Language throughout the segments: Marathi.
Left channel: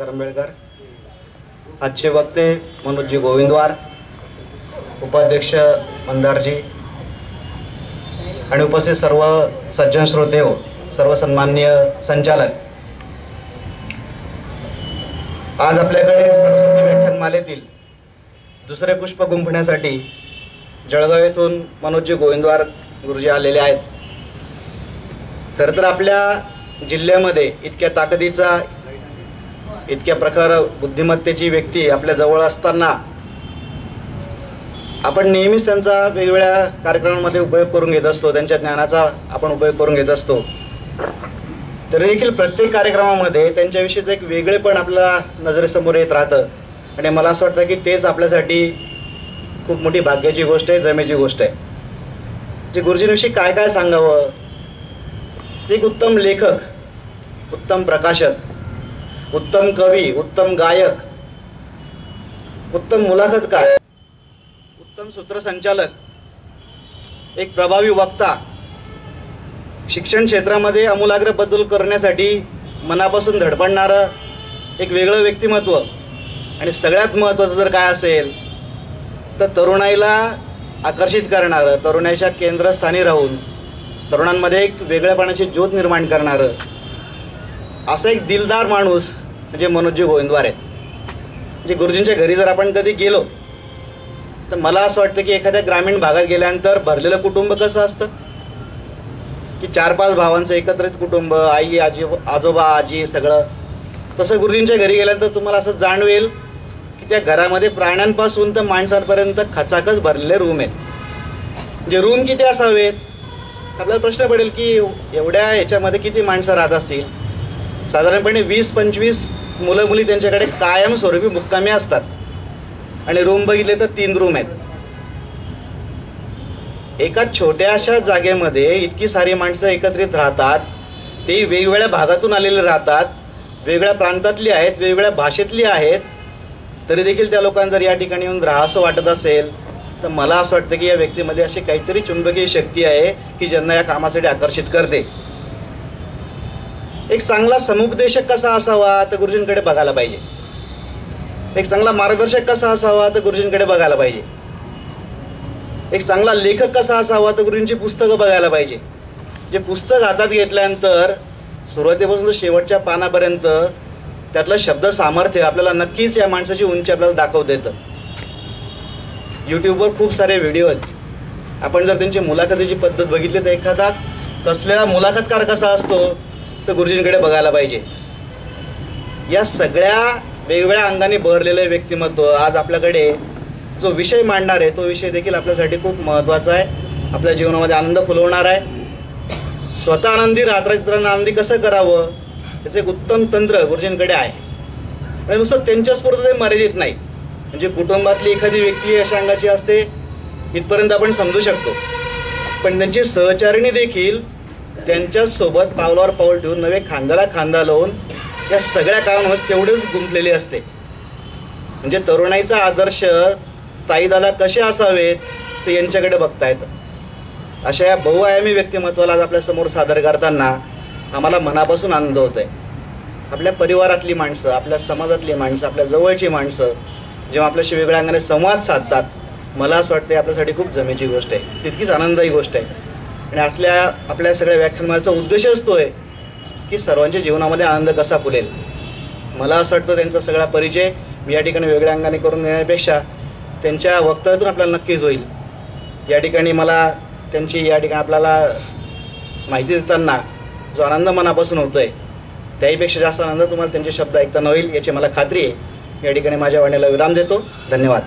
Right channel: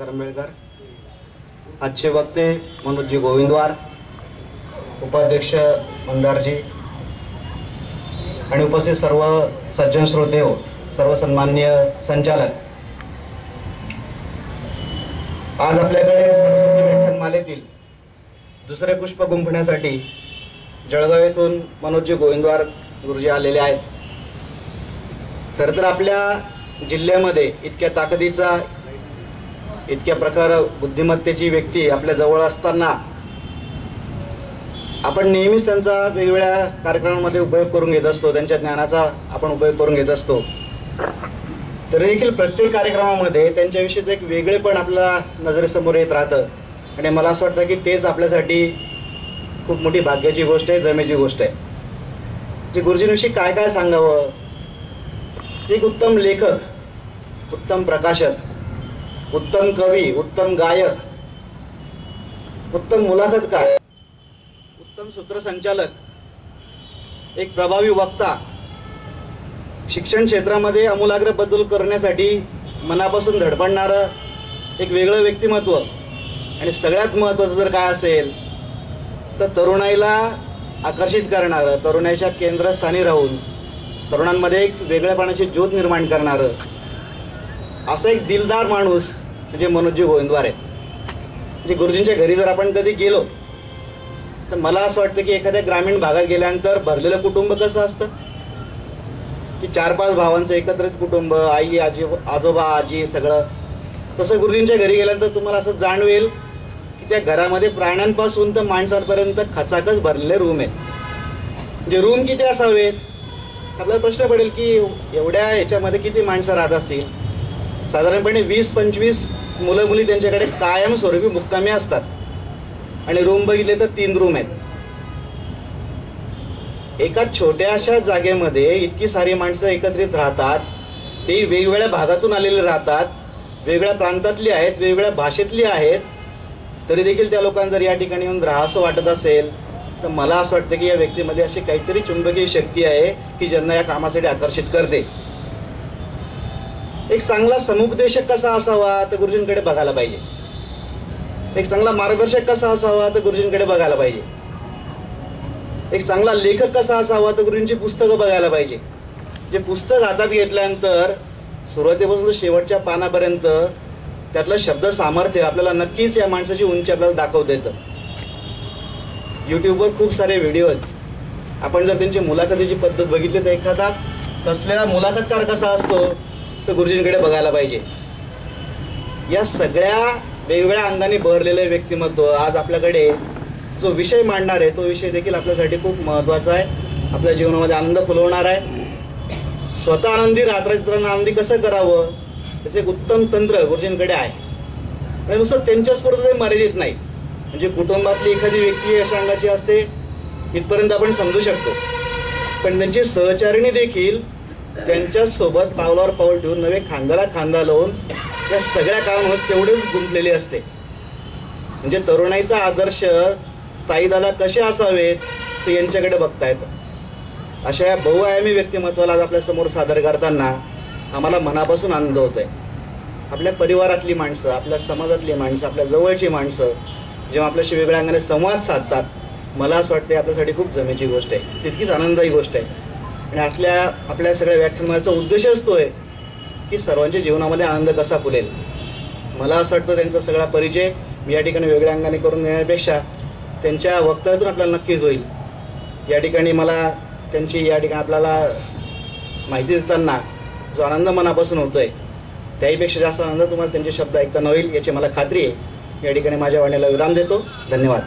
करंबेळकर, आजचे वक्ते मनोजी गोविंदवार, उपाध्यक्ष मंदारजी आणि उपस्थित सर्व सज्जन श्रोते हो, सर्व सन्माननीय संचालक, आज आपल्याकडे सरस्वती व्याख्यानमालेतील दुसरे पुष्प गुंफण्यासाठी जळगाव येथून मनोजी गोविंदवार गुरुजी आलेले आहेत. खरं तर आपल्या जिल्ह्यामध्ये इतक्या ताकदीचा, इतक्या प्रकार बुद्धिमत्तेची व्यक्ती आपल्या जवळ असताना आपण नेहमीच त्यांचा वेगवेगळ्या कार्यक्रमांमध्ये उपयोग करून घेत असतो, त्यांच्या ज्ञानाचा आपण उपयोग करून घेत असतो. तरी देखील प्रत्येक कार्यक्रमामध्ये त्यांच्याविषयीचं एक वेगळेपण आपल्या नजरेसमोर येत राहतं आणि मला असं वाटतं की तेच आपल्यासाठी खूप मोठी भाग्याची गोष्ट आहे, जमेची गोष्ट आहे. जे गुरुजींविषयी काय काय सांगावं. एक उत्तम लेखक, उत्तम प्रकाशक, उत्तम कवी, उत्तम गायक, उत्तम मुलाखतकार, उत्तम सूत्रसंचालक, एक प्रभावी वक्ता, शिक्षण क्षेत्रामध्ये आमूलाग्र बदल करण्यासाठी मनापासून धडपडणारं एक वेगळं व्यक्तिमत्व आणि सगळ्यात महत्त्वाचं जर काय असेल तर तरुणाईला आकर्षित करणारं, तरुणाईच्या केंद्रस्थानी राहून तरुणांमध्ये एक वेगळेपणाची ज्योत निर्माण करणारं असं एक दिलदार माणूस म्हणजे मनोजी गोविंदवार आहे. म्हणजे गुरुजींच्या घरी जर आपण कधी गेलो तर मला असं वाटतं की एखाद्या ग्रामीण भागात गेल्यानंतर भरलेलं कुटुंब कसं असतं की 4-5 भावांचं एकत्रित कुटुंब, आई, आजोबा, आजी सगळं, तसं गुरुजींच्या घरी गेल्यानंतर तुम्हाला असं जाणवेल की त्या घरामध्ये प्राण्यांपासून तर माणसांपर्यंत खचाखच भरलेले रूम आहेत. म्हणजे रूम किती असावेत आपल्याला प्रश्न पडेल की एवढ्या ह्याच्यामध्ये किती माणसं राहत असतील. साधारणपणे 20-25 मुलं मुली त्यांच्याकडे कायमस्वरूपी मुक्कामी असतात आणि रूम बघितले तर 3 रूम आहेत. एका छोट्याशा जागेमध्ये इतकी सारी माणसं एकत्रित राहतात, ते वेगवेगळ्या भागातून आलेले राहतात, वेगळ्या प्रांतातली आहेत, वेगवेगळ्या भाषेतली आहेत, तरी देखील त्या लोकांना जर या ठिकाणी येऊन राहावंसं वाटत असेल तर मला असं वाटतं की या व्यक्तीमध्ये अशी काहीतरी चुंबकीय शक्ती आहे की ज्यांना या कामासाठी आकर्षित करते. एक चांगला समुपदेशक कसा असावा तर गुरुजींकडे बघायला पाहिजे. एक चांगला मार्गदर्शक कसा असावा तर गुरुजींकडे बघायला पाहिजे. एक चांगला लेखक कसा असावा तर गुरुजींची पुस्तकं बघायला पाहिजे. जे पुस्तक हातात घेतल्यानंतर सुरुवातीपासून शेवटच्या पानापर्यंत त्यातलं शब्द सामर्थ्य आपल्याला नक्कीच या माणसाची उंची आपल्याला दाखवता येतं. यूट्यूबवर खूप सारे व्हिडिओ आहेत. आपण जर त्यांची मुलाखतीची पद्धत बघितली तर एखादा कसलेला मुलाखतकार कसा असतो तर गुरुजींकडे बघायला पाहिजे. या सगळ्या वेगवेगळ्या अंगाने बहरलेलं व्यक्तिमत्व आज आपल्याकडे जो विषय मांडणार आहे तो विषय देखील आपल्यासाठी खूप महत्त्वाचा आहे, आपल्या जीवनामध्ये आनंद फुलवणार आहे. स्वतः आनंदी राहता इतरांना आनंदी कसं करावं त्याचं एक उत्तम तंत्र गुरुजींकडे आहे. आणि नुसतं त्यांच्याच पुरतं ते मर्यादित नाही, म्हणजे कुटुंबातली एखादी व्यक्ती अशा अंगाची असते इथपर्यंत आपण समजू शकतो, पण त्यांची सहचारिणी देखील त्यांच्यासोबत पावलावर पाऊल ठेवून नवे खांद्याला खांदा लावून या सगळ्या कामामध्ये तेवढेच गुंतलेली असते. म्हणजे तरुणाईचा आदर्श ताईदादा कसे असावेत ते यांच्याकडे बघता येतं. अशा या बहुआयामी व्यक्तिमत्वाला आज आपल्या समोर सादर करताना आम्हाला मनापासून आनंद होत आहे. आपल्या परिवारातली माणसं, आपल्या समाजातली माणसं, आपल्या जवळची माणसं जेव्हा आपल्याशी वेगळ्या अंगाने संवाद साधतात, मला असं वाटतं आपल्यासाठी खूप जमेची गोष्ट आहे, तितकीच आनंददायी गोष्ट आहे. आणि आपल्या सगळ्या व्याख्यानाचा उद्देशच तो आहे की सर्वांच्या जीवनामध्ये आनंद कसा फुलेल. मला असं वाटतं त्यांचा सगळा परिचय मी या ठिकाणी वेगळ्या अंगाने करून देण्यापेक्षा त्यांच्या वक्तव्यातून आपल्याला नक्कीच होईल. या ठिकाणी मला त्यांची या ठिकाणी आपल्याला माहिती देताना जो आनंद मनापासून होतोय त्याहीपेक्षा जास्त आनंद तुम्हाला त्यांचे शब्द ऐकताना होईल याची मला खात्री आहे. या ठिकाणी माझ्या वाणीला विराम देतो. धन्यवाद.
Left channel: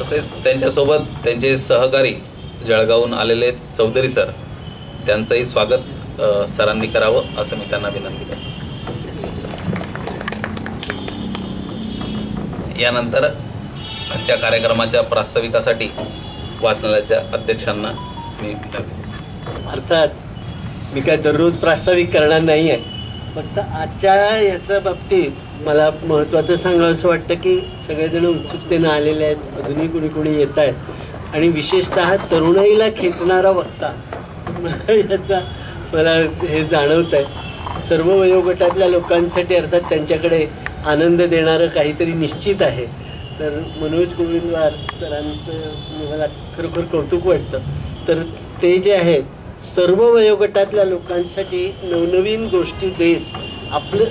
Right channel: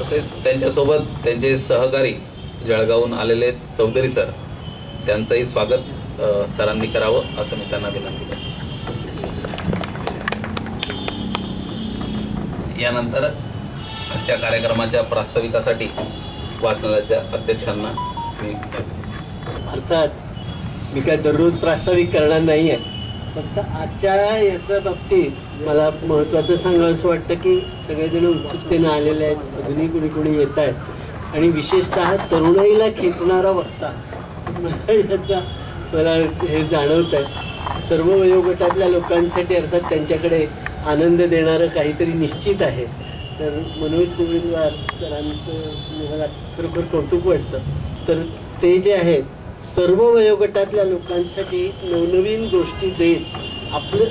तसेच त्यांच्यासोबत त्यांचे सहकारी जळगावहून आलेले चौधरी सर, त्यांचंही स्वागत सरांनी करावं असं मी त्यांना विनंती करतो. यानंतर आजच्या कार्यक्रमाच्या प्रास्ताविकासाठी वाचनालयाच्या अध्यक्षांना मी अर्थात मी काय दररोज प्रास्ताविक करणार नाही आहे, फक्त आजच्या याच्या बाबतीत मला महत्त्वाचं सांगावं असं वाटतं की सगळेजण उत्सुकतेनं आलेले आहेत, अजूनही कुणी कुणी येत आहेत आणि विशेषतः तरुणाईला खेचणारा वक्ता याचा मला हे जाणवत आहे. सर्व वयोगटातल्या लोकांसाठी अर्थात त्यांच्याकडे आनंद देणारं काहीतरी निश्चित आहे. तर मनोज गोविंदवार सरांचं मला खरोखर कौतुक वाटतं. तर ते जे आहेत सर्व वयोगटातल्या लोकांसाठी नवनवीन गोष्टी देत आपलं,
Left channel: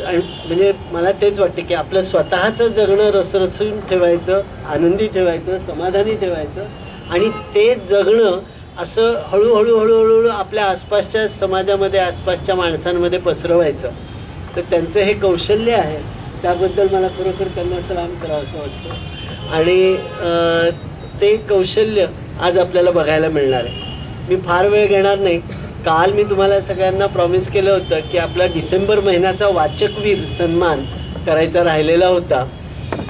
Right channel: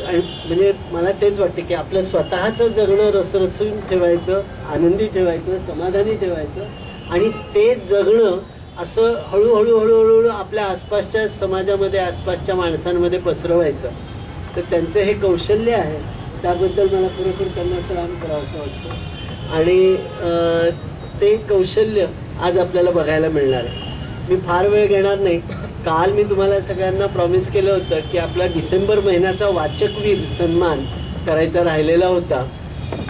म्हणजे मला तेच वाटते की आपलं स्वतःचं जगणं रसरसून ठेवायचं, आनंदी ठेवायचं, समाधानी ठेवायचं आणि ते जगणं असं हळूहळू हळूहळू आपल्या आसपासच्या समाजामध्ये, आसपासच्या माणसांमध्ये पसरवायचं. तर त्यांचं हे कौशल्य आहे, त्याबद्दल मला खरोखर त्यांना सलाम करावं असं वाटतं. आणि ते कौशल्य आज आपल्याला बघायला मिळणार आहे. मी फार वेळ घेणार नाही. काल मी तुम्हाला सगळ्यांना प्रॉमिस केलं होतं की आपला डिसेंबर महिन्याचा वाचकवीर सन्मान करायचा राहिलेला होता,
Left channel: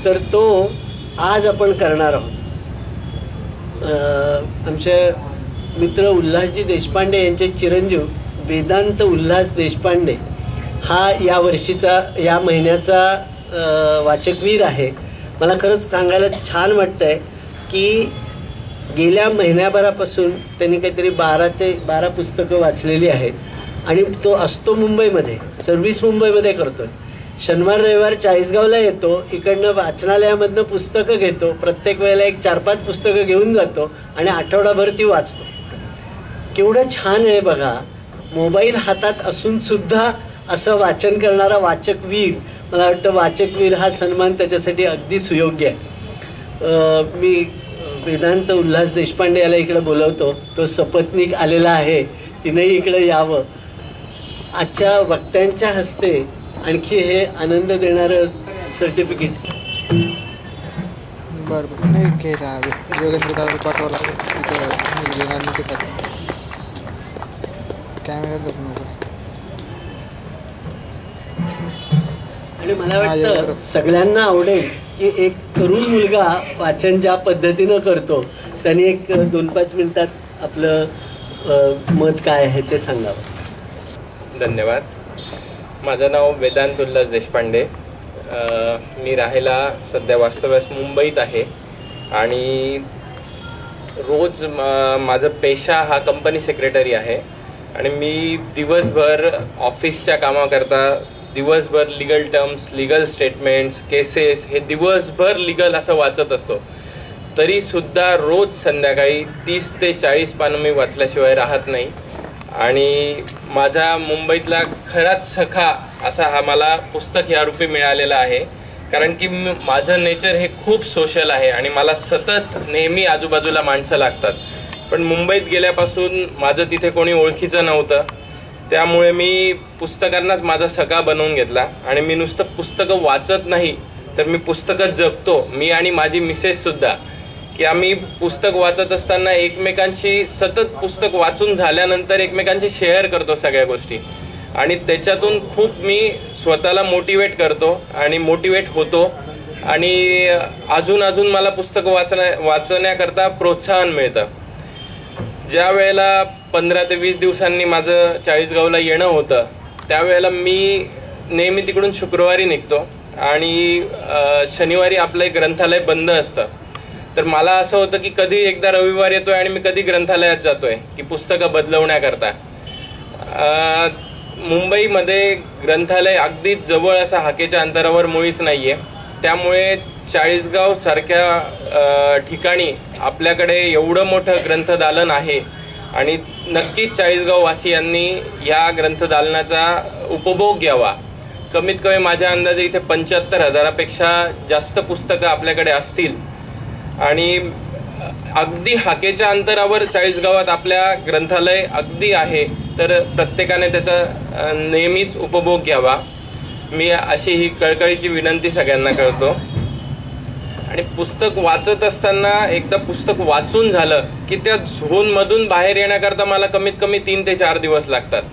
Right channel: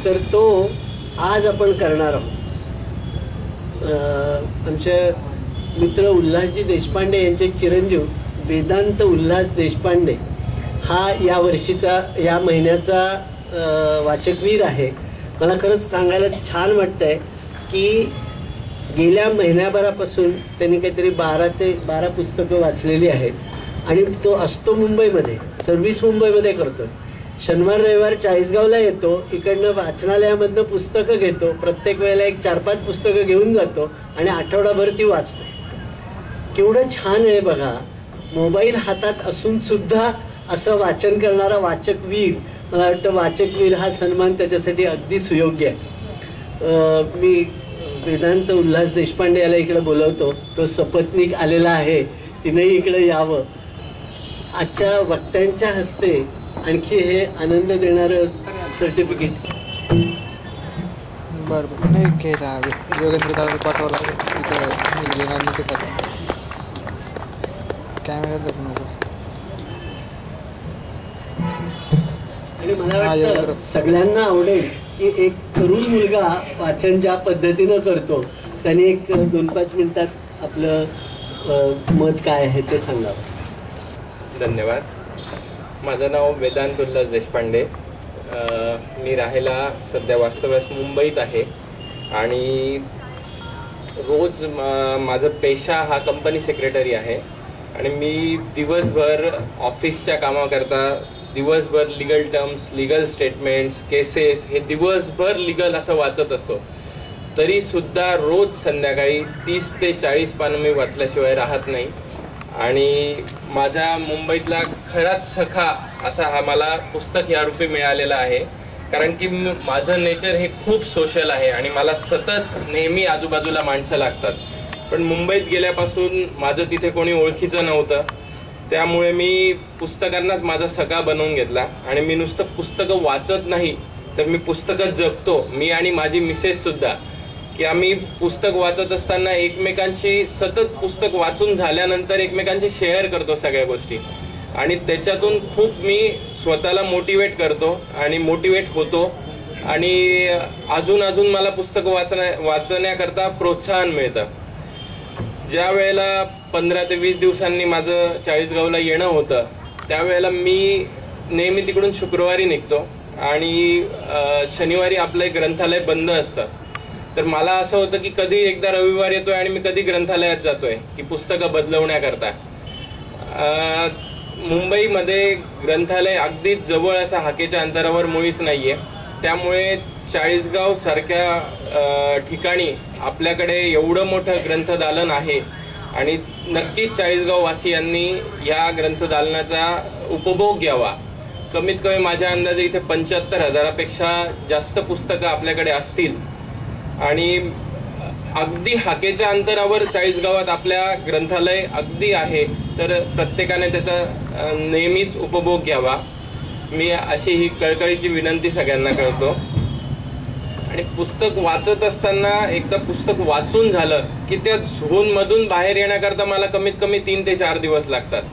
तर तो आज आपण करणार आहोत. आमचे मित्र उल्हासजी देशपांडे यांचे चिरंजीव वेदांत उल्हास देशपांडे हा या महिन्याचा वाचकवीर आहे. मला खरंच सांगायला छान वाटतंय की गेल्या महिन्याभरापासून त्यांनी काहीतरी 12 ते 12 पुस्तकं वाचलेली आहेत आणि तो असतो मुंबईमध्ये, सर्व्हिस मुंबईमध्ये करतो. शनिवार रविवार चाळीसगावला येतो, इकडनं वाचनालयामधनं पुस्तकं घेतो, प्रत्येक वेळेला एक 4-5 पुस्तकं घेऊन जातो आणि आठवडाभर ती वाचतो. केवढं छान आहे बघा. मोबाईल हातात असून सुद्धा असं वाचन करणारा वाचकवीर, मला वाटतं वाचकवीर हा सन्मान त्याच्यासाठी अगदी सुयोग्य आहे. मी वेदांत उल्हास देशपांडे याला इकडे बोलवतो. तो सपत्नीक आलेला आहे, तिनेही इकडे यावं. आजच्या वक्त्यांच्या हस्ते आणखी हे आनंद देणारं सर्टिफिकेट. बरं बरं नाही घ्यायला योगेंद्र दादा पाठवला कॅमेरा नको. आणि मला वाटतं सगळ्यांना आवडेल की एक तरुण मुलगा वाचन ज्या पद्धतीनं करतो त्यांनी एक 2-5 मिनिटात आपलं मत काय आहे ते सांगावं. धन्यवाद. माझं नाव वेदांत उल्हास देशपांडे. मी राहायला सध्या वास्तव्यास मुंबईत आहे आणि रोज माझं पेशा हा कंपनी सेक्रेटरी आहे आणि मी दिवसभर ऑफिसच्या कामाकरता दिवसभर legal terms, legal statements, cases हे दिवसभर लिगल असं वाचत असतो. तरीसुद्धा रोज संध्याकाळी 30 ते 40 पानं मी वाचल्याशिवाय राहत नाही. आणि माझा मुंबईतला खराच सखा असा हा मला पुस्तक या रूपी मिळालेला आहे. कारण की माझं नेचर हे खूप सोशल आहे आणि मला सतत नेहमी आजूबाजूला माणसं लागतात. पण मुंबईत गेल्यापासून माझं तिथे कोणी ओळखीचं नव्हतं, त्यामुळे मी पुस्तकांनाच माझा सखा बनवून घेतला आणि मी नुसतं पुस्तकं वाचत नाही तर मी पुस्तकं जगतो. मी आणि माझी मिसेस सुद्धा, की आम्ही पुस्तक वाचत असताना एकमेकांशी सतत पुस्तक वाचून झाल्यानंतर एकमेकांशी शेअर करतो सगळ्या गोष्टी आणि त्याच्यातून खूप मी स्वतःला मोटिवेट करतो आणि मोटिवेट होतो आणि अजून मला पुस्तक वाचण्याकरता प्रोत्साहन मिळतं. ज्या वेळेला 15 ते 20 दिवसांनी माझं चाळीसगावला येणं होतं त्यावेळेला मी नेहमी तिकडून शुक्रवारी निघतो आणि शनिवारी आपलं एक ग्रंथालय बंद असतं. तर मला असं होतं की कधी एकदा रविवार येतोय आणि मी कधी ग्रंथालयात जातोय की पुस्तकं बदलवण्याकरता. मुंबईमध्ये ग्रंथालय अगदीच जवळ असं हाकेच्या अंतरावर मुळीच नाही आहे. त्यामुळे चाळीसगाव सारख्या ठिकाणी आपल्याकडे एवढं मोठं ग्रंथदालन आहे आणि नक्कीच चाळीसगाव वासियांनी या ग्रंथदालनाचा उपभोग घ्यावा. कमीत कमी माझ्या अंदाजे इथे 75,000पेक्षा जास्त पुस्तकं आपल्याकडे असतील आणि अगदी हाकेच्या अंतरावर चाळीसगावात आपल्या ग्रंथालय अगदी आहे. तर प्रत्येकाने त्याचा नेहमीच उपभोग घ्यावा, मी अशी ही कळकळीची विनंती सगळ्यांना करतो. आणि पुस्तक वाचत असताना एकदा पुस्तक वाचून झालं की त्या झोनमधून बाहेर येण्याकरता मला कमीत कमी 3 ते 4 दिवस लागतात.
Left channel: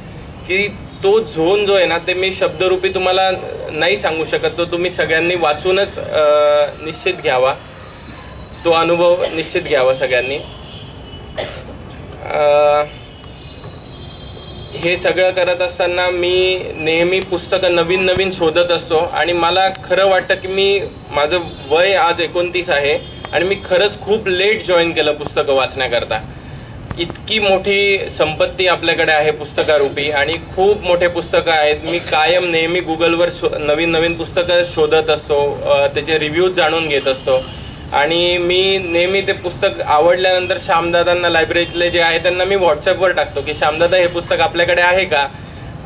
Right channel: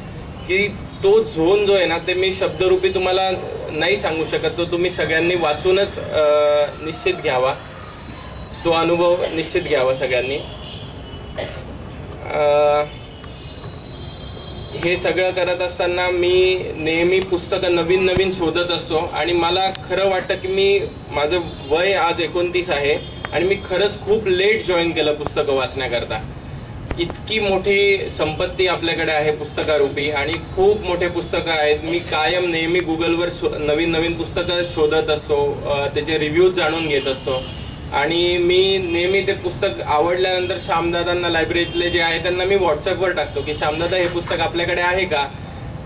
की तो झोन जो आहे ना ते मी शब्दरूपी तुम्हाला नाही सांगू शकत. तो तुम्ही सगळ्यांनी वाचूनच निश्चित घ्यावा, तो अनुभव निश्चित घ्यावा सगळ्यांनी. हे सगळं करत असताना मी नेहमी पुस्तकं नवीन शोधत असतो आणि मला खरं वाटतं की माझं वय आज 29 आहे आणि मी खरंच खूप लेट जॉईन केलं पुस्तकं वाचण्याकरता. इतकी मोठी संपत्ती आपल्याकडे आहे पुस्तकारूपी, आणि खूप मोठे पुस्तकं आहेत. मी कायम नेहमी गुगलवर नवीन नवीन पुस्तकं शोधत असतो, त्याचे रिव्ह्यूज जाणून घेत असतो, आणि मी नेहमी ते पुस्तक आवडल्यानंतर श्यामदादांना, लायब्ररीतले जे आहे त्यांना मी व्हॉट्सअपवर टाकतो की श्यामदादा हे पुस्तक आपल्याकडे आहे का.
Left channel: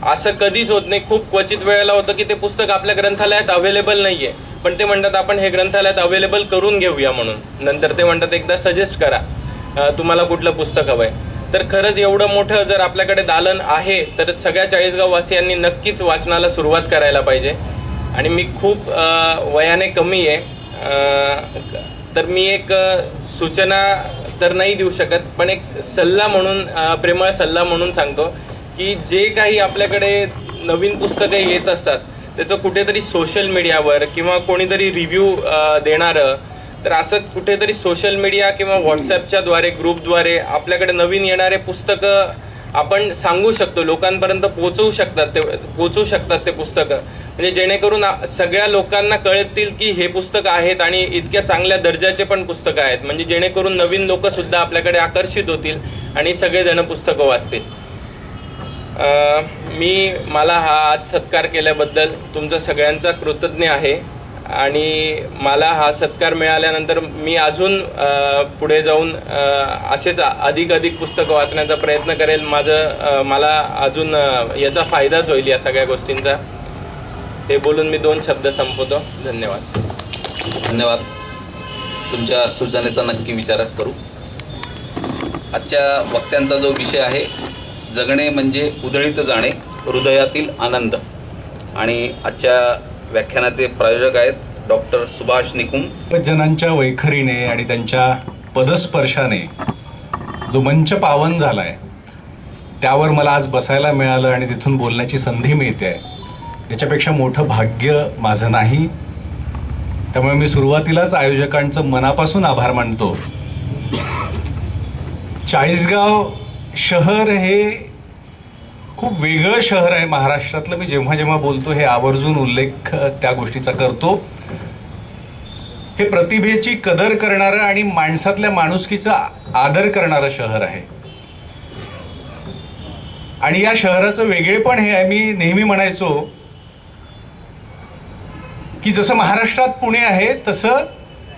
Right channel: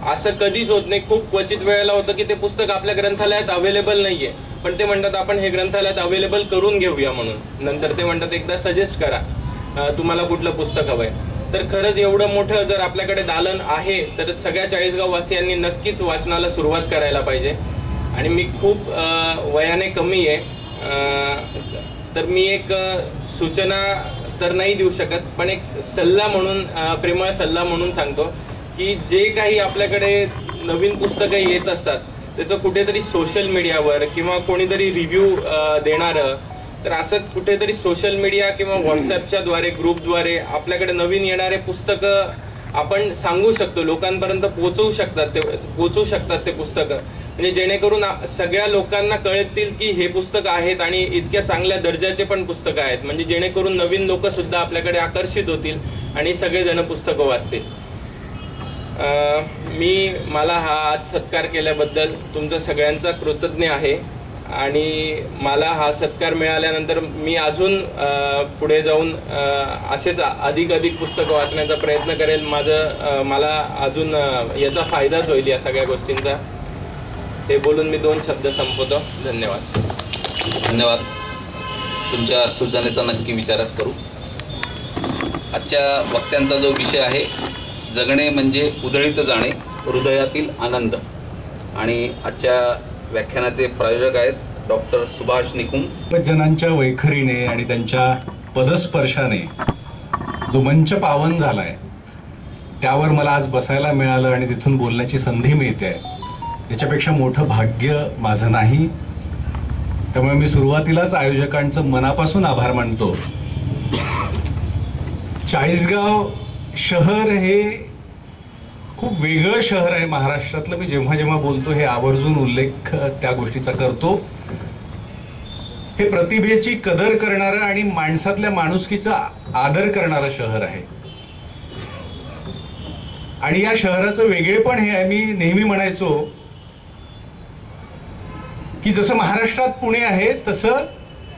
असं कधीच होत नाही. खूप क्वचित वेळेला होतं की ते पुस्तक आपल्या ग्रंथालयात अवेलेबल नाहीये, पण ते म्हणतात आपण हे ग्रंथालयात अवेलेबल करून घेऊया म्हणून. नंतर ते म्हणतात एकदा सजेस्ट करा तुम्हाला कुठलं पुस्तक हवंय. तर खरंच एवढं मोठं जर आपल्याकडे दालन आहे तर सगळ्या चाळीसगाव वासियांनी नक्कीच वाचनाला सुरुवात करायला पाहिजे. आणि मी खूप वयाने कमी आहे, तर मी एक सूचना तर नाही देऊ शकत, पण एक सल्ला म्हणून, प्रेमळ सल्ला म्हणून सांगतो की जे काही आपल्याकडे नवीन पुस्तकं येत असतात त्याचं कुठेतरी सोशल मीडियावर किंवा कोणीतरी रिव्ह्यू देणारं, तर असं कुठेतरी सोशल मीडिया किंवा व्हॉट्सॲपच्या द्वारे, ग्रुपद्वारे आपल्याकडे नवीन येणारे पुस्तकं आपण सांगू शकतो, लोकांपर्यंत पोहोचू शकतात ते पुस्तकं, म्हणजे जेणेकरून सगळ्या लोकांना कळतील की हे पुस्तकं आहेत आणि इतक्या चांगल्या दर्जाचे पण पुस्तकं आहेत, म्हणजे जेणेकरून नवीन लोक सुद्धा आपल्याकडे आकर्षित होतील आणि सगळेजण पुस्तकं वाचतील. मला हा आज सत्कार केल्याबद्दल तुमचा सगळ्यांचा कृतज्ञ आहे, आणि मला हा सत्कार मिळाल्यानंतर मी अजून पुढे जाऊन असेच अधिक पुस्तकं वाचण्याचा प्रयत्न करेल. मला अजून याचा फायदाच होईल या सगळ्या गोष्टींचा. ते बोलून मी 2 शब्द संपवतो. धन्यवाद. धन्यवाद. तुमच्या सूचनेचा नक्की विचार करू. आजच्या वक्त्यांचा जो विषय आहे, जगणे म्हणजे उधळीत जाणे, हृदयातील आनंद, आणि आजच्या व्याख्यानाचे प्रायोजक आहेत डॉक्टर सुभाष निकुम. जनांच्या वैखरीने आणि त्यांच्या पदस्पर्शाने जो मंच पावन झालाय त्यावर मला आज बसायला मिळालं आणि तिथून बोलण्याची संधी मिळते, याच्यापेक्षा मोठं भाग्य माझं नाही. त्यामुळे मी सुरुवातीलाच आयोजकांचं मनापासून आभार मानतो. चाळीसगाव शहर हे खूप वेगळं शहर आहे महाराष्ट्रातलं. मी जेव्हा जेव्हा बोलतो हे आवर्जून उल्लेख त्या गोष्टीचा करतो. हे प्रतिभेची कदर करणारं आणि माणसातल्या माणुसकीचा आदर करणारं शहर आहे. आणि या शहराचं वेगळेपण हे आहे, मी नेहमी म्हणायचो की जसं महाराष्ट्रात पुणे आहे तसं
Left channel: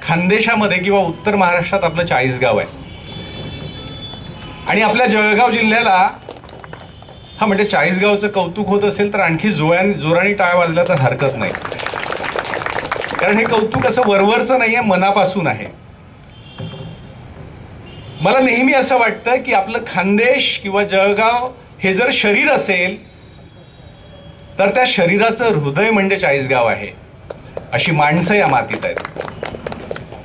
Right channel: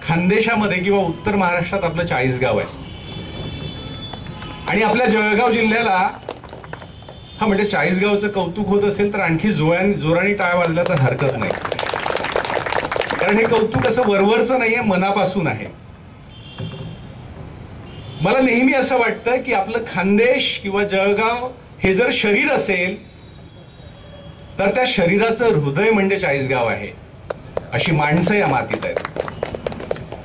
खानदेशामध्ये किंवा उत्तर महाराष्ट्रात आपलं चाळीसगाव आहे. आणि आपल्या जळगाव जिल्ह्याला म्हणजे चाळीसगावचं कौतुक होत असेल तर आणखी जोराने टाळ्या वाजल्या तर हरकत नाही, कारण हे कौतुक असं वरवरचं नाहीये, मनापासून आहे. मला नेहमी असं वाटतं की आपलं खानदेश किंवा जळगाव हे जर शरीर असेल तर त्या शरीराचं हृदय म्हणजे चाळीसगाव आहे. अशी माणसं या मातीत आहेत,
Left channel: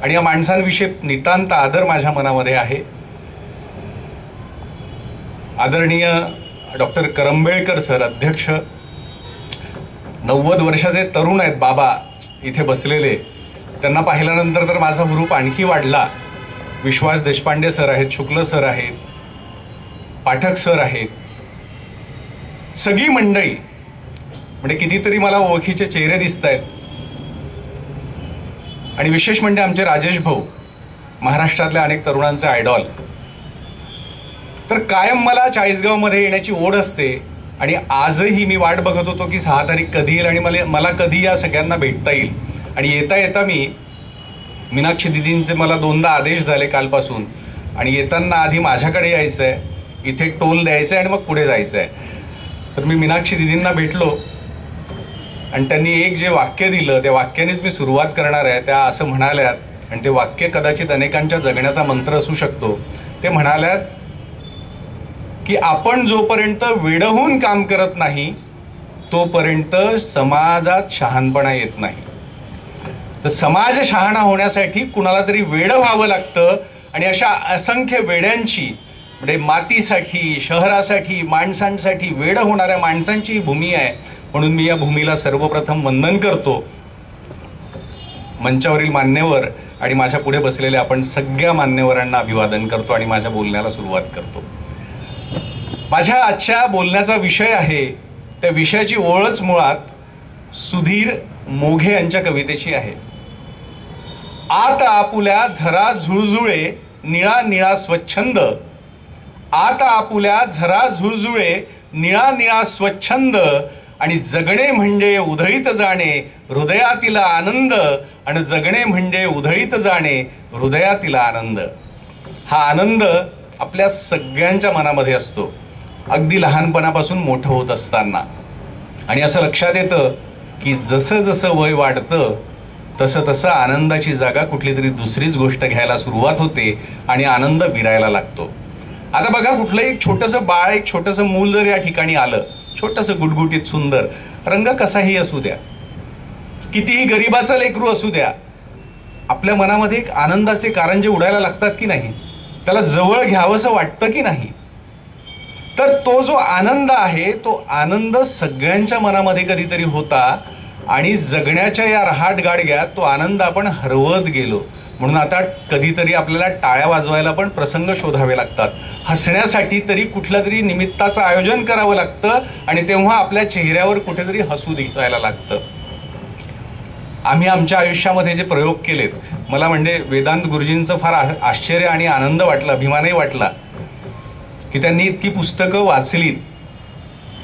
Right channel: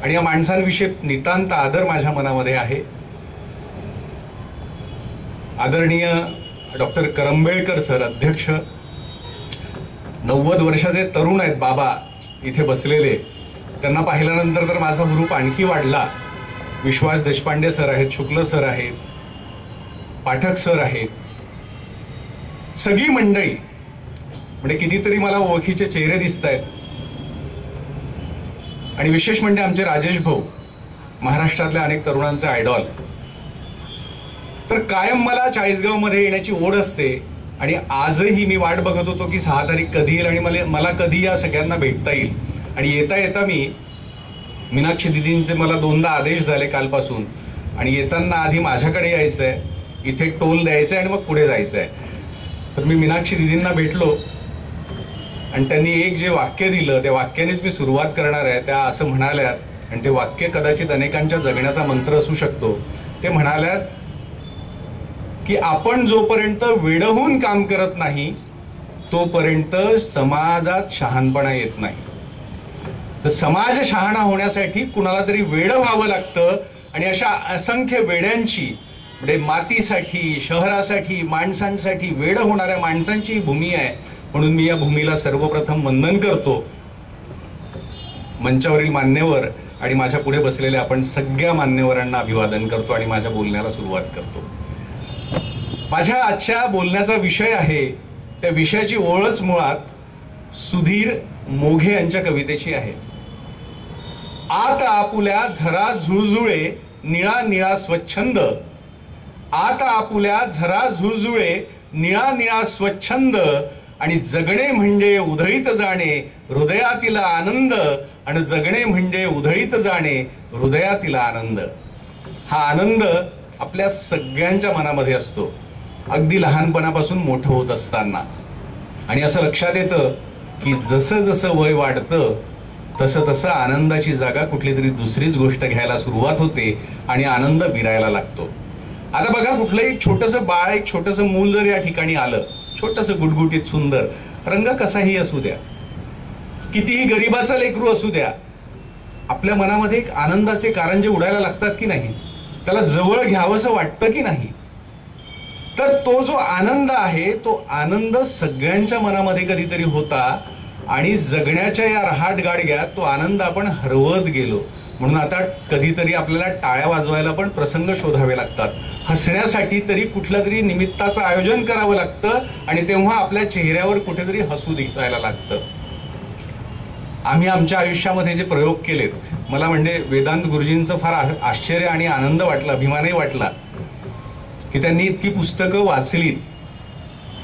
आणि या माणसांविषयी नितांत आदर माझ्या मनामध्ये आहे. आदरणीय डॉक्टर करंबेळकर सर, अध्यक्ष, 90 वर्षाचे तरुण आहेत बाबा इथे बसलेले. त्यांना पाहिल्यानंतर तर माझा हुरूप आणखी वाढला. विश्वास देशपांडे सर आहेत, शुक्ल सर आहेत, पाठक सर आहेत, सगळी मंडळी, म्हणजे कितीतरी मला ओळखीचे चेहरे दिसत आहेत. आणि विशेष म्हणजे आमचे राजेश भाऊ, महाराष्ट्रातल्या अनेक तरुणांचे आयडॉल. तर कायम मला चाळीसगावमध्ये येण्याची ओढ असते, आणि आजही मी वाट बघत होतो की 6 तारीख कधी येईल आणि मला कधी या सगळ्यांना भेटता येईल. आणि येता येता मी मीनाक्षी दिदींचे मला 2दा आदेश झाले कालपासून, आणि येताना आधी माझ्याकडे यायचं आहे, इथे टोल द्यायचं आहे आणि मग पुढे जायचं आहे. तर मी मीनाक्षी दिदींना भेटलो आणि त्यांनी एक जे वाक्य दिलं त्या वाक्यानेच मी सुरुवात करणार आहे. त्या असं म्हणाल्यात, आणि ते वाक्य कदाचित अनेकांच्या जगण्याचा मंत्र असू शकतो. ते म्हणाल्यात की आपण जोपर्यंत वेडहून काम करत नाही तोपर्यंत समाजात शहाणपणा येत नाही. तर समाज शहाणा होण्यासाठी कुणाला तरी वेडं व्हावं लागतं, आणि अशा असंख्य वेड्यांची, म्हणजे मातीसाठी, शहरासाठी, माणसांसाठी वेडं होणाऱ्या माणसांची भूमी आहे. म्हणून मी या भूमीला सर्वप्रथम वंदन करतो. मंचावरील मान्यवर आणि माझ्या पुढे बसलेल्या आपण सगळ्या मान्यवरांना अभिवादन करतो आणि माझ्या बोलण्याला सुरुवात करतो. माझ्या आजच्या बोलण्याचा विषय आहे, त्या विषयाची ओळच मुळात सुधीर मोघे यांच्या कवितेची आहे. आत आपुल्या झरा झुळझुळे, निळा निळा स्वच्छंद, आता आपुल्या झरा झुळझुळे निळा निळा स्वच्छंद आणि जगणे म्हणजे उधळीत जाणे हृदयातील आनंद आणि जगणे म्हणजे उधळीत जाणे हृदयातील आनंद. हा आनंद आपल्या सगळ्यांच्या मनामध्ये असतो अगदी लहानपणापासून मोठं होत असताना. आणि असं लक्षात येतं की जसं जसं वय वाढतं तसं तसं आनंदाची जागा कुठली तरी दुसरीच गोष्ट घ्यायला सुरुवात होते आणि आनंद विरायला लागतो. आता बघा, कुठलंही छोटंसं बाळ, एक छोटंसं मूल जर या ठिकाणी आलं, छोटंसं गुटगुटीत सुंदर, रंग कसाही असू द्या, कितीही गरिबाचं लेकरू असू द्या, आपल्या मनामध्ये एक आनंदाचे कारंजे उडायला लागतात की नाही? त्याला जवळ घ्यावंसं वाटतं की नाही? तर तो जो आनंद आहे तो आनंद सगळ्यांच्या मनामध्ये कधीतरी होता आणि जगण्याच्या या रहाट गाडग्यात तो आनंद आपण हरवत गेलो. म्हणून आता कधीतरी आपल्याला टाळ्या वाजवायला पण प्रसंग शोधावे लागतात, हसण्यासाठी तरी कुठल्या तरी निमित्ताचं आयोजन करावं लागतं आणि तेव्हा आपल्या चेहऱ्यावर कुठेतरी हसू दिसायला लागतं. आम्ही आमच्या आयुष्यामध्ये जे प्रयोग केलेत, मला म्हणजे वेदांत गुरुजींचं फार आश्चर्य आणि आनंद वाटला, अभिमानही वाटला की त्यांनी इतकी पुस्तकं वाचलीत.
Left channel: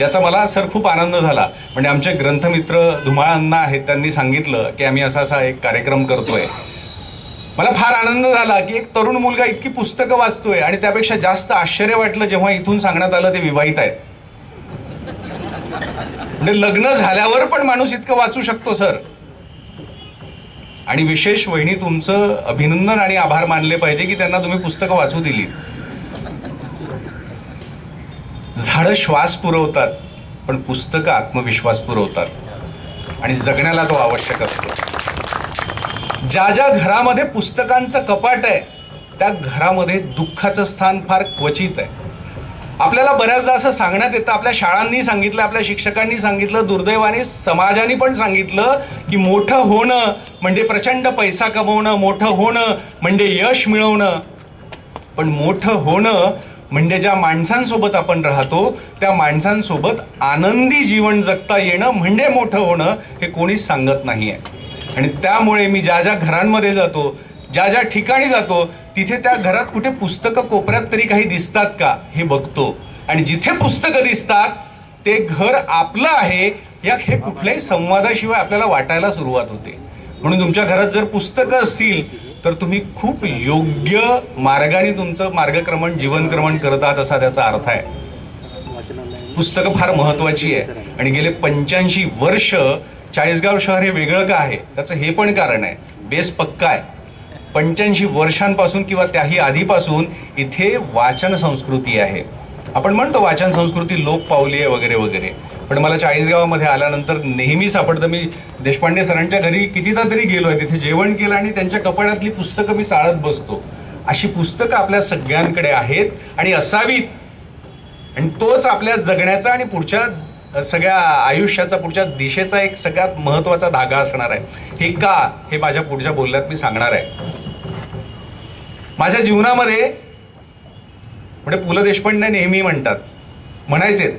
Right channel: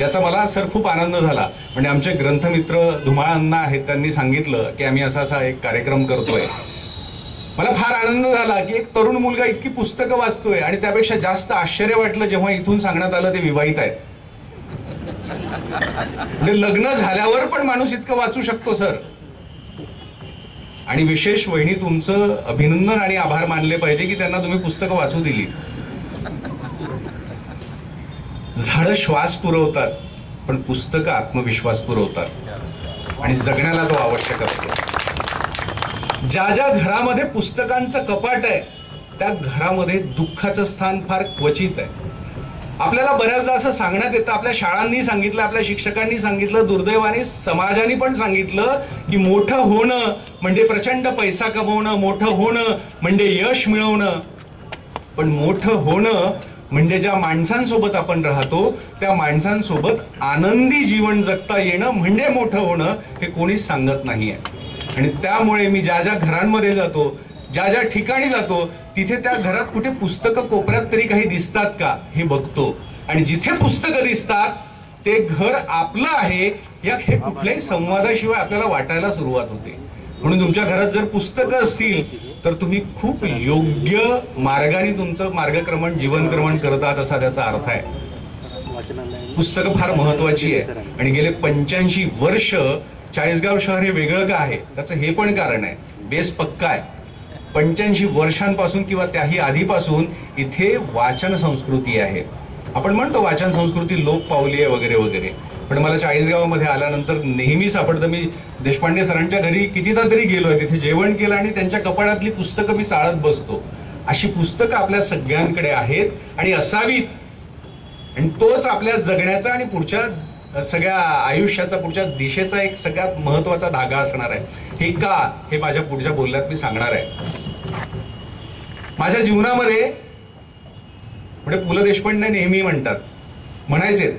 याचा मला सर खूप आनंद झाला. म्हणजे आमचे ग्रंथमित्र धुमाळ अण्णा आहेत, त्यांनी सांगितलं की आम्ही असा एक कार्यक्रम करतोय. मला फार आनंद झाला की एक तरुण मुलगा इतकी पुस्तकं वाचतोय. आणि त्यापेक्षा जास्त आश्चर्य वाटलं जेव्हा इथून सांगण्यात आलं ते विवाहित आहेत. म्हणजे लग्न झाल्यावर पण माणूस इतकं वाचू शकतो सर. आणि विशेष वहिनी, तुमचं अभिनंदन आणि आभार मानले पाहिजे की त्यांना तुम्ही पुस्तकं वाचू दिली. झाडं श्वास पुरवतात पण पुस्तकं आत्मविश्वास पुरवतात आणि जगण्याला तो आवश्यक असतो. ज्या ज्या घरामध्ये पुस्तकांचं कपाट आहे त्या घरामध्ये दुःखाचं स्थान फार क्वचित आहे. आपल्याला बऱ्याचदा असं सांगण्यात येतं, आपल्या शाळांनी सांगितलं, आपल्या शिक्षकांनी सांगितलं, दुर्दैवाने समाजाने पण सांगितलं की मोठं होणं म्हणजे प्रचंड पैसा कमवणं, मोठं होणं म्हणजे यश मिळवणं. पण मोठं होणं म्हणजे ज्या माणसांसोबत आपण राहतो त्या माणसांसोबत आनंदी जीवन जगता येणं म्हणजे मोठं होणं, हे कोणीच सांगत नाहीये. आणि त्यामुळे मी ज्या ज्या घरांमध्ये जातो, ज्या ज्या ठिकाणी जातो, तिथे त्या घरात कुठे पुस्तकं कोपऱ्यात तरी काही दिसतात का हे बघतो. आणि जिथे पुस्तकं दिसतात ते घर आपलं आहे या हे कुठल्याही संवादाशिवाय आपल्याला वाटायला सुरुवात होते. म्हणून तुमच्या घरात जर पुस्तकं असतील तर तुम्ही खूप योग्य मार्गाने तुमचं मार्गक्रमण, जीवनक्रमण करत आहात असा त्याचा अर्थ आहे. पुस्तकं फार महत्वाची आहे. आणि गेले 85 वर्ष चाळीसगाव शहर हे वेगळं का आहे त्याचं हे पण कारण आहे. बेस पक्का आहे. 85 वर्षांपासून किंवा त्याही आधीपासून इथे वाचन संस्कृती आहे. आपण म्हणतो वाचन संस्कृती लोप पावली आहे वगैरे वगैरे, पण मला चाळीसगावामध्ये आल्यानंतर नेहमी सापडतं. मी देशपांडे सरांच्या घरी कितीदा तरी गेलोय, तिथे जेवण केलं आणि त्यांच्या कपाटातली पुस्तकं मी चाळत बसतो. अशी पुस्तकं आपल्या सगळ्यांकडे आहेत आणि असावीत. आणि तोच आपल्या जगण्याचा आणि पुढच्या सगळ्या आयुष्याचा, पुढच्या दिशेचा एक सगळ्यात महत्वाचा धागा असणार आहे. हे का, हे माझ्या पुढच्या बोलण्यात मी सांगणार आहे. माझ्या जीवनामध्ये म्हणजे पु ल देशपांडे नेहमी म्हणायचे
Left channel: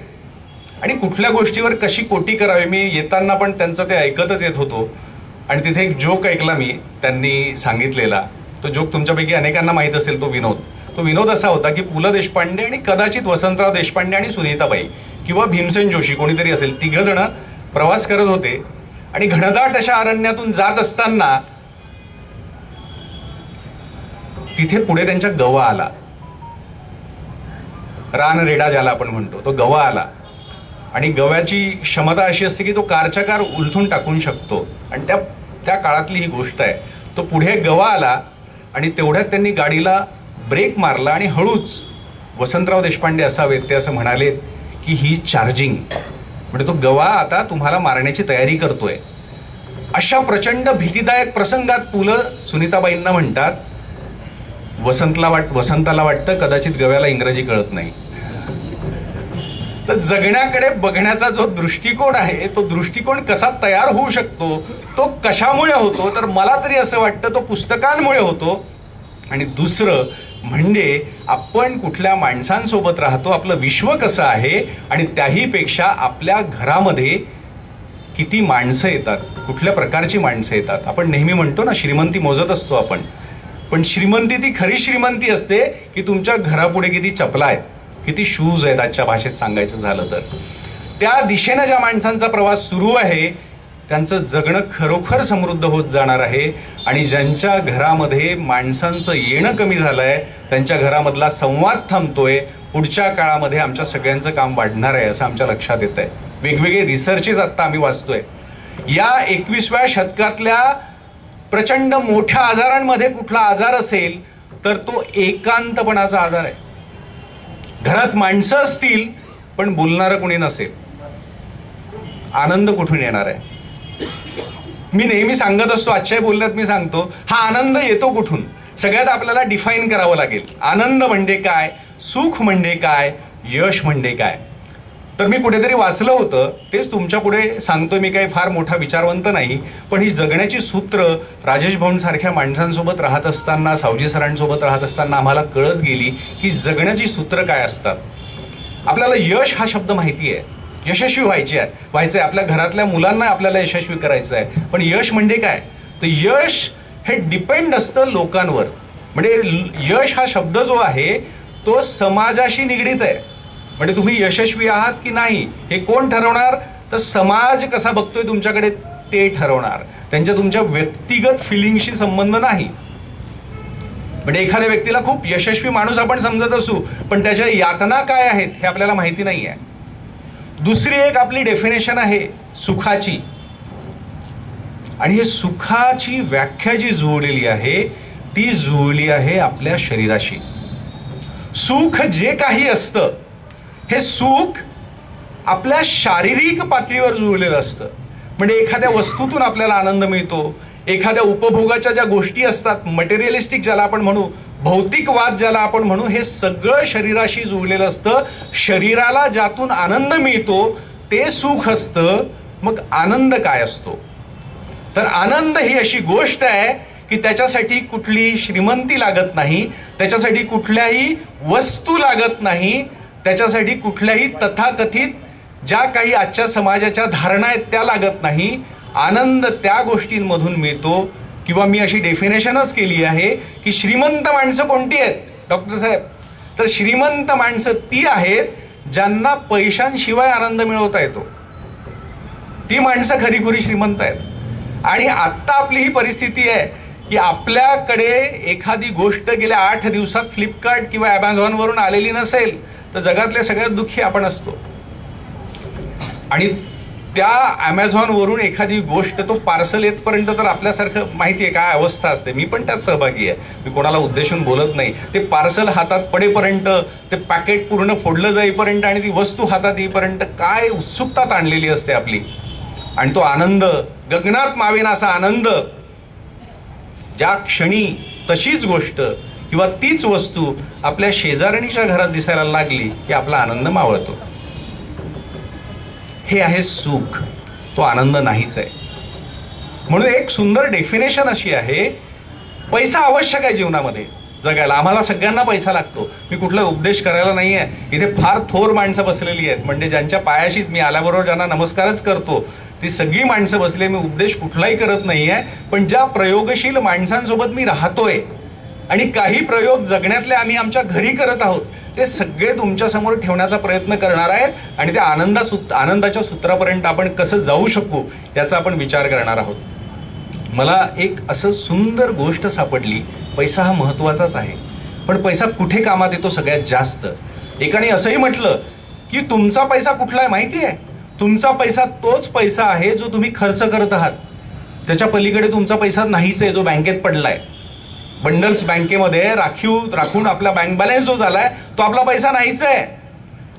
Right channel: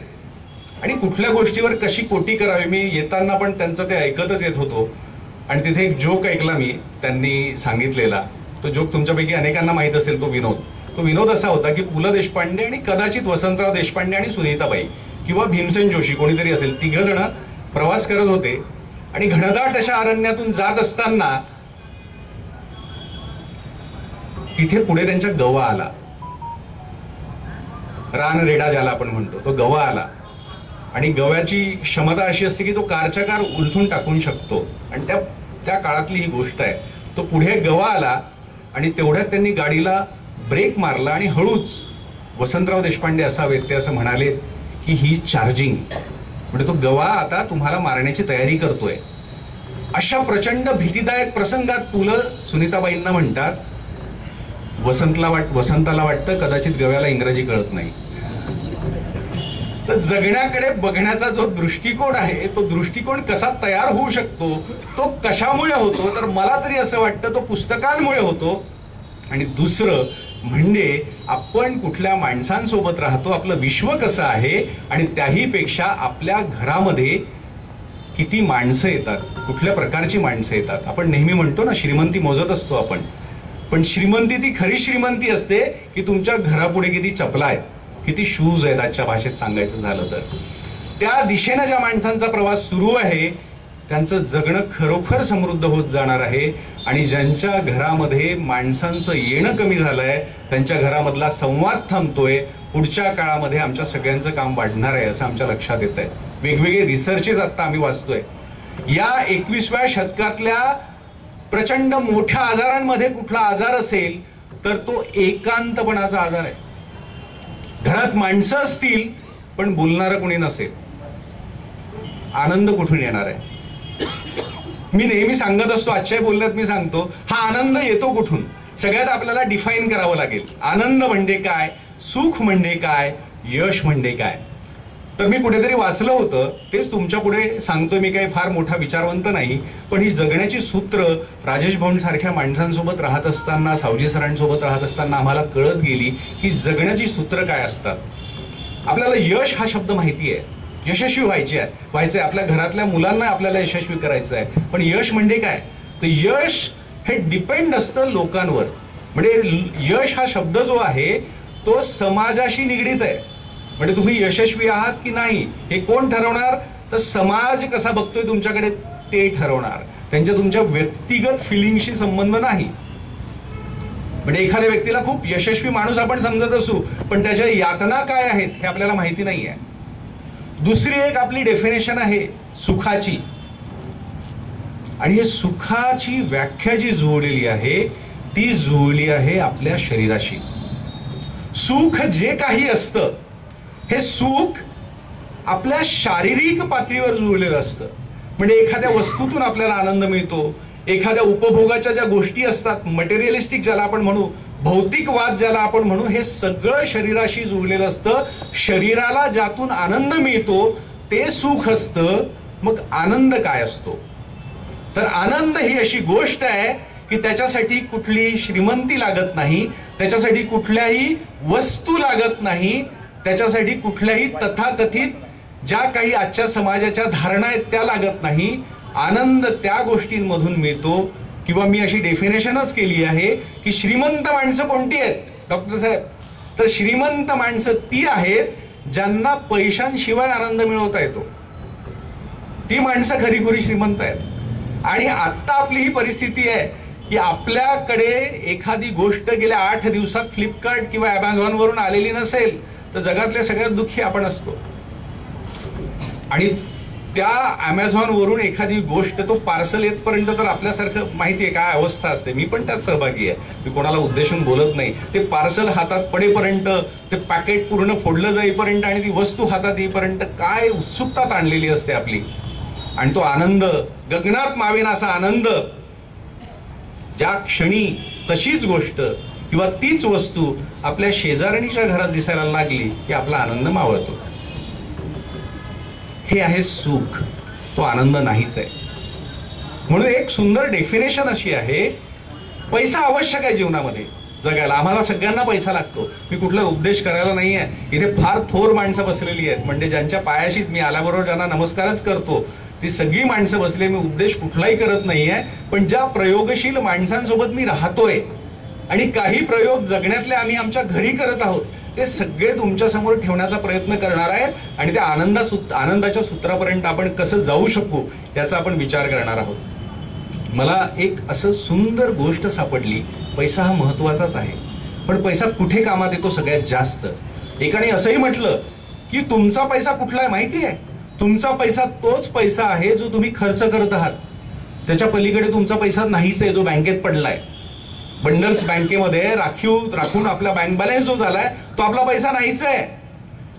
आणि कुठल्या गोष्टीवर कशी कोटी करावी, मी येताना पण त्यांचं ते ऐकतच येत होतो. आणि तिथे एक जोक ऐकला मी, त्यांनी सांगितलेला. तो जोक तुमच्यापैकी अनेकांना माहीत असेल. तो विनोद असा होता की पु ल देशपांडे आणि कदाचित वसंतराव देशपांडे आणि सुनीताबाई किंवा भीमसेन जोशी कोणीतरी असेल, 3 जण प्रवास करत होते. आणि घनदाट अशा अरण्यातून जात असताना तिथे पुढे त्यांच्या गवा आला. रानरेडा ज्याला आपण म्हणतो, तो गवा आला. आणि गव्याची क्षमता अशी असते की तो कारच्या कार उलथून टाकून शकतो. आणि त्या काळातली ही गोष्ट आहे. तो पुढे गवा आला आणि तेवढ्यात त्यांनी गाडीला ब्रेक मारला आणि हळूच, वसंतराव देशपांडे असावेत ते असं म्हणाले की ही चार्जिंग, म्हणजे तो गवा आता तुम्हाला मारण्याची तयारी करतोय. अशा प्रचंड भीतीदायक प्रसंगात पु ल सुनीताबाईंना म्हणतात, वसंताला वाटतं कदाचित गव्याला इंग्रजी कळत नाही. तर जगण्याकडे बघण्याचा जो दृष्टिकोन आहे तो दृष्टिकोन कसा तयार होऊ शकतो, तो कशामुळे होतो, तर मला तरी असं वाटतं तो पुस्तकांमुळे होतो. आणि दुसरं म्हणजे आपण कुठल्या माणसांसोबत राहतो, आपलं विश्व कसं आहे, आणि त्याहीपेक्षा आपल्या घरामध्ये किती माणसं येतात, कुठल्या प्रकारची माणसं येतात. आपण नेहमी म्हणतो ना, श्रीमंती मोजत असतो आपण, पण श्रीमंती ती खरी श्रीमंती असते की तुमच्या घरापुढे किती चपला आहेत. किती शूज आहेत आजच्या भाषेत सांगायचं झालं तर. त्या दिशेनं ज्या माणसांचा प्रवास सुरू आहे त्यांचं जगणं खरोखर समृद्ध होत जाणार आहे. आणि ज्यांच्या घरामध्ये माणसांचं येणं कमी झालंय, त्यांच्या घरामधला संवाद थांबतोय, पुढच्या काळामध्ये आमच्या सगळ्यांचं काम वाढणार आहे असं आमच्या लक्षात येत आहे. वेगवेगळे रिसर्चेस आत्ता आम्ही वाचतोय. या 21व्या शतकातल्या प्रचंड मोठ्या आजारांमध्ये कुठला आजार असेल तर तो एकांतपणाचा आजार आहे. घरात माणसं असतील पण बोलणारं कोणी नसेल, आनंद कुठून येणार आहे? मी नेहमी सांगत असतो, आजच्या बोलण्यात मी सांगतो, हा आनंद येतो कुठून? सगळ्यात आपल्याला डिफाईन करावं लागेल. आनंद म्हणजे काय, सुख म्हणजे काय, यश म्हणजे काय? तर मी कुठेतरी वाचलं होतं, तेच तुमच्या पुढे सांगतोय. मी काही फार मोठा विचारवंत नाही, पण ही जगण्याची सूत्र राजेश भाऊंसारख्या माणसांसोबत राहत असताना, सावजी सरांसोबत राहत असताना आम्हाला कळत गेली की जगण्याची सूत्र काय असतात. आपल्याला यश हा शब्द माहिती आहे, यशस्वी व्हायचंय, आपल्या घरातल्या मुलांना आपल्याला यशस्वी करायचं आहे. पण यश म्हणजे काय? तर यश हे डिपेंड असतं लोकांवर. म्हणजे यश हा शब्द जो आहे तो समाजाशी निगडीत आहे. म्हणजे तुम्ही यशस्वी आहात की नाही हे कोण ठरवणार? तर समाज कसा बघतोय तुमच्याकडे ते ठरवणार. त्यांच्या तुमच्या व्यक्तिगत फिलिंगशी संबंध नाही. म्हणजे एखाद्या व्यक्तीला खूप यशस्वी माणूस आपण समजत असू, पण त्याच्या यातना काय आहेत हे आपल्याला माहिती नाही आहे. दुसरी एक आपली डेफिनेशन आहे सुखाची, आणि हे सुखाची व्याख्या जी जुळलेली आहे ती जुळली आहे आपल्या शरीराशी. सुख जे काही असतं हे सुख आपल्या शारीरिक पातळीवर जुळलेलं असतं. म्हणजे एखाद्या वस्तूतून आपल्याला आनंद मिळतो, एखाद्या उपभोगाच्या ज्या गोष्टी असतात, मटेरियलिस्टिक ज्याला आपण म्हणू, भौतिकवाद ज्याला आपण म्हणू, हे सगळं शरीराशी जुळलेलं असतं. शरीराला ज्यातून आनंद मिळतो ते सुख असतं. मग आनंद काय असतो? तर आनंद ही अशी गोष्ट आहे की त्याच्यासाठी कुठली श्रीमंती लागत नाही, त्याच्यासाठी कुठल्याही वस्तू लागत नाही, त्याच्यासाठी कुठल्याही तथाकथित ज्या काही आजच्या समाजाच्या धारणा आहेत त्या लागत नाही. आनंद त्या गोष्टींमधून मिळतो. किंवा मी अशी डेफिनेशनच केली आहे की श्रीमंत माणसं कोणती आहेत डॉक्टर साहेब? तर श्रीमंत माणसं ती आहेत ज्यांना पैशांशिवाय आनंद मिळवता येतो. ती माणसं खरीखुरी श्रीमंत आहेत. आणि आत्ता आपली ही परिस्थिती आहे की आपल्याकडे एखादी गोष्ट गेल्या 8 दिवसात फ्लिपकार्ट किंवा ॲमेझॉनवरून आलेली नसेल तर जगातले सगळ्यात दुःखी आपण असतो. आणि त्या ॲमेझॉनवरून एखादी गोष्ट तो पार्सल येतपर्यंत तर आपल्यासारखं माहिती आहे काय अवस्था असते. मी पण त्यात सहभागी आहे, मी कोणाला उद्देशून बोलत नाही. ते पार्सल हातात पडेपर्यंत, ते पॅकेट पूर्ण फोडलं जाईपर्यंत आणि ती वस्तू हातात येईपर्यंत काय उत्सुकता ताणलेली असते आपली. आणि तो आनंद, गगनात मावेना असा आनंद, ज्या क्षणी तशीच गोष्ट किंवा तीच वस्तू आपल्या शेजारणीच्या घरात दिसायला लागली की आपला आनंद मावळतो. हे आहे सुख, तो आनंद नाहीच आहे. म्हणून एक सुंदर डेफिनेशन अशी आहे, पैसा आवश्यक आहे जीवनामध्ये जगायला. आम्हाला सगळ्यांना पैसा लागतो. मी कुठला उपदेश करायला नाही आहे. इथे फार थोर माणसं बसलेली आहेत, म्हणजे ज्यांच्या पायाशी मी आल्याबरोबर ज्यांना नमस्कारच करतो ती सगळी माणसं बसले. मी उपदेश कुठलाही करत नाही आहे, पण ज्या प्रयोगशील माणसांसोबत मी राहतोय आणि काही प्रयोग जगण्यातले आम्ही आमच्या घरी करत आहोत ते सगळे तुमच्या समोर ठेवण्याचा प्रयत्न करणार आहेत. आणि त्या आनंदाच्या सूत्रापर्यंत आपण कसं जाऊ शकू याचा आपण विचार करणार आहोत. मला एक असं सुंदर गोष्ट सापडली. पैसा हा महत्वाचाच आहे, पण पैसा कुठे कामात येतो सगळ्यात जास्त? एकाने असंही म्हटलं की तुमचा पैसा कुठला आहे माहिती आहे? तुमचा पैसा तोच पैसा आहे जो तुम्ही खर्च करत आहात. त्याच्या पलीकडे तुमचा पैसा नाहीच आहे जो बँकेत पडलाय. बंडल्स बँकेमध्ये राखून आपला बँक बॅलन्स जो झालाय तो आपला पैसा नाहीच आहे.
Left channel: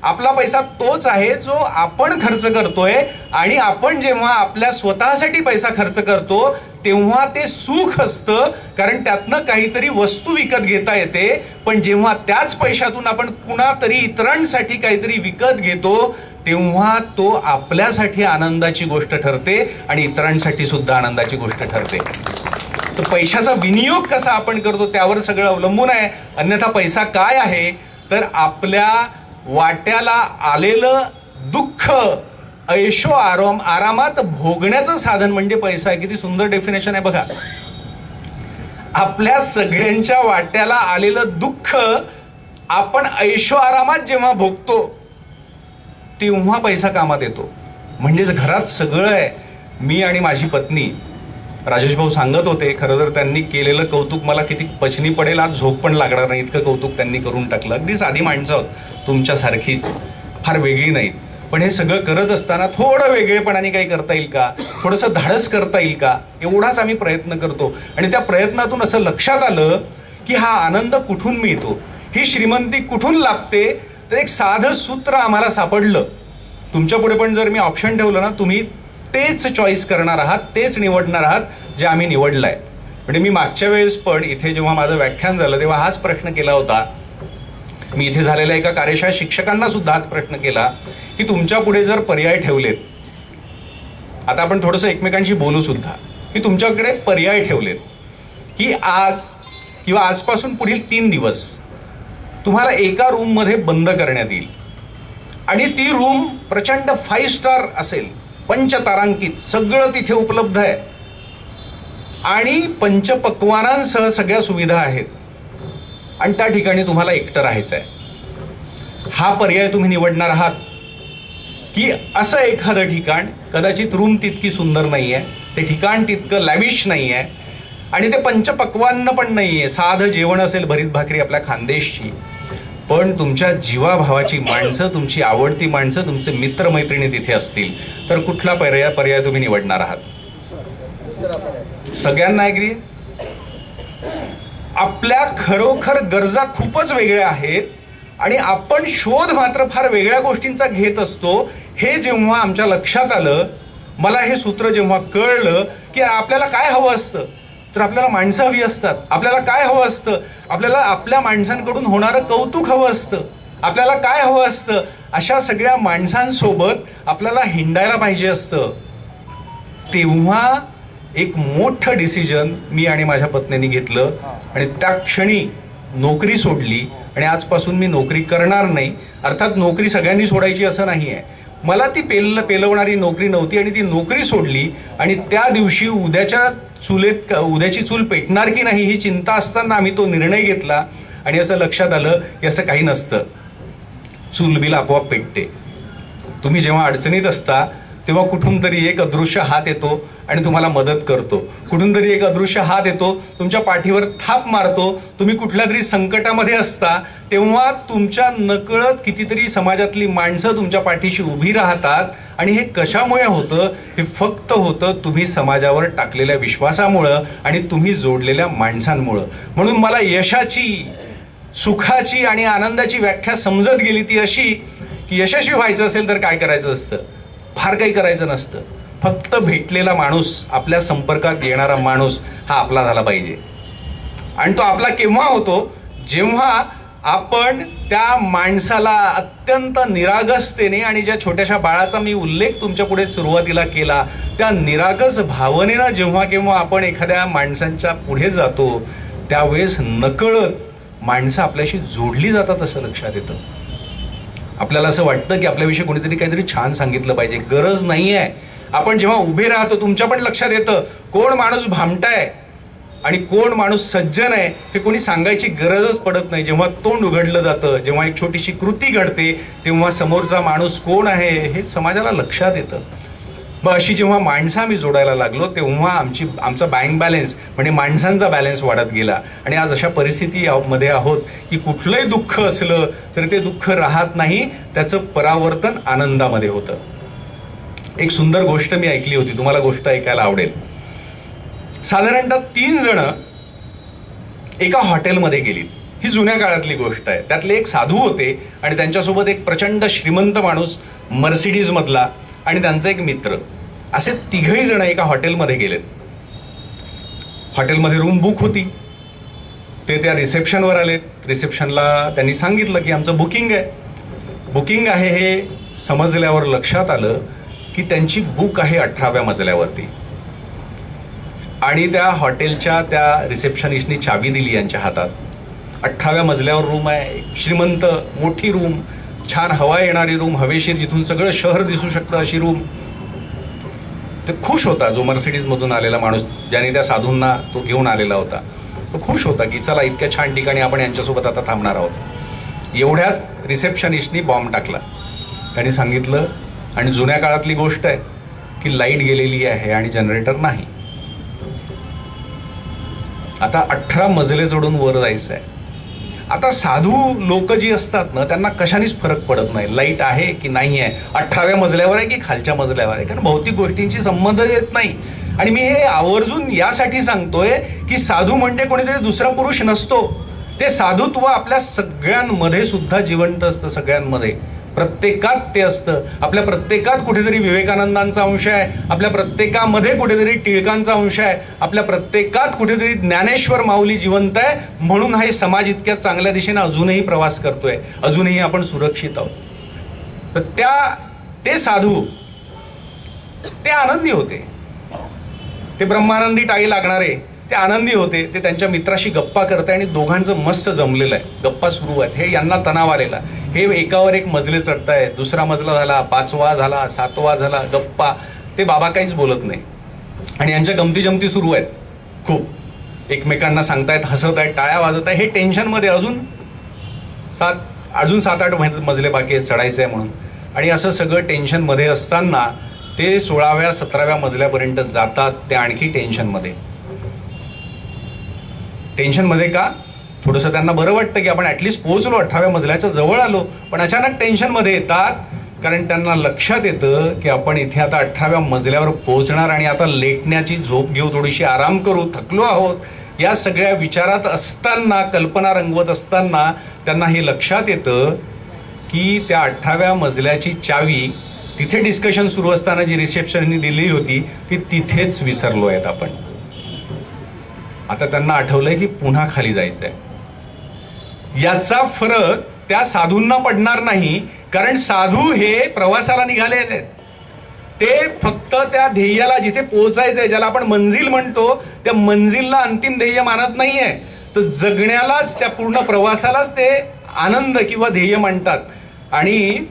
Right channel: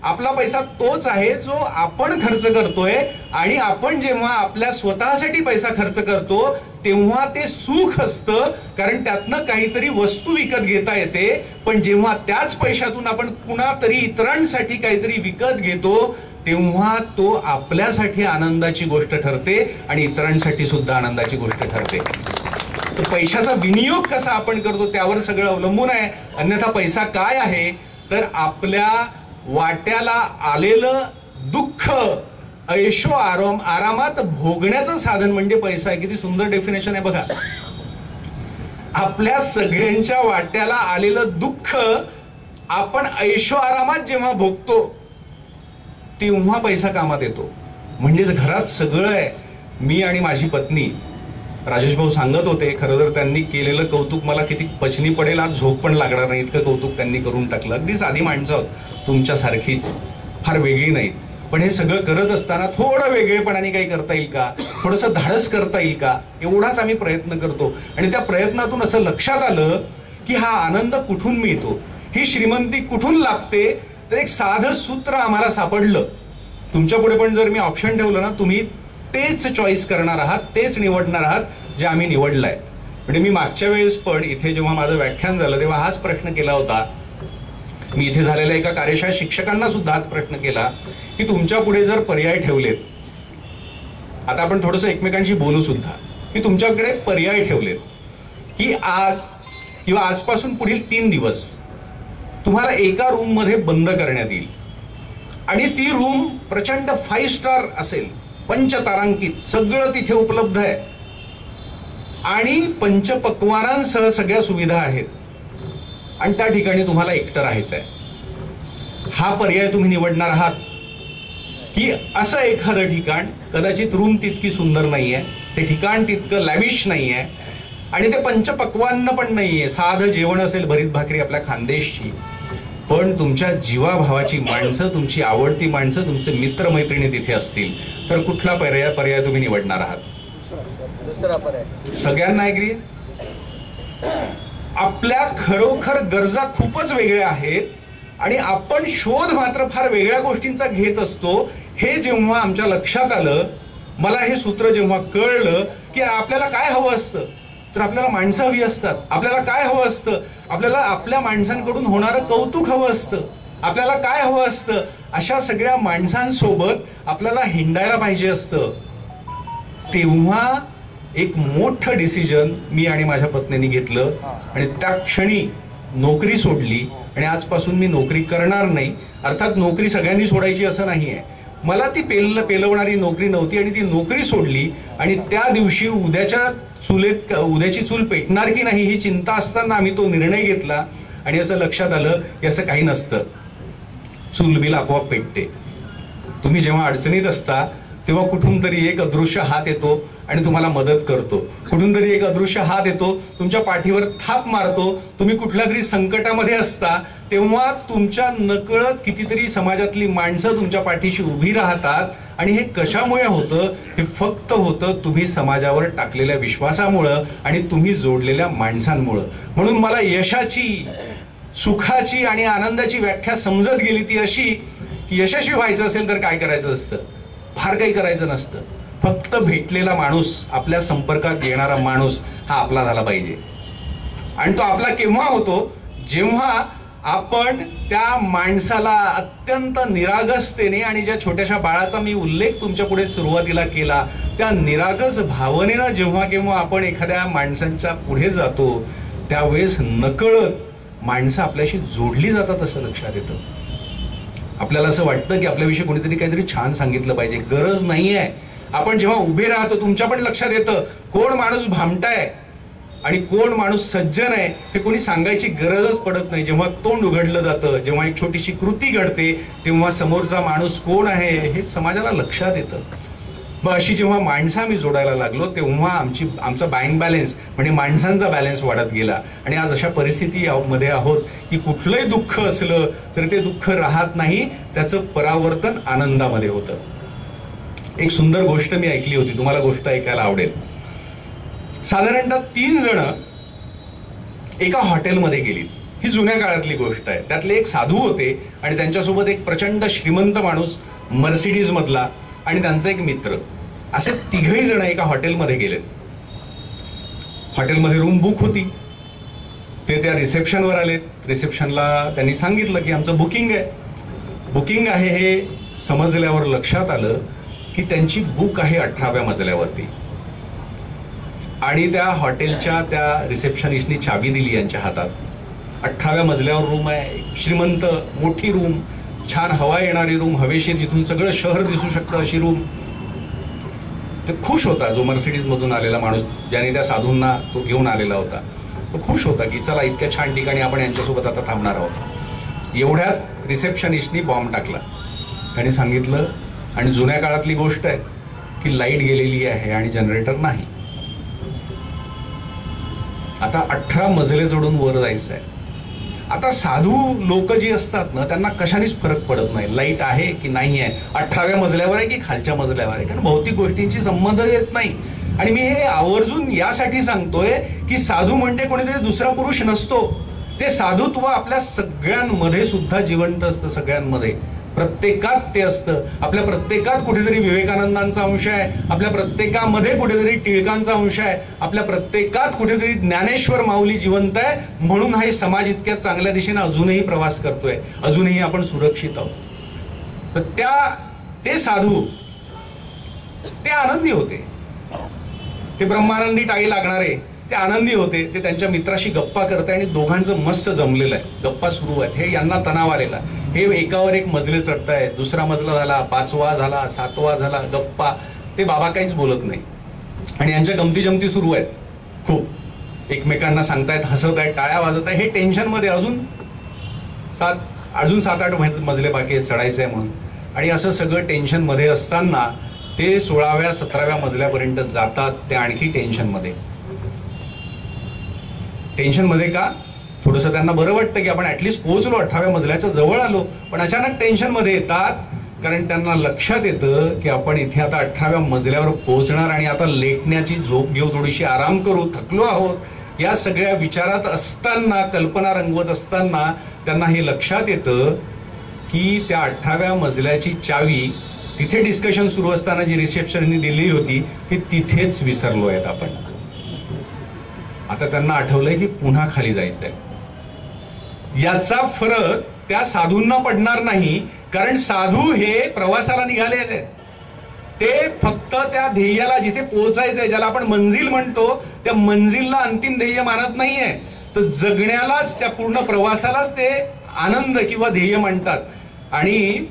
आपला पैसा तोच आहे जो आपण खर्च करतोय. आणि आपण जेव्हा आपल्या स्वतःसाठी पैसा खर्च करतो तेव्हा ते सुख असतं, कारण त्यातनं काहीतरी वस्तू विकत घेता येते. पण जेव्हा त्याच पैशातून आपण कुणातरी इतरांसाठी काहीतरी विकत घेतो तेव्हा तो आपल्यासाठी आनंदाची गोष्ट ठरते आणि इतरांसाठी सुद्धा आनंदाची गोष्ट ठरते. तर पैशाचा विनियोग कसा आपण करतो त्यावर सगळं अवलंबून आहे. अन्यथा पैसा काय आहे तर आपल्या वाट्याला आलेलं दुःख ऐशो आरामात भोगण्याचं साधन म्हणजे पैसा आहे. किती सुंदर डेफिनेशन आहे बघा. आपल्या सगळ्यांच्या वाट्याला आलेलं दुःख आपण ऐशो आरामात जेव्हा भोगतो तेव्हा पैसा कामात येतो. म्हणजेच घरात सगळं आहे. मी आणि माझी पत्नी, राजेश भाऊ सांगत होते, खरं तर त्यांनी केलेलं कौतुक मला किती पचनी पडेल, आज झोप पण लागणार नाही इतकं कौतुक त्यांनी करून टाकलं. अगदी साधी माणसं आहोत, तुमच्यासारखीच, फार वेगळी नाहीत. पण हे सगळं करत असताना थोडं वेगळेपणाने काही करता येईल का, थोडंसं धाडस करता येईल का, एवढाच आम्ही प्रयत्न करतो. आणि त्या प्रयत्नातून असं लक्षात आलं की हा आनंद कुठून मिळतो, ही श्रीमंती कुठून लाभते. तर एक साधं सूत्र आम्हाला सापडलं. तुमच्या पुढे पण जर मी ऑप्शन ठेवलं ना, तुम्ही तेच चॉईस करणार आहात, तेच निवडणार आहात जे आम्ही निवडलंय. म्हणजे मी मागच्या वेळेस पण इथे जेव्हा माझं व्याख्यान झालं तेव्हा हाच प्रश्न केला होता. मी इथे झालेल्या एका कार्यशाळेत शिक्षकांना सुद्धा हाच प्रश्न केला की तुमच्या पुढे जर पर्याय ठेवलेत, आता आपण थोडंसं एकमेकांशी बोलू सुद्धा, की तुमच्याकडे पर्याय ठेवलेत की आज किंवा आजपासून पुढील 3 दिवस तुम्हाला एका रूम मध्ये बंद करण्यात येईल आणि ती रूम प्रचंड 5 स्टार असेल, पंचतारांकित, सगळं तिथे उपलब्ध आहे आणि पंचपक्वानांसह सगळ्या सुविधा आहेत आणि त्या ठिकाणी तुम्हाला एकटं राहायचं आहे. हा पर्याय तुम्ही निवडणार आहात की असं एखादं ठिकाण, कदाचित रूम तितकी सुंदर नाहीये, ते ठिकाण तितकं लॅविश नाहीये आणि ते पंचपक्वान्न पण नाहीये, साधं जेवण असेल, भरीत भाकरी आपल्या खानदेशची, पण तुमच्या जीवाभावाची माणसं, तुमची आवडती माणसं, तुमचे मित्रमैत्रिणी तिथे असतील, तर कुठला पर्याय तुम्ही निवडणार आहात? सगळ्यांना ऍग्री? आपल्या खरोखर गरजा खूपच वेगळ्या आहेत आणि आपण शोध मात्र फार वेगळ्या गोष्टींचा घेत असतो. हे जेव्हा आमच्या लक्षात आलं, मला हे सूत्र जेव्हा कळलं की आपल्याला काय हवं असतं, तर आपल्याला माणसं हवी असतात. आपल्याला काय हवं असतं? आपल्याला आपल्या माणसांकडून होणारं कौतुक हवं असतं. आपल्याला काय हवं असतं? अशा सगळ्या माणसांसोबत आपल्याला हिंडायला पाहिजे असतं. तेव्हा एक मोठं डिसिजन मी आणि माझ्या पत्नीने घेतलं आणि त्या क्षणी नोकरी सोडली आणि आजपासून मी नोकरी करणार नाही. अर्थात नोकरी सगळ्यांनी सोडायची असं नाही आहे. मला ती पेलवणारी नोकरी नव्हती आणि ती नोकरी सोडली आणि त्या दिवशी उद्याची चूल पेटणार की नाही ही चिंता असताना आम्ही तो निर्णय घेतला आणि असं लक्षात आलं की असं काही नसतं, चूल बिल आपोआप पेटते. तुम्ही जेव्हा अडचणीत असता तेव्हा कुठून तरी एक अदृश्य हात येतो आणि तुम्हाला मदत करतो. कुठून तरी एक अदृश्य हात येतो, तुमच्या पाठीवर थाप मारतो. तुम्ही कुठल्या तरी संकटामध्ये असता तेव्हा तुमच्या नकळत कितीतरी समाजातली माणसं तुमच्या पाठीशी उभी राहतात आणि हे कशामुळे होतं? हे फक्त होतं तुम्ही समाजावर टाकलेल्या विश्वासामुळं आणि तुम्ही जोडलेल्या माणसांमुळं. म्हणून मला यशाची, सुखाची आणि आनंदाची व्याख्या समजत गेली ती अशी की यशस्वी व्हायचं असेल तर काय करायचं असतं? फार काही करायचं नसतं. फक्त भेटलेला माणूस, आपल्या संपर्कात येणारा माणूस हा आपला झाला पाहिजे. आणि तो आपला केव्हा होतो? जेव्हा आपण त्या माणसाला अत्यंत निरागसतेने, आणि ज्या छोट्याशा बाळाचा मी उल्लेख तुमच्या पुढे सुरुवातीला केला, त्या निरागस भावनेनं जेव्हा केव्हा आपण एखाद्या माणसांच्या पुढे जातो त्यावेळेस नकळत माणसं आपल्याशी जोडली जातात असं लक्षात येतं. आपल्याला असं वाटतं की आपल्याविषयी कोणीतरी काहीतरी छान सांगितलं पाहिजे. गरज नाहीये. आपण जेव्हा उभे राहतो तुमच्या पण लक्षात येतं कोण माणूस भामटाय आणि कोण माणूस सज्जन आहे हे कोणी सांगायची गरजच पडत नाही. जेव्हा तोंड उघडलं जातं, जेव्हा एक छोटीशी कृती घडते, तेव्हा समोरचा माणूस कोण आहे हे समाजाला लक्षात येतं. मग अशी जेव्हा माणसं आम्ही जोडायला लागलो तेव्हा आमचा बँक बॅलन्स म्हणजे माणसांचा बॅलन्स वाढत गेला आणि आज अशा परिस्थितीमध्ये आहोत की कुठलंही दुःख असलं तर ते दुःख राहत नाही, त्याचं परावर्तन आनंदामध्ये होतं. एक सुंदर गोष्ट मी ऐकली होती, तुम्हाला गोष्ट ऐकायला आवडेल. साधारणतः 3 जण एका हॉटेलमध्ये गेली. ही जुन्या काळातली गोष्ट आहे. त्यातले एक साधू होते आणि त्यांच्यासोबत एक प्रचंड श्रीमंत माणूस मर्सिडीज मधला आणि त्यांचा एक मित्र. असे 3घही जण एका हॉटेलमध्ये गेलेत. हॉटेलमध्ये रूम बुक होती. ते त्या रिसेप्शनवर आलेत. रिसेप्शनला त्यांनी सांगितलं की आमचं बुकिंग आहे. हे समजल्यावर लक्षात आलं की त्यांची बुक आहे 18व्या मजल्यावरती आणि त्या हॉटेलच्या त्या रिसेप्शनिस्टनी चावी दिली यांच्या हातात. 18व्या मजल्यावर रूम आहे, श्रीमंत मोठी रूम, छान हवा येणारी रूम, हवेशीर, जिथून सगळं शहर दिसू शकतं अशी रूम. ते खुश होता जो मर्सिडीज मधून आलेला माणूस, ज्याने त्या साधूंना तो घेऊन आलेला होता. तो खुश होता की चला इतक्या छान ठिकाणी आपण यांच्यासोबत आता थांबणार आहोत. एवढ्यात रिसेप्शनिस्टनी बॉम्ब टाकला. त्यांनी सांगितलं, आणि जुन्या काळातली गोष्ट आहे की लाईट गेलेली आहे आणि जनरेटर नाही. आता 18 मजले चढून वर जायचं आहे. आता साधू लोक जी असतात ना, त्यांना कशानेच फरक पडत नाही लाईट आहे की नाही आहे, 18व्या मजल्यावर आहे की खालच्या मजल्यावर आहे, कारण भौतिक गोष्टींची संबंध येत नाही. आणि मी हे आवर्जून यासाठी सांगतोय की साधू म्हणजे कोणीतरी दुसरा पुरुष नसतो. ते साधुत्व आपल्या सगळ्यांमध्ये सुद्धा जिवंत असतं. सगळ्यांमध्ये, प्रत्येकात ते असतं. आपल्या प्रत्येकात कुठेतरी विवेकानंदांचा अंश आहे, आपल्या प्रत्येकामध्ये कुठेतरी टिळकांचा अंश आहे, आपल्या प्रत्येकात कुठेतरी ज्ञानेश्वर माऊली जिवंत आहे. म्हणून हा समाज इतक्या चांगल्या दिशेने अजूनही प्रवास करतोय, अजूनही आपण सुरक्षित आहोत. तर ते साधू ते आनंदी होते. ते ब्रह्मानंदी टाळी लागणारे ते आनंदी होते. ते त्यांच्या मित्राशी गप्पा करताय आणि दोघांचं मस्त जमलेलं आहे, गप्पा सुरू आहेत. हे यांना तणाव आलेला, हे एकावर एक मजले चढताय, दुसरा मजला झाला, 5वा झाला, 7वा झाला, गप्पा. ते बाबा काहीच बोलत नाही आणि यांच्या गमती जमती सुरू आहेत खूप. एकमेकांना सांगतायत, हसत आहेत, टाळ्या वाजवत आहे. हे टेन्शनमध्ये अजून 7-8 मजले बाकी आहेत चढायचे आहे म्हणून. आणि असं सगळं टेन्शनमध्ये असताना ते 16व्या-17व्या मजल्यापर्यंत जातात. ते आणखी टेन्शनमध्ये का, थोडंसं त्यांना बरं वाटतं की आपण ऍटलिस्ट पोहोचलो, 18व्या मजल्याच्या जवळ आलो. पण अचानक टेन्शनमध्ये येतात, कारण त्यांना लक्षात येतं की आपण इथे आता 18व्या मजल्यावर पोहोचणार आणि आता लेटण्याची झोप घेऊ, थोडीशी आराम करू, थकलो आहोत. या सगळ्या विचारात असताना, कल्पना रंगवत असताना त्यांना हे लक्षात येतं की त्या 18व्या मजल्याची चावी तिथे डिस्कशन सुरू असताना जी रिसेप्शननी दिली होती ती तिथेच विसरलो आहेत आपण. आता त्यांना आठवलंय की पुन्हा खाली जायचंय. याचा फरक त्या साधूंना पडणार नाही, कारण साधू हे प्रवासाला निघालेले आहेत. ते फक्त त्या ध्येयाला, जिथे पोहोचायचंय, ज्याला आपण मंजिल म्हणतो, त्या मंजिलला अंतिम ध्येय मानत नाहीये. तर जगण्यालाच, त्या पूर्ण प्रवासालाच ते आनंद किंवा ध्येय मानतात. आणि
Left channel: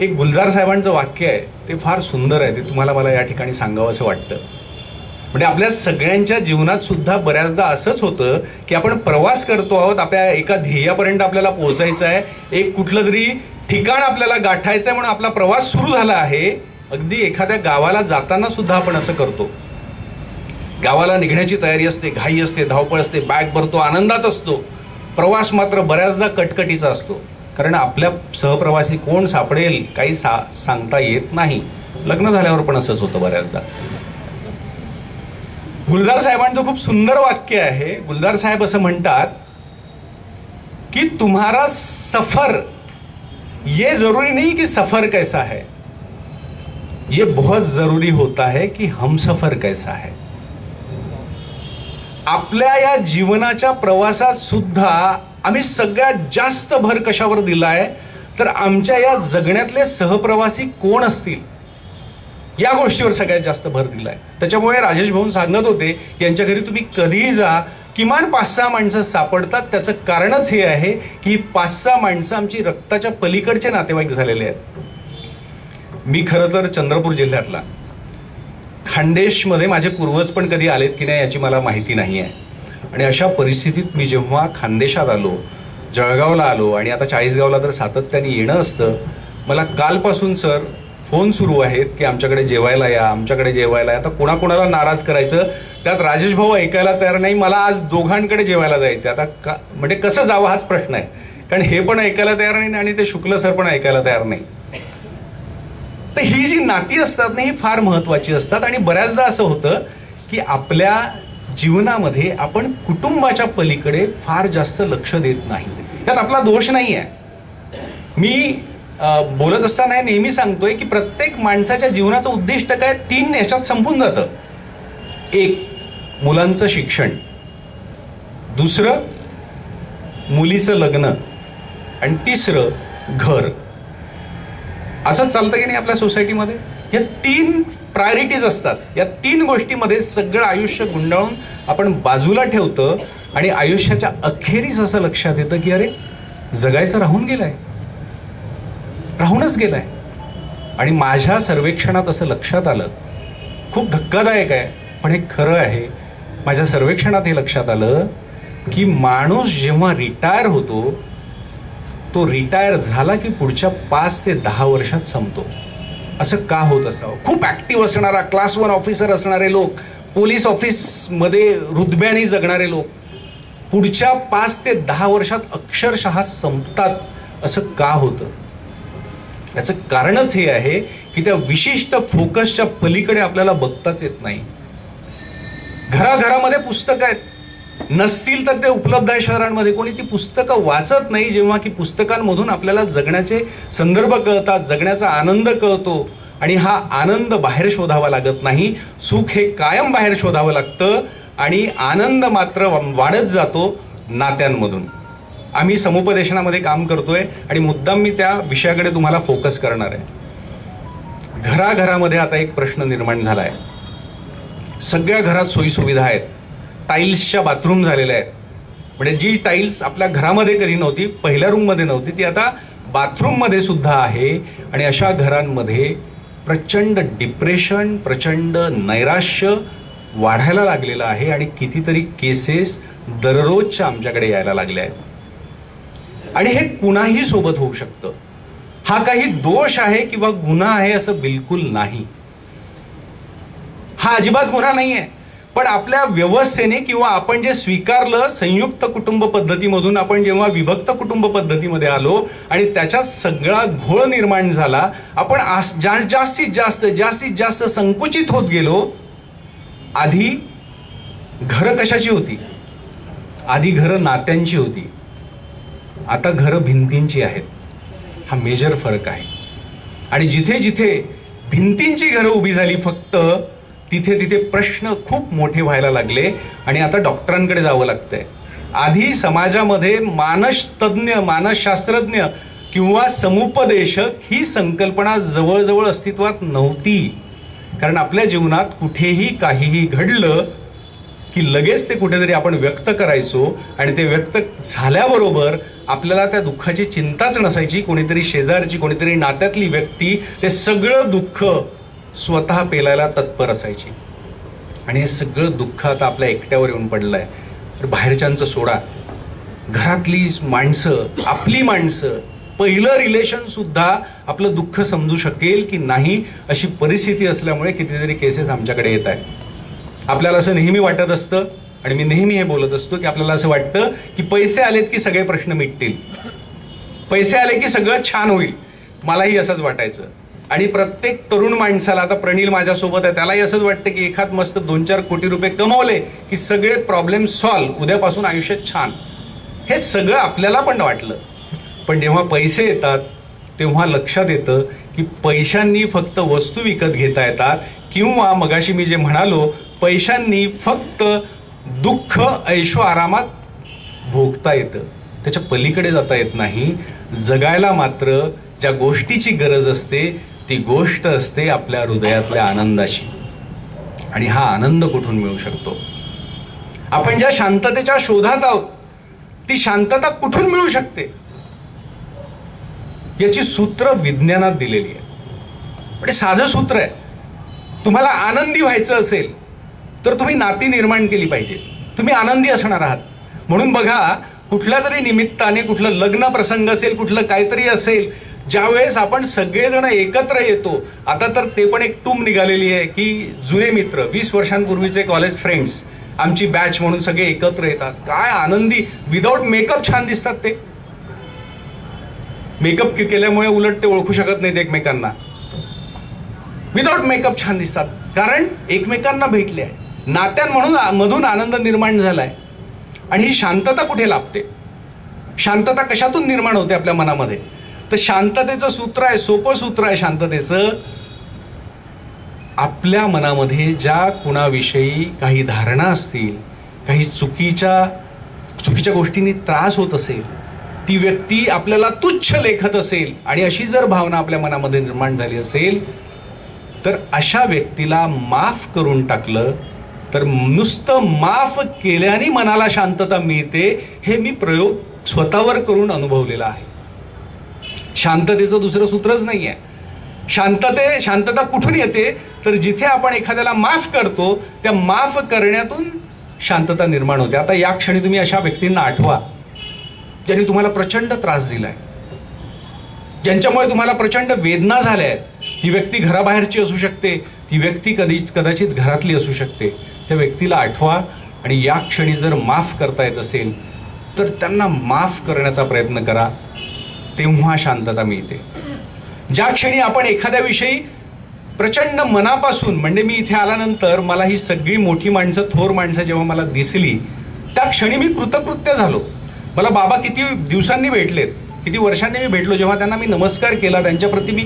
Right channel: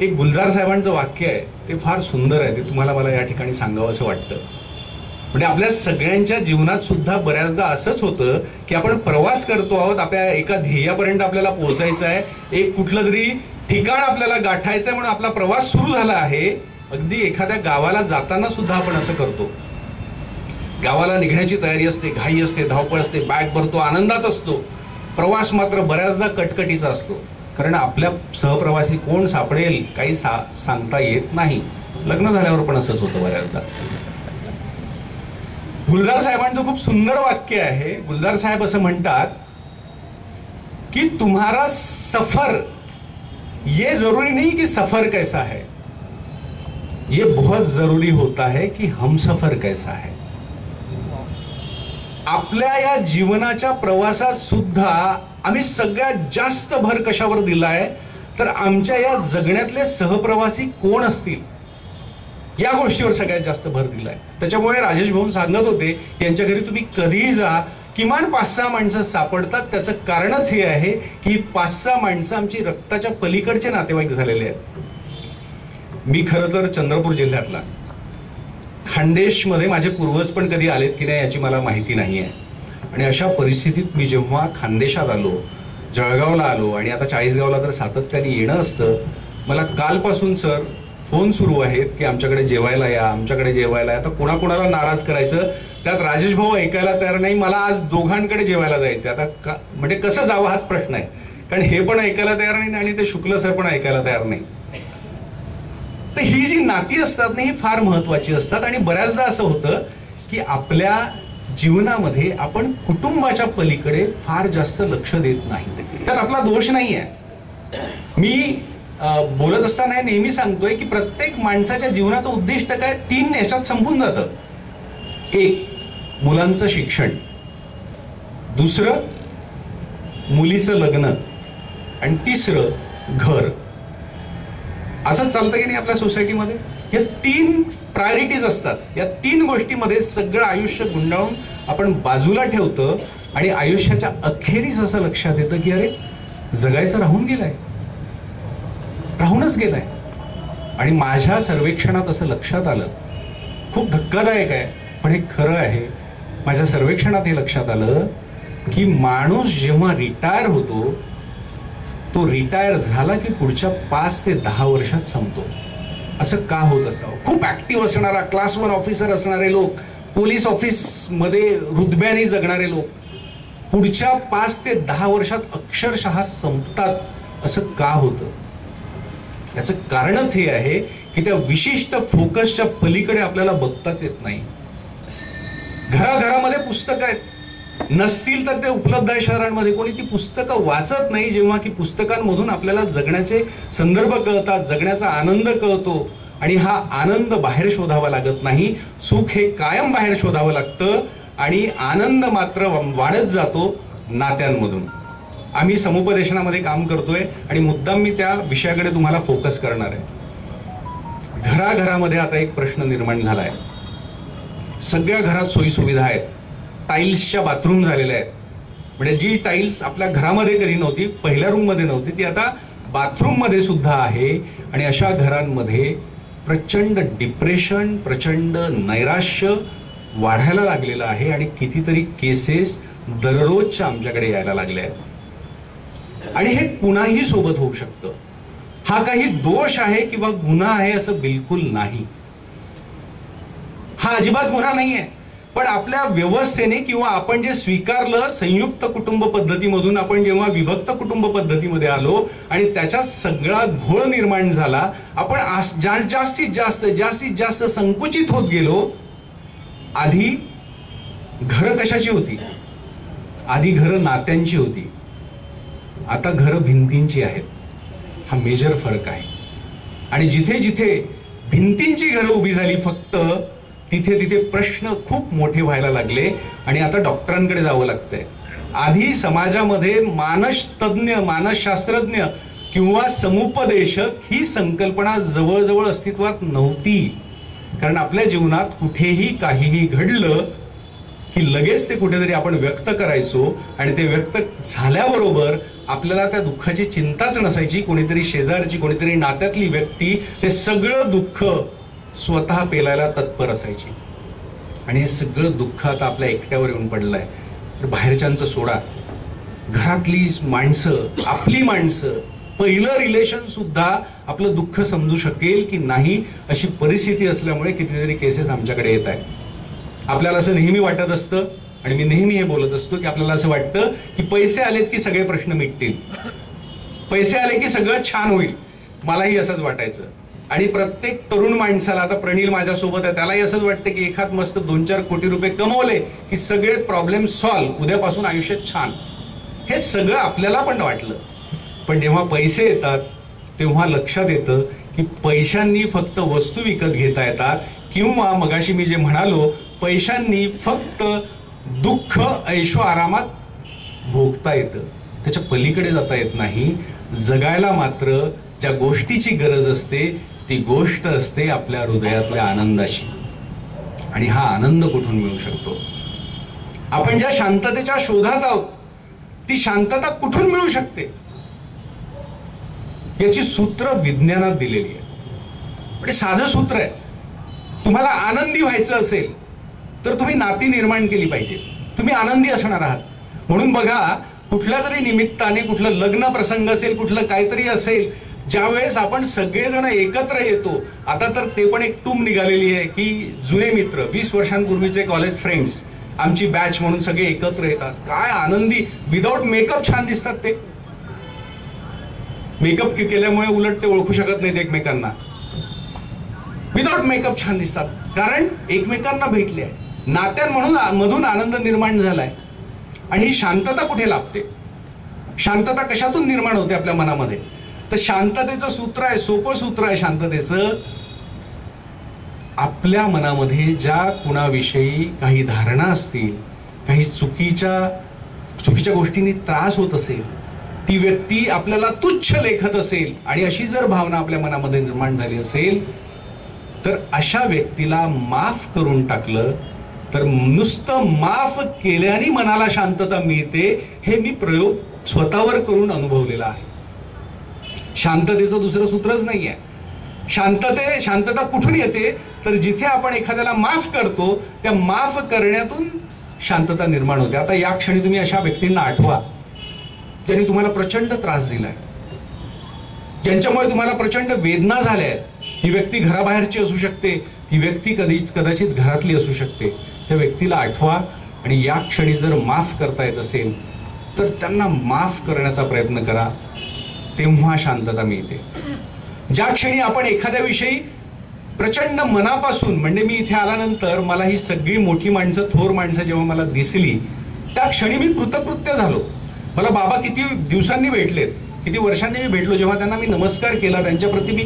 एक गुलजार साहेबांचं वाक्य आहे, ते फार सुंदर आहे. ते तुम्हाला मला या ठिकाणी सांगावं असं वाटतं. म्हणजे आपल्या सगळ्यांच्या जीवनात सुद्धा बऱ्याचदा असंच होतं की आपण प्रवास करतो आहोत, आपल्या एका ध्येयापर्यंत आपल्याला पोहोचायचं आहे, एक कुठलं तरी ठिकाण आपल्याला गाठायचं आहे, म्हणून आपला प्रवास सुरू झाला आहे. अगदी एखाद्या गावाला जाताना सुद्धा आपण असं करतो. गावाला निघण्याची तयारी असते, घाई असते, धावपळ असते, बॅग भरतो, आनंदात असतो. प्रवास मात्र बऱ्याचदा कटकटीचा असतो, कारण आपल्या सहप्रवासी कोण सापडेल काही सांगता येत नाही. लग्न झाल्यावर पण असंच होतं बऱ्याचदा. गुलजार साहेबांचं खूप सुंदर वाक्य आहे. गुलजार साहेब असं म्हणतात कि तुम्हारा सफर, ये जरूरी नहीं कि सफर कैसा है, ये बहुत जरूरी होता है कि हम सफर कैसा है. आपल्या या जीवनाच्या प्रवासात सुद्धा आम्ही सगळ्यात जास्त भर कशावर दिलाय, तर आमच्या या जगण्यातले सहप्रवासी कोण असतील या गोष्टीवर सगळ्यात जास्त भर दिलाय. त्याच्यामुळे राजेश भाऊ सांगत होते की यांच्या घरी तुम्ही कधीही जा, किमान 5-6 माणसं सापडतात. त्याचं कारणच हे आहे की 5-6 माणसं आमची रक्ताच्या पलीकडचे नातेवाईक झालेले आहेत. मी खरं तर चंद्रपूर जिल्ह्यातला, खानदेशमध्ये माझे पूर्वज पण कधी आलेत की नाही याची मला माहिती नाही आहे. आणि अशा परिस्थितीत मी जेव्हा खानदेशात आलो, जळगावला आलो आणि आता चाळीसगावला तर सातत्याने येणं असतं, मला कालपासून सर फोन सुरू आहेत की आमच्याकडे जेवायला या, आमच्याकडे जेवायला या. आता कोणाकोणाला नाराज करायचं, त्यात राजेश भाऊ ऐकायला तयार नाही. मला आज दोघांकडे जेवायला जायचं. आता म्हणजे कसं जावं हाच प्रश्न आहे, कारण हे पण ऐकायला तयार नाही आणि ते शुक्ल सर पण ऐकायला तयार नाही. तर ही जी नाती असतात ना, ही फार महत्वाची असतात. आणि बऱ्याचदा असं होतं की आपल्या जीवनामध्ये आपण कुटुंबाच्या पलीकडे फार जास्त लक्ष देत नाही. त्यात आपला दोष नाही आहे. मी बोलत असताना नेहमी सांगतोय की प्रत्येक माणसाच्या जीवनाचं उद्दिष्ट काय, 3 याच्यात संपून जातं. 1 मुलांचं शिक्षण, दुसरं मुलीचं लग्न आणि तिसरं घर. असंच चालतं की नाही आपल्या सोसायटीमध्ये. या 3 प्रायोरिटीज असतात. या 3 गोष्टीमध्ये सगळं आयुष्य गुंडाळून आपण बाजूला ठेवतं आणि आयुष्याच्या अखेरीस असं लक्षात येतं की अरे जगायचं राहून गेलंय, राहूनच गेलाय. आणि माझ्या सर्वेक्षणात असं लक्षात आलं, खूप धक्कादायक आहे पण हे खरं आहे. माझ्या सर्वेक्षणात हे लक्षात आलं की माणूस जेव्हा रिटायर होतो तो रिटायर झाला की पुढच्या 5 ते 10 वर्षात संपतो. असं का होत असावं? खूप ऍक्टिव्ह असणारा क्लास 1 ऑफिसर असणारे लोक, पोलीस ऑफिसमध्ये रुतब्याने जगणारे लोक पुढच्या 5 ते 10 वर्षात अक्षरशः संपतात. असं का होतं? याचं कारणच हे आहे की त्या विशिष्ट फोकसच्या पलीकडे आपल्याला बघताच येत नाही. घराघरामध्ये पुस्तकं आहेत, नसतील तर ते उपलब्ध आहे शहरांमध्ये. कोणी ती पुस्तकं वाचत नाही, जेव्हा की पुस्तकांमधून आपल्याला जगण्याचे संदर्भ कळतात, जगण्याचा आनंद कळतो. आणि हा आनंद बाहेर शोधावा लागत नाही, सुख हे कायम बाहेर शोधावं लागतं. आणि आनंद मात्र वाढत जातो नात्यांमधून. आम्ही समुपदेशनामध्ये काम करतोय आणि मुद्दाम मी त्या विषयाकडे तुम्हाला फोकस करणार आहे. घराघरामध्ये आता एक प्रश्न निर्माण झाला आहे. सगळ्या घरात सोयीसुविधा आहेत, टाईल्सच्या बाथरूम झालेल्या आहेत. म्हणजे जी टाईल्स आपल्या घरामध्ये कधी नव्हती, पहिल्या रूममध्ये नव्हती, ती आता बाथरूममध्ये सुद्धा आहे. आणि अशा घरांमध्ये प्रचंड डिप्रेशन, प्रचंड नैराश्य वाढायला लागलेलं आहे. आणि कितीतरी केसेस दररोजच्या आमच्याकडे यायला लागल्या आहेत. आणि हे कुणाही सोबत होऊ शकतं. हा काही दोष आहे किंवा गुन्हा आहे असं बिलकुल नाही. हा अजिबात गुन्हा नाही आहे. पण आपल्या व्यवस्थेने किंवा आपण जे स्वीकारलं संयुक्त कुटुंब पद्धतीमधून आपण जेव्हा विभक्त कुटुंब पद्धतीमध्ये आलो आणि त्याच्यात सगळा घोळ निर्माण झाला, आपण जास्तीत जास्त संकुचित होत गेलो. आधी घरं कशाची होती? आधी घरं नात्यांची होती, आता घरं भिंतींची आहेत. हा मेजर फरक आहे. आणि जिथे जिथे भिंतींची घरं उभी झाली फक्त, तिथे तिथे प्रश्न खूप मोठे व्हायला लागले. आणि आता डॉक्टरांकडे जावं लागतंय. आधी समाजामध्ये मानसतज्ञ, मानसशास्त्रज्ञ किंवा समुपदेशक ही संकल्पना जवळजवळ अस्तित्वात नव्हती. कारण आपल्या जीवनात कुठेही काहीही घडलं की लगेच ते कुठेतरी आपण व्यक्त करायचो. आणि ते व्यक्त झाल्याबरोबर आपल्याला त्या दुःखाची चिंताच नसायची. कोणीतरी शेजारची, कोणीतरी नात्यातली व्यक्ती ते सगळं दुःख स्वतः पेलायला तत्पर असायची. आणि हे सगळं दुःख आता आपल्या एकट्यावर येऊन पडलंय. तर बाहेरच्यांचं सोडा, घरातली माणसं, आपली माणसं, पहिलं रिलेशन सुद्धा आपलं दुःख समजू शकेल की नाही अशी परिस्थिती असल्यामुळे कितीतरी केसेस आमच्याकडे येत आहेत. आपल्याला असं नेहमी वाटत असतं, आणि मी नेहमी हे बोलत असतो की आपल्याला असं वाटतं की पैसे आलेत की सगळे प्रश्न मिटतील, पैसे आले की सगळं छान होईल. मलाही असंच वाटायचं. आणि प्रत्येक तरुण माणसाला, आता प्रणील माझ्यासोबत आहे, त्यालाही असंच वाटतं की एखाद मस्त 2-4 कोटी रुपये कमवले की सगळे प्रॉब्लेम सॉल्व्ह, उद्यापासून आयुष्य छान. हे सगळं आपल्याला पण वाटलं. पण जेव्हा पैसे येतात तेव्हा लक्षात येतं की पैशांनी फक्त वस्तू विकत घेता येतात, किंवा मगाशी मी जे म्हणालो, पैशांनी फक्त दुःख ऐशो आरामात भोगता येतं, त्याच्या पलीकडे जाता येत नाही. जगायला मात्र ज्या गोष्टीची गरज असते ती गोष्ट असते आपल्या हृदयातल्या आनंदाची. आणि हा आनंद कुठून मिळू शकतो? आपण ज्या शांततेच्या शोधात आहोत ती शांतता कुठून मिळू शकते? याची सूत्र विज्ञानात दिलेली आहे. म्हणजे साधं सूत्र आहे. तुम्हाला आनंदी व्हायचं असेल तर तुम्ही नाती निर्माण केली पाहिजे. तुम्ही आनंदी असणार आहात. म्हणून बघा, कुठल्या तरी निमित्ताने, कुठलं लग्न प्रसंग असेल, कुठलं काहीतरी असेल, ज्यावेळेस आपण सगळेजण एकत्र येतो. आता तर ते पण एक टूम निघालेली आहे की जुने मित्र, 20 वर्षांपूर्वीचे कॉलेज फ्रेंड्स, आमची बॅच म्हणून सगळे एकत्र येतात. काय आनंदी, विदाऊट मेकअप छान दिसतात ते. मेकअप केल्यामुळे उलट ते ओळखू शकत नाहीत एकमेकांना. विदाऊट मेकअप छान दिसतात, कारण एकमेकांना भेटले आहे. नात्यांमधून आनंद निर्माण झालाय. आणि ही शांतता कुठे लाभते? शांतता कशातून निर्माण होते आपल्या मनामध्ये? तर शांततेचं सूत्र आहे, सोपं सूत्र आहे शांततेचं. आपल्या मनामध्ये ज्या कुणाविषयी काही धारणा असतील, काही चुकीच्या गोष्टींनी त्रास होत असेल, ती व्यक्ती आपल्याला तुच्छ लेखत असेल, आणि अशी जर भावना आपल्या मनामध्ये निर्माण झाली असेल, तर अशा व्यक्तीला माफ करून टाकलं तर नुसतं माफ केल्याने मनाला शांतता मिळते. हे मी प्रयोग स्वतःवर करून अनुभवलेला आहे. शांततेचं दुसरं सूत्रच नाही आहे. शांतता कुठून येते? तर जिथे आपण एखाद्याला माफ करतो त्या माफ करण्यातून शांतता निर्माण होते. आता या क्षणी तुम्ही अशा व्यक्तींना आठवा ज्यांनी तुम्हाला प्रचंड त्रास दिलाय. ज्यांच्यामुळे तुम्हाला प्रचंड वेदना झाल्या आहेत. ती व्यक्ती घराबाहेरची असू शकते, ती व्यक्ती कदाचित घरातली असू शकते. त्या व्यक्तीला आठवा आणि या क्षणी जर माफ करता येत असेल तर त्यांना माफ करण्याचा प्रयत्न करा. तेव्हा शांतता मिळते. ज्या क्षणी आपण एखाद्याविषयी प्रचंड मनापासून, म्हणजे मी इथे आल्यानंतर मला ही सगळी मोठी माणसं, थोर माणसं जेव्हा मला दिसली त्या क्षणी मी कृतकृत्य झालो. मला बाबा किती दिवसांनी भेटलेत, किती वर्षांनी मी भेटलो. जेव्हा त्यांना मी नमस्कार केला, त्यांच्याप्रती मी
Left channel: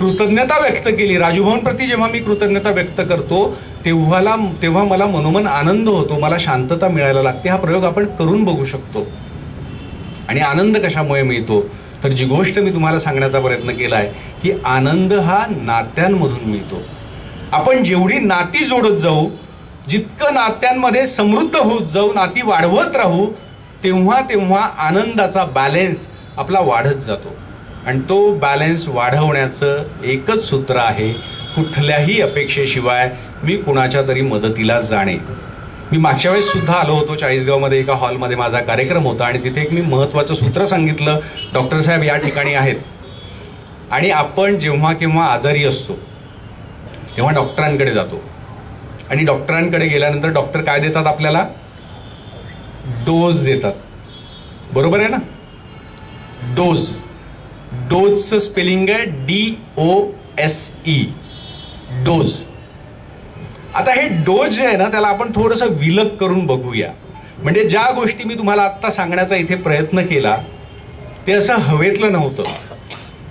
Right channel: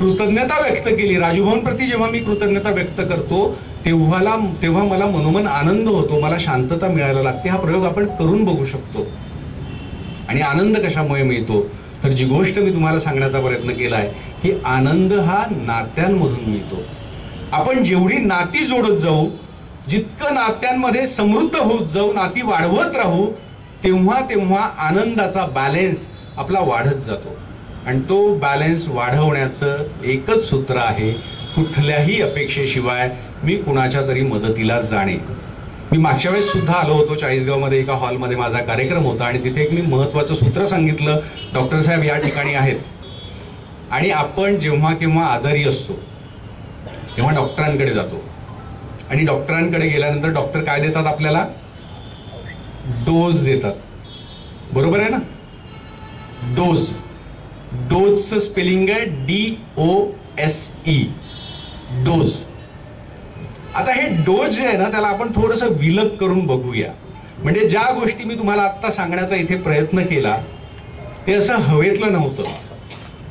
कृतज्ञता व्यक्त केली, राजूभाऊंप्रती जेव्हा मी कृतज्ञता व्यक्त करतो तेव्हा मला मनोमन आनंद होतो, मला शांतता मिळायला लागते. हा प्रयोग आपण करून बघू शकतो. आणि आनंद कशामुळे मिळतो तर जी गोष्ट मी तुम्हाला सांगण्याचा प्रयत्न केला आहे की आनंद हा नात्यांमधून मिळतो. आपण जेवढी नाती जोडत जाऊ, जितकं नात्यांमध्ये समृद्ध होत जाऊ, नाती वाढवत राहू, तेव्हा आनंदाचा बॅलेन्स आपला वाढत जातो. आणि तो बॅलेन्स वाढवण्याचं एकच सूत्र आहे, कुठल्याही अपेक्षेशिवाय मी कुणाच्या तरी मदतीला जाणे. मी मागच्या वेळेस सुद्धा आलो होतो चाळीसगावमध्ये, एका हॉलमध्ये माझा कार्यक्रम होता आणि तिथे एक मी महत्त्वाचं सूत्र सांगितलं. डॉक्टर साहेब या ठिकाणी आहेत आणि आपण जेव्हा केव्हा आजारी असतो तेव्हा डॉक्टरांकडे जातो आणि डॉक्टरांकडे गेल्यानंतर डॉक्टर काय देतात आपल्याला? डोज देतात. बरोबर आहे ना? डोज. डोजचं स्पेलिंग आहे DOSE, डोज. आता हे डोज जे आहे ना त्याला आपण थोडंसं विलग करून बघूया. म्हणजे ज्या गोष्टी मी तुम्हाला आत्ता सांगण्याचा इथे प्रयत्न केला ते असं हवेतलं नव्हतं.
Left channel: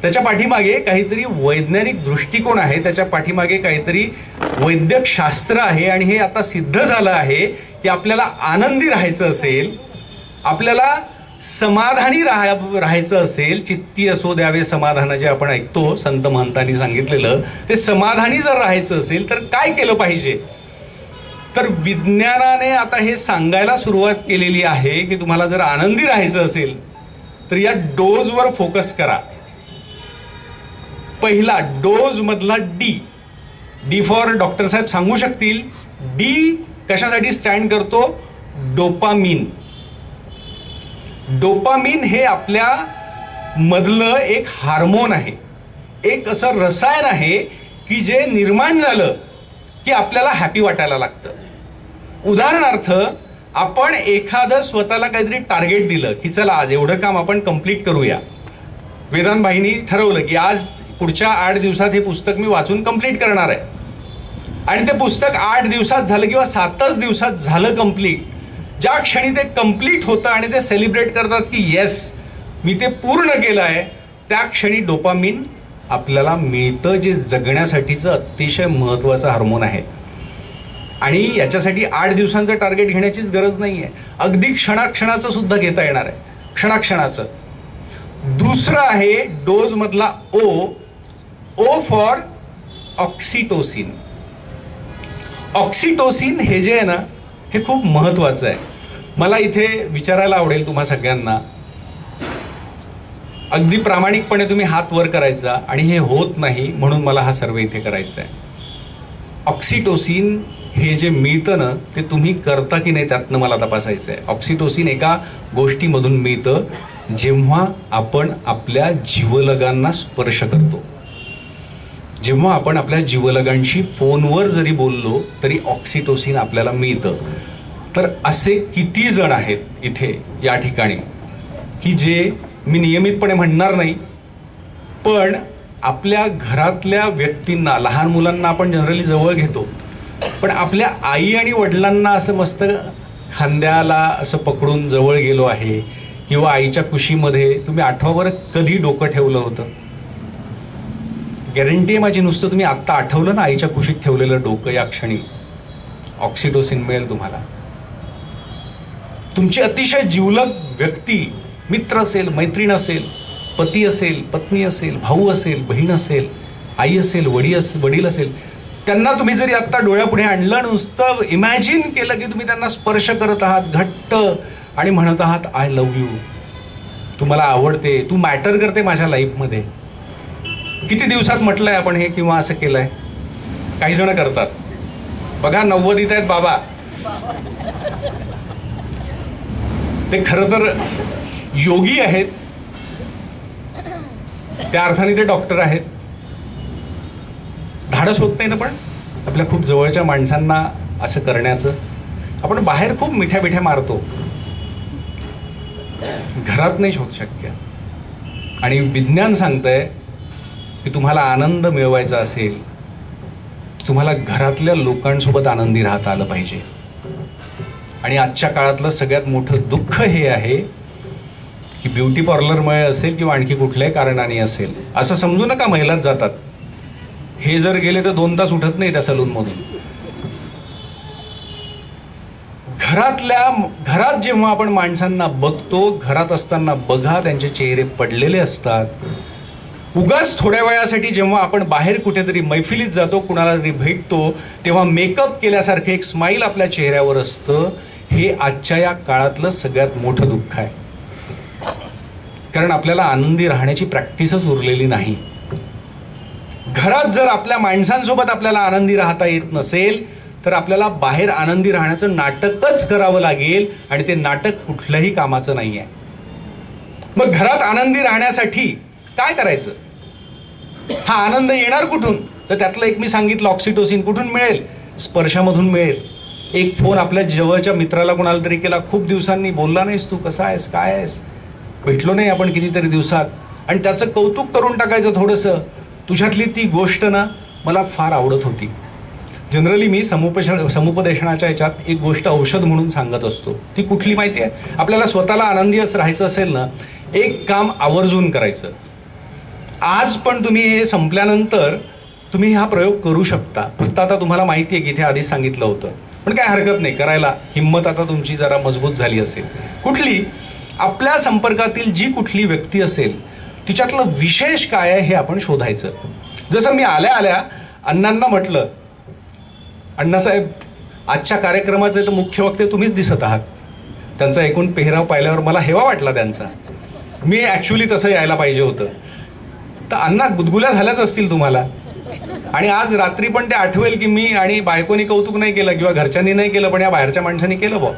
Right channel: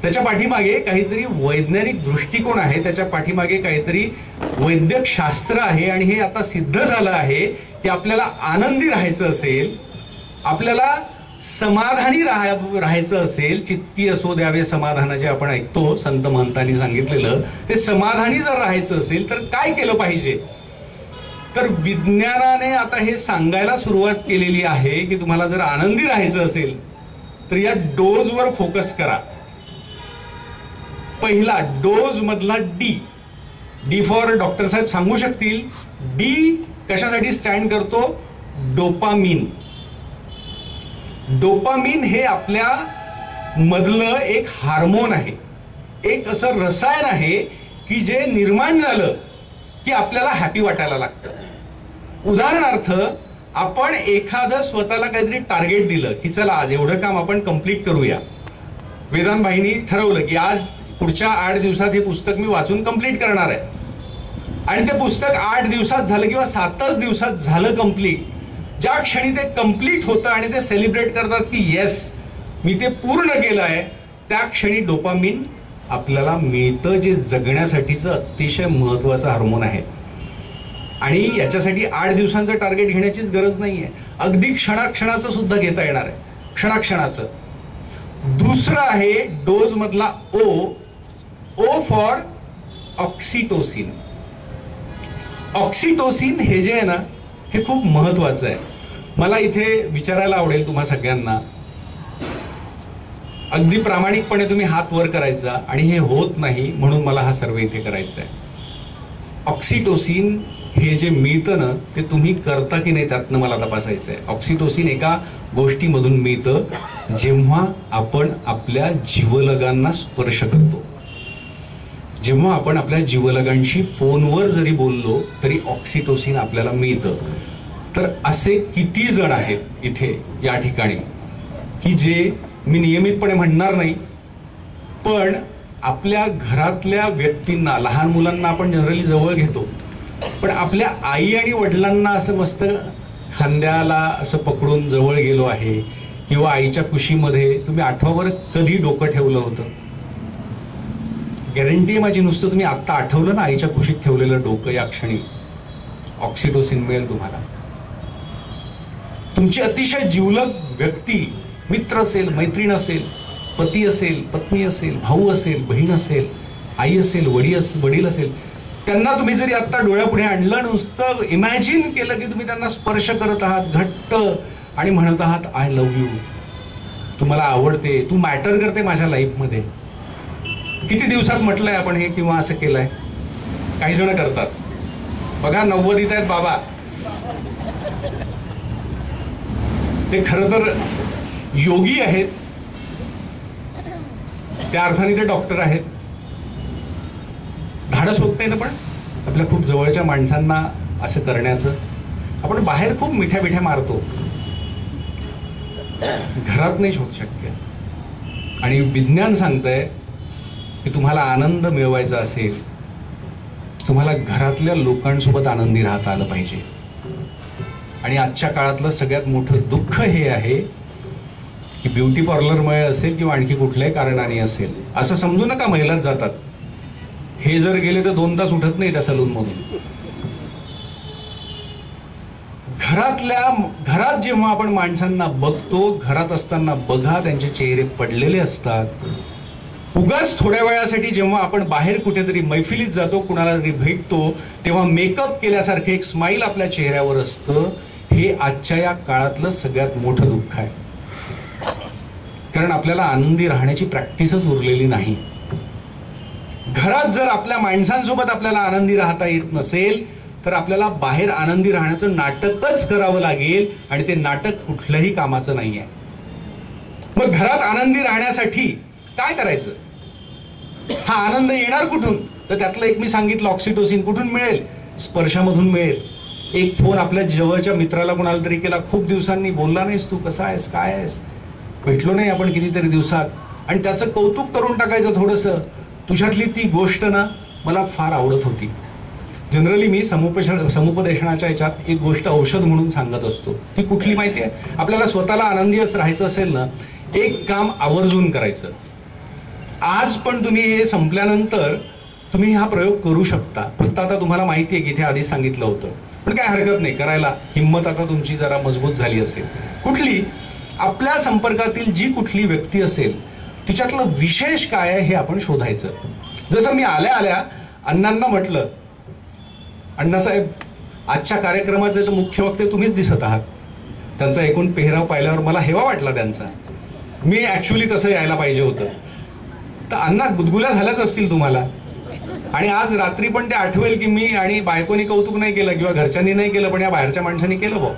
त्याच्या पाठीमागे काहीतरी वैज्ञानिक दृष्टिकोन आहे, त्याच्या पाठीमागे काहीतरी वैद्यकशास्त्र आहे. आणि हे आता सिद्ध झालं आहे की आपल्याला आनंदी राहायचं असेल, आपल्याला समाधानी राहायचं असेल, चित्ती असो द्यावे समाधान जे आपण ऐकतो संत महंतांनी सांगितलेलं, ते समाधानी जर राहायचं असेल तर काय केलं पाहिजे? तर विज्ञानाने आता हे सांगायला सुरुवात केलेली आहे की तुम्हाला जर आनंदी राहायचं असेल तर या डोजवर फोकस करा. पहिला डोज मधला डी फॉर डॉक्टर साहेब सांगू शकतील. डी कशासाठी स्टँड करतो? डोपामिन. डोपामिन हे आपल्या मधलं एक हार्मोन आहे, एक असं रसायन आहे की जे निर्माण झालं की आपल्याला हॅपी वाटायला लागतं. उदाहरणार्थ आपण एखादं स्वतःला काहीतरी टार्गेट दिलं की चला आज एवढं काम आपण कंप्लीट करूया. वेदांत भाईंनी ठरवलं की आज पुढच्या 8 दिवसात हे पुस्तक मी वाचून कंप्लीट करणार आहे आणि ते पुस्तक 8 दिवसात झालं किंवा 7च दिवसात झालं कंप्लीट. ज्या क्षणी ते कंप्लीट होतं आणि ते सेलिब्रेट करतात की येस मी ते पूर्ण केलं आहे, त्या क्षणी डोपामिन आपल्याला मिळतं, जे जगण्यासाठीचं अतिशय महत्वाचं हार्मोन आहे. आणि याच्यासाठी 8 दिवसांचं टार्गेट घेण्याचीच गरज नाहीये, अगदी क्षणाक्षणाचं सुद्धा घेता येणार आहे, क्षणाक्षणाचं. दुसरं आहे डोज मधला ओ फॉर ऑक्सिटोसिन. ऑक्सिटोसिन हे जे आहे ना हे खूप महत्वाचं आहे. मला इथे विचारायला आवडेल तुम्हा सगळ्यांना, अगदी प्रामाणिकपणे तुम्ही हात वर करायचा आणि हे होत नाही म्हणून मला हा सर्व इथे करायचा आहे. ऑक्सिटोसिन हे जे मिळतं ना ते तुम्ही करता की नाही त्यातनं मला तपासायचं आहे. ऑक्सिटोसिन एका गोष्टीमधून मिळतं जेव्हा आपण आपल्या जीवलगांना स्पर्श करतो. जेव्हा आपण आपल्या जीवलगांशी फोनवर जरी बोललो तरी ऑक्सिटोसिन आपल्याला मिळतं. तर असे किती जण आहेत इथे या ठिकाणी की जे मी नियमितपणे म्हणणार नाही पण आपल्या घरातल्या व्यक्तींना, लहान मुलांना आपण जनरली जवळ घेतो पण आपल्या आई आणि वडिलांना असं मस्त खांद्याला असं पकडून जवळ गेलो आहे, किंवा आईच्या कुशीमध्ये तुम्ही आठवा बरं कधी डोकं ठेवलं होतं? गॅरंटी आहे माझी, नुसतं तुम्ही आत्ता आठवलं ना आईच्या कुशीत ठेवलेलं डोकं, या क्षणी ऑक्सिटोसिन मिळेल तुम्हाला. तुमची अतिशय जिवलग व्यक्ती, मित्र असेल, मैत्रीण असेल, पती असेल, पत्नी असेल, भाऊ असेल, बहीण असेल, आई असेल, वडील असेल, त्यांना तुम्ही जरी आत्ता डोळ्यापुढे आणलं, नुसतं इमॅजिन केलं की तुम्ही त्यांना स्पर्श करत आहात घट्ट आणि म्हणत आहात आय लव्ह यू, तुम्हाला आवडते, तू मॅटर करते माझ्या लाईफमध्ये. किती दिवसात म्हटलंय आपण हे किंवा असं केलंय? काही जण करतात बघा, 90s आहेत बाबा, ते खरं तर योगी आहेत. त्या अर्थाने ते डॉक्टर आहेत. धाडस होत नाही ना पण आपल्या खूप जवळच्या माणसांना असं करण्याचं. आपण बाहेर खूप मिठ्या मिठ्या मारतो, घरात नाही होत शक्य. आणि विज्ञान सांगतंय की तुम्हाला आनंद मिळवायचा असेल, तुम्हाला घरातल्या लोकांसोबत आनंदी राहता आलं पाहिजे. आणि आजच्या काळातलं सगळ्यात मोठं दुःख हे आहे की ब्युटी पार्लरमुळे असेल किंवा आणखी कुठल्याही कारणाने असेल, असं समजू नका महिलाच जातात. हे जर गेले तर 2 तास उठत नाही त्या सलूनमधून. घरात जेव्हा आपण माणसांना बघतो, घरात असताना बघा त्यांचे चेहरे पडलेले असतात. उगाच थोड्या वेळासाठी जेव्हा आपण बाहेर कुठेतरी मैफिलीत जातो, कुणाला तरी भेटतो, तेव्हा मेकअप केल्यासारखं एक स्माईल आपल्या चेहऱ्यावर असतं. हे आजच्या या काळातलं सगळ्यात मोठं दुःख आहे. कारण आपल्याला आनंदी राहण्याची प्रॅक्टिसच उरलेली नाही. घरात जर आपल्या माणसांसोबत आपल्याला आनंदी राहता येत नसेल तर आपल्याला बाहेर आनंदी राहण्याचं नाटकच करावं लागेल. आणि ते नाटक कुठल्याही कामाचं नाही आहे. मग घरात आनंदी राहण्यासाठी काय करायचं? हा आनंद येणार कुठून? तर त्यातलं एक मी सांगितलं, ऑक्सिटोसिन. कुठून मिळेल? स्पर्शामधून मिळेल. एक फोन आपल्या जवळच्या मित्राला कोणाला तरी केला, खूप दिवसांनी बोलला नाहीस तू, कसा आहेस, काय आहेस, भेटलो नाही आपण कितीतरी दिवसात, आणि त्याचं कौतुक करून टाकायचं थोडंसं. तुझ्यातली ती गोष्ट ना मला फार आवडत होती. जनरली मी समुपदेशनाच्या याच्यात एक गोष्ट औषध म्हणून सांगत असतो. ती कुठली माहिती आहे? आपल्याला स्वतःला आनंदी राहायचं असेल ना, एक काम आवर्जून करायचं. आज पण तुम्ही हे संपल्यानंतर तुम्ही हा प्रयोग करू शकता. फक्त आता तुम्हाला माहिती आहे की इथे आधीच सांगितलं होतं, पण काय हरकत नाही करायला. हिंमत आता तुमची जरा मजबूत झाली असेल. कुठली आपल्या संपर्कातील जी कुठली व्यक्ती असेल तिच्यातलं विशेष काय आहे हे आपण शोधायचं. जसं मी आल्या आल्या अण्णांना म्हटलं, अण्णासाहेब आजच्या कार्यक्रमाचे तर मुख्य वक्ते तुम्हीच दिसत आहात. त्यांचा एकूण पेहराव पाहिल्यावर मला हेवा वाटला त्यांचा. मी ॲक्च्युली तसं यायला पाहिजे होतं. तर अण्णा गुदगुल्या झाल्याच असतील तुम्हाला. आणि आज रात्री पण ते आठवेल की मी आणि बायकोनी कौतुक नाही केलं किंवा घरच्यांनी नाही केलं, पण या बाहेरच्या माणसांनी केलं बा.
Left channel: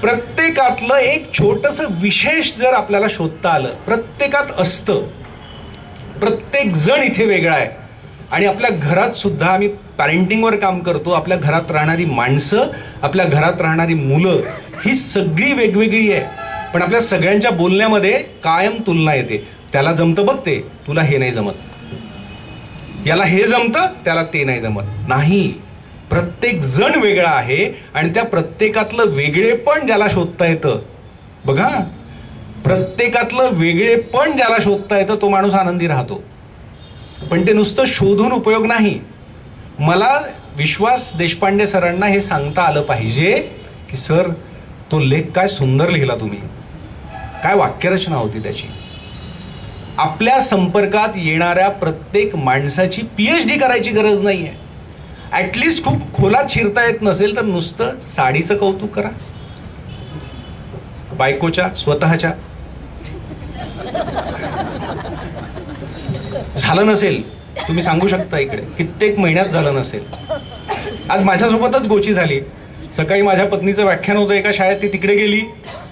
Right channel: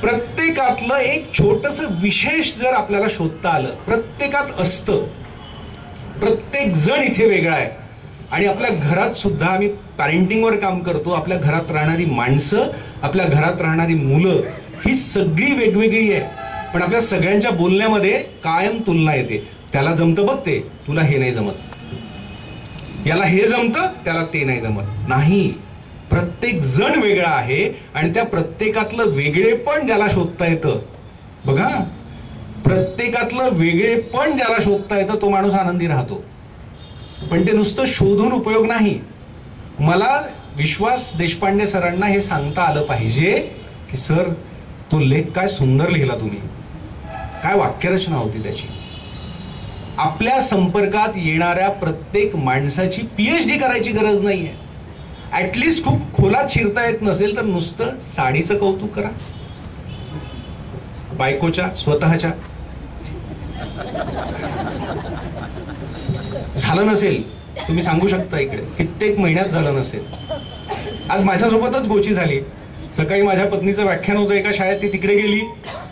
प्रत्येकातलं एक छोटंसं विशेष जर आपल्याला शोधता आलं, प्रत्येकात असतं. प्रत्येक जण इथे वेगळा आहे. आणि आपल्या घरात सुद्धा आम्ही पॅरेंटिंगवर काम करतो. आपल्या घरात राहणारी माणसं, आपल्या घरात राहणारी मुलं ही सगळी वेगवेगळी आहे. पण आपल्या सगळ्यांच्या बोलण्यामध्ये कायम तुलना येते. त्याला जमतं बघ ते, तुला हे नाही जमत. याला हे जमतं, त्याला ते नाही जमत. नाही, प्रत्येक जण वेगळा आहे. आणि त्या प्रत्येकातलं वेगळेपण ज्याला शोधता येतं, बघा, प्रत्येकातलं वेगळेपण ज्याला शोधता येतं तो माणूस आनंदी राहतो. पण ते नुसतं शोधून उपयोग नाही. मला विश्वास देशपांडे सरांना हे सांगता आलं पाहिजे की सर तो लेख काय सुंदर लिहिला तुम्ही, काय वाक्यरचना होती त्याची. आपल्या संपर्कात येणाऱ्या प्रत्येक माणसाची PhD करायची गरज नाहीये. ऍटलिस्ट खूप खोलात शिरता येत नसेल तर नुसतं साडीचं कौतुक करा, बायकोच्या, स्वतःच्या. झालं नसेल तुम्ही सांगू शकता, इकडे कित्येक महिन्यात झालं नसेल. आज माझ्यासोबतच गोची झाली. सकाळी माझ्या पत्नीचं व्याख्यान होतं एका शाळेत, ती तिकडे गेली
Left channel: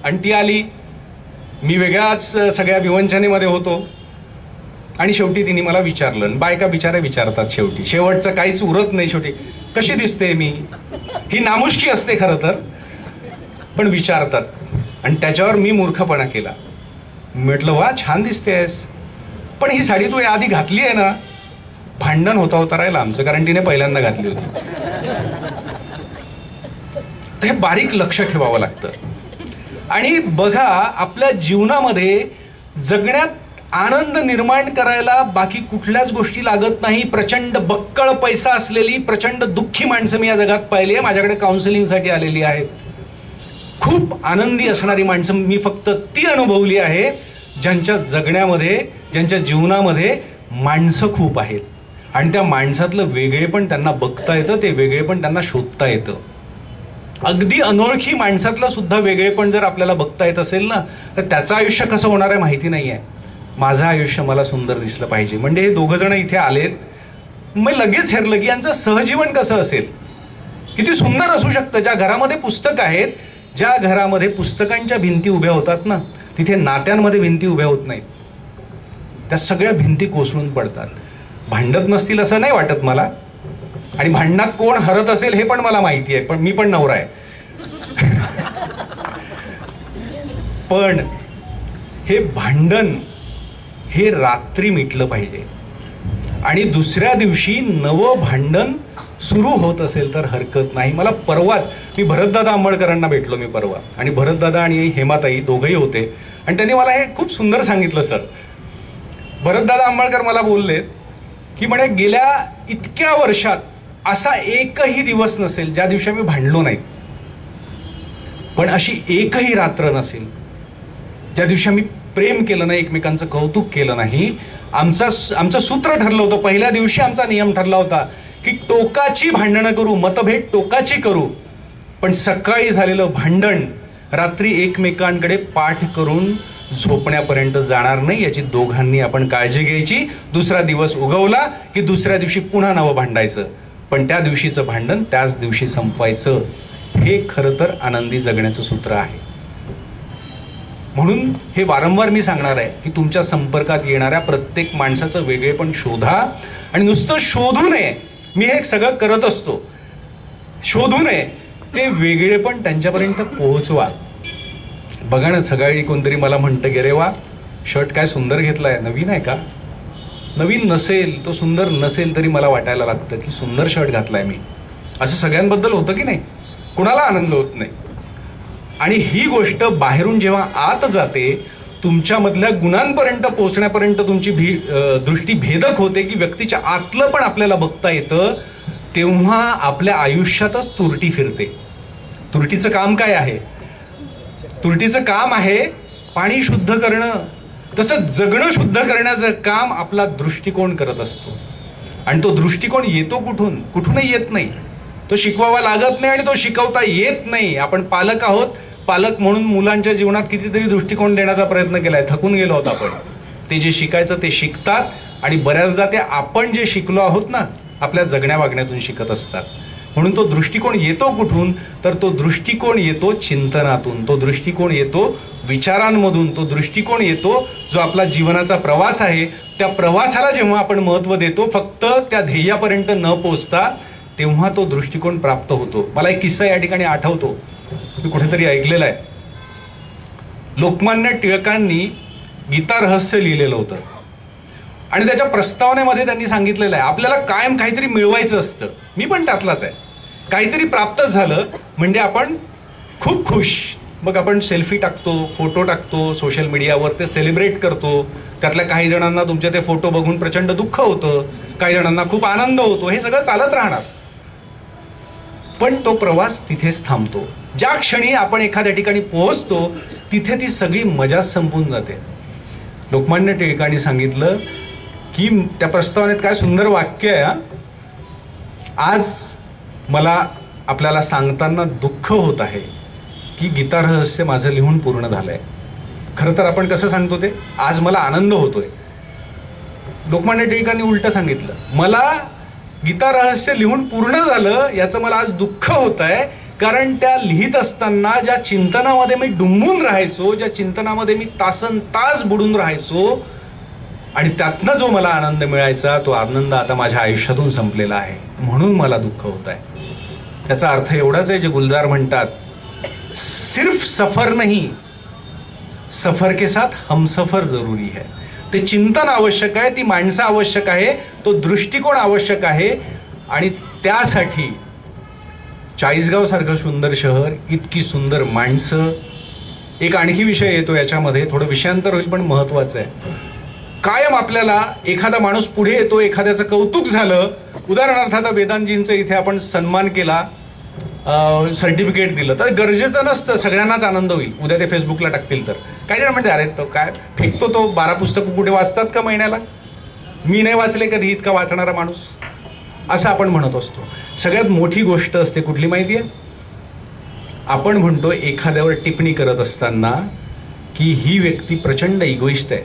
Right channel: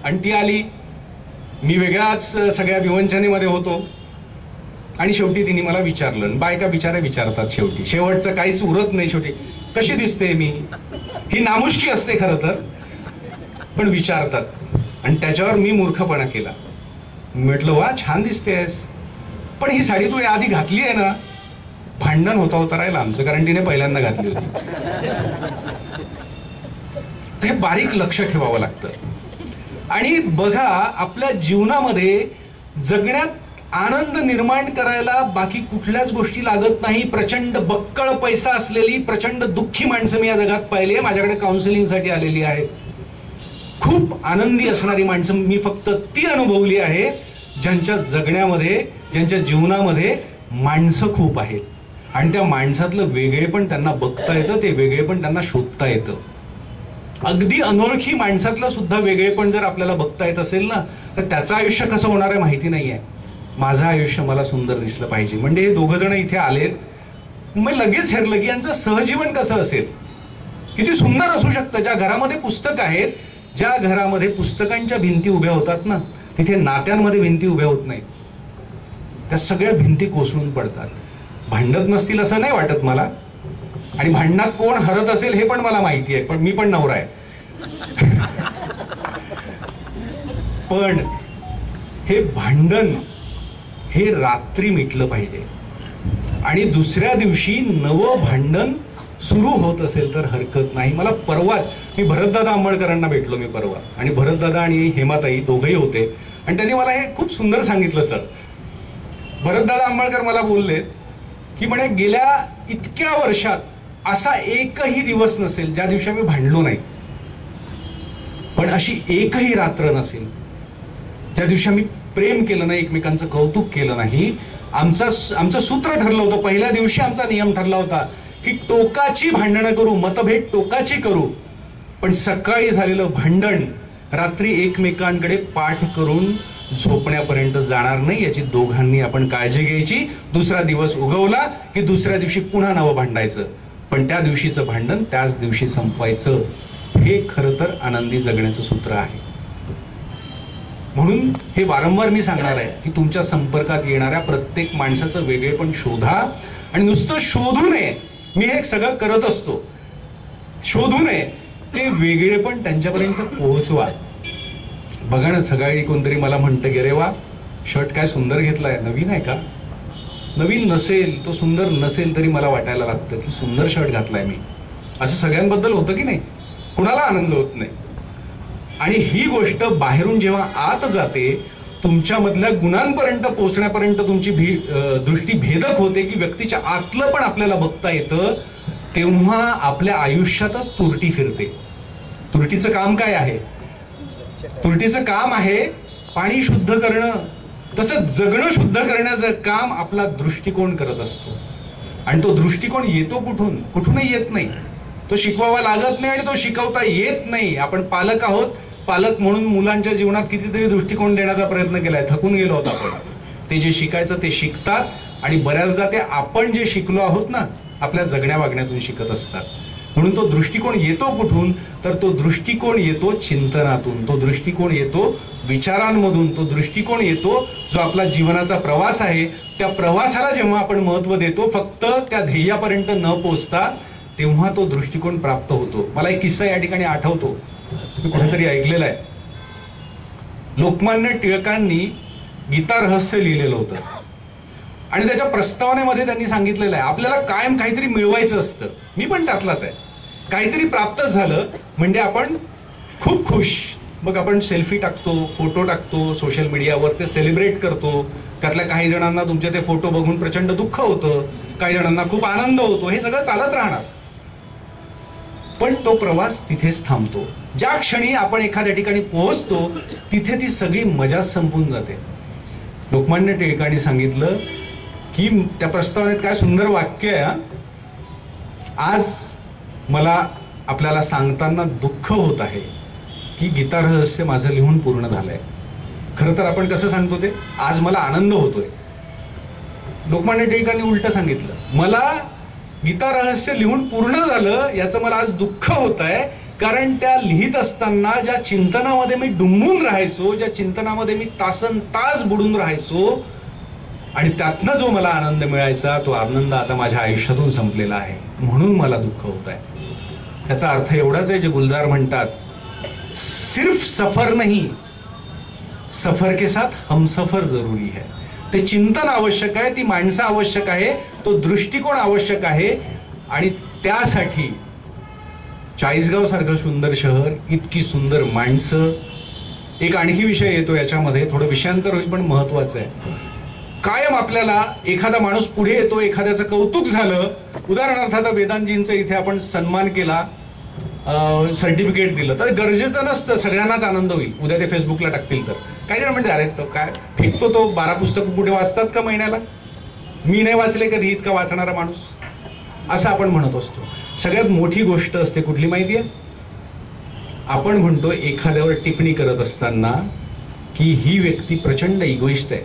आणि ती आली. मी वेगळ्याच सगळ्या विवंचनेमध्ये होतो. आणि शेवटी तिने मला विचारलं. बायका बिचाऱ्या विचारतात शेवटी, शेवटचं काहीच उरत नाही. शेवटी कशी दिसते मी, ही नामुष्की असते खरं तर, पण विचारतात. आणि त्याच्यावर मी मूर्खपणा केला. म्हटलं वा छान दिसतेस, पण ही साडी तू आधी घातली आहे ना. भांडण होता राहिलं आमचं, कारण तिने पहिल्यांदा घातली होती. तर हे बारीक लक्ष ठेवावं लागतं. आणि बघा, आपल्या जीवनामध्ये जगण्यात आनंद निर्माण करायला बाकी कुठल्याच गोष्टी लागत नाही. प्रचंड बक्कळ पैसा असलेली प्रचंड दुःखी माणसं मी या जगात पाहिली आहे. माझ्याकडे काउन्सिलिंगसाठी आलेली आहेत. खूप आनंदी असणारी माणसं मी फक्त ती अनुभवली आहे ज्यांच्या जगण्यामध्ये, ज्यांच्या जीवनामध्ये माणसं खूप आहेत. आणि त्या माणसातलं वेगळेपण त्यांना बघता येतं, ते वेगळेपण त्यांना शोधता येतं. अगदी अनोळखी माणसातलं सुद्धा वेगळेपण जर आपल्याला बघता येत असेल ना, तर त्याचं आयुष्य कसं होणार आहे माहिती नाही आहे. माझं आयुष्य मला सुंदर दिसलं पाहिजे. म्हणजे हे दोघं जण इथे आलेत, मग लगेच हेरलं की यांचं सहजीवन कसं असेल, किती सुंदर असू शकतं. ज्या घरामध्ये पुस्तक आहेत, ज्या घरामध्ये पुस्तकांच्या भिंती उभ्या होतात ना, तिथे नात्यांमध्ये भिंती उभ्या होत नाहीत. त्या सगळ्या भिंती कोसळून पडतात. भांडत नसतील असं नाही वाटत मला, आणि भांडणात कोण हरत असेल हे पण मला माहिती आहे, पण मी पण नवरा आहे. पण हे भांडण हे रात्री मिटलं पाहिजे, आणि दुसऱ्या दिवशी नवं भांडण सुरू होत असेल तर हरकत नाही. मला परवाच मी भरतदादा आंबळकरांना भेटलो मी परवा, आणि भरतदादा आणि हेमाताई दोघंही होते, आणि त्यांनी मला हे खूप सुंदर सांगितलं. सर, भरतदादा आंबळकर मला बोलले की म्हणे गेल्या इतक्या वर्षात असा एकही दिवस नसेल ज्या दिवशी आम्ही भांडलो नाही, पण अशी एकही रात्र नसेल ज्या दिवशी आम्ही प्रेम केलं नाही, एकमेकांचं कौतुक केलं नाही. आमचं सूत्र ठरलं होतं, पहिल्या दिवशी आमचा नियम ठरला होता की टोकाची भांडणं करू, मतभेद टोकाची करू, पण सकाळी झालेलं भांडण रात्री एकमेकांकडे पाठ करून झोपण्यापर्यंत जाणार नाही, याची दोघांनी आपण काळजी घ्यायची. दुसरा दिवस उगवला की दुसऱ्या दिवशी पुन्हा नवं भांडायचं, पण त्या दिवशीचं भांडण त्याच दिवशी संपवायचं. हे खरं तर आनंदी जगण्याचं सूत्र आहे. म्हणून हे वारंवार मी सांगणार आहे की तुमच्या संपर्कात येणाऱ्या प्रत्येक माणसाचं वेगळेपण शोधा, आणि नुसतं शोधू नये, मी हे सगळं करत असतो, शोधू नये, ते वेगळेपण त्यांच्यापर्यंत पोहोचवा. बघा ना, सकाळी कोणतरी मला म्हणतं की रे वा, शर्ट काय सुंदर घेतलाय, नवीन आहे का? नवीन नसेल, तो सुंदर नसेल तरी मला वाटायला लागतं की सुंदर शर्ट घातलाय मी. असं सगळ्यांबद्दल होतं की नाही? कुणाला आनंद होत नाही. आणि ही गोष्ट बाहेरून जेव्हा आत जाते, तुमच्यामधल्या गुणांपर्यंत पोहोचण्यापर्यंत तुमची दृष्टी भेदक होते की व्यक्तीच्या आतलं पण आपल्याला बघता येतं, तेव्हा आपल्या आयुष्यातच तुरटी फिरते. तुरटीचं काम काय आहे? तुरटीचं काम आहे पाणी शुद्ध करणं. तसं जगणं शुद्ध करण्याचं काम आपला दृष्टिकोन करत असतो, आणि तो दृष्टिकोन येतो कुठून? कुठूनही येत नाही. तो शिकवावा लागत नाही आणि तो शिकवता येत नाही. आपण पालक आहोत, पालक म्हणून मुलांच्या जीवनात कितीतरी दृष्टिकोन देण्याचा प्रयत्न केलाय, थकून गेलो आहोत आपण. ते जे शिकायचं ते शिकतात, आणि बऱ्याचदा ते आपण जे शिकलो आहोत ना आपल्या जगण्या वागण्यातून शिकत असतात. म्हणून तो दृष्टिकोन येतो कुठून? तर तो दृष्टिकोन येतो चिंतनातून, तो दृष्टिकोन येतो विचारांमधून, तो दृष्टिकोन येतो जो आपला जीवनाचा प्रवास आहे. त्या प्रवासाला जेव्हा आपण महत्व देतो, फक्त त्या ध्येयापर्यंत न पोचता, तेव्हा तो दृष्टिकोन प्राप्त होतो. मला एक किस्सा या ठिकाणी आठवतो, मी कुठेतरी ऐकलेला आहे. लोकमान्य टिळकांनी गीता रहस्य लिहिलेलं होतं, आणि त्याच्या प्रस्तावनेमध्ये त्यांनी सांगितलेलं आहे आपल्याला कायम काहीतरी मिळवायचं असतं. मी पण त्यातलाच आहे. काहीतरी प्राप्त झालं म्हणजे आपण खूप खुश, मग आपण सेल्फी टाकतो, फोटो टाकतो सोशल मीडियावर, ते सेलिब्रेट करतो. त्यातल्या काही जणांना तुमचे ते फोटो बघून प्रचंड दुःख होतं, काही जणांना खूप आनंद होतो. हे सगळं चालत राहणार, पण तो प्रवास तिथेच थांबतो. ज्या क्षणी आपण एखाद्या ठिकाणी पोहोचतो तिथे ती सगळी मजाच संपून जाते. लोकमान्य टिळकांनी सांगितलं की त्या प्रस्तावनेत काय सुंदर वाक्य आहे. आज मला आपल्याला सांगताना दुःख होत आहे की गीता रहस्य माझं लिहून पूर्ण झालंय. खरं तर आपण कसं सांगतो ते, आज मला आनंद होतोय. लोकमान्य टिळकांनी उलट सांगितलं, मला गीता रहस्य लिहून पूर्ण झालं याचं मला आज दुःख होत आहे, कारण त्या लिहित असताना ज्या चिंतनामध्ये मी डुंबून राहायचो, ज्या चिंतनामध्ये मी तासन तास बुडून राहायचो, आणि त्यातनं जो मला आनंद मिळायचा, तो आनंद आता माझ्या आयुष्यातून संपलेला आहे, म्हणून मला दुःख होत आहे. त्याचा अर्थ एवढाच आहे जे गुलजार म्हणतात, सिर्फ सफर नहीं, सफर के साथ हमसफर जरूरी है. ते चिंतन आवश्यक आहे, ती माणसं आवश्यक आहे, तो दृष्टिकोन आवश्यक आहे. आणि त्यासाठी चाळीसगाव सारखं सुंदर शहर, इतकी सुंदर माणसं. एक आणखी विषय येतो याच्यामध्ये, थोडं विषयांतर होईल पण महत्वाचं आहे. कायम आपल्याला एखादा माणूस पुढे येतो, एखाद्याचं कौतुक झालं, उदाहरणार्थ आता वेदांतजींचा इथे आपण सन्मान केला, सर्टिफिकेट दिलं, तर गरजेचं नसतं सगळ्यांनाच आनंद होईल. उद्या ते फेसबुकला टाकतील तर काही जण म्हणते अरे तो काय फेकतो, तो 12 पुस्तकं कुठे वाचतात का महिन्याला, मी नाही वाचले कधी इतका वाचणारा माणूस, असं आपण म्हणत असतो. सगळ्यात मोठी गोष्ट असते कुठली माहिती आहे? आपण म्हणतो एखाद्यावर टिप्पणी करत असताना की ही व्यक्ती प्रचंड इगोइस्ट आहे,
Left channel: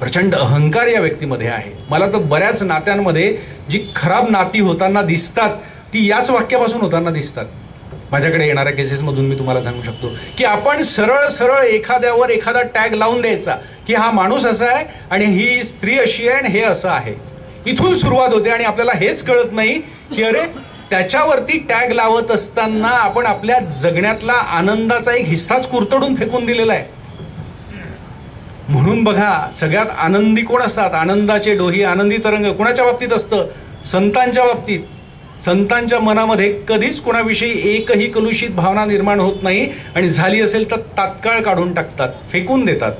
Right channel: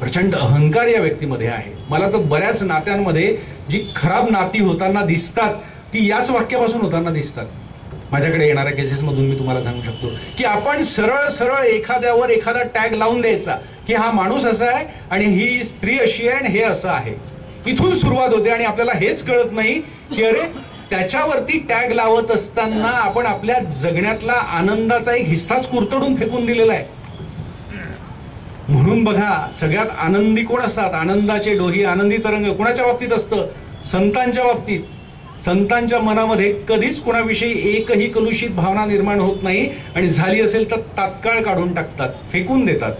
प्रचंड अहंकार या व्यक्तीमध्ये आहे. मला तर बऱ्याच नात्यांमध्ये जी खराब नाती होताना दिसतात ती याच वाक्यापासून होताना दिसतात. माझ्याकडे येणाऱ्या केसेसमधून मी तुम्हाला सांगू शकतो की आपण सरळ सरळ एखाद्यावर एखादा टॅग लावून द्यायचा की हा माणूस असा आहे आणि ही स्त्री अशी आहे आणि हे असं आहे. इथून सुरुवात होते आणि आपल्याला हेच कळत नाही की अरे त्याच्यावरती टॅग लावत असताना आपण आपल्या जगण्यातला आनंदाचा एक हिस्साच कुरतडून फेकून दिलेला आहे. म्हणून बघा, सगळ्यात आनंदी कोण असतात? आनंदाचे डोही, आनंदी तरंग कोणाच्या बाबतीत असतं? संतांच्या बाबतीत. संतांच्या मनामध्ये कधीच कोणाविषयी एकही कलुषित भावना निर्माण होत नाही आणि झाली असेल तर तात्काळ काढून टाकतात, फेकून देतात.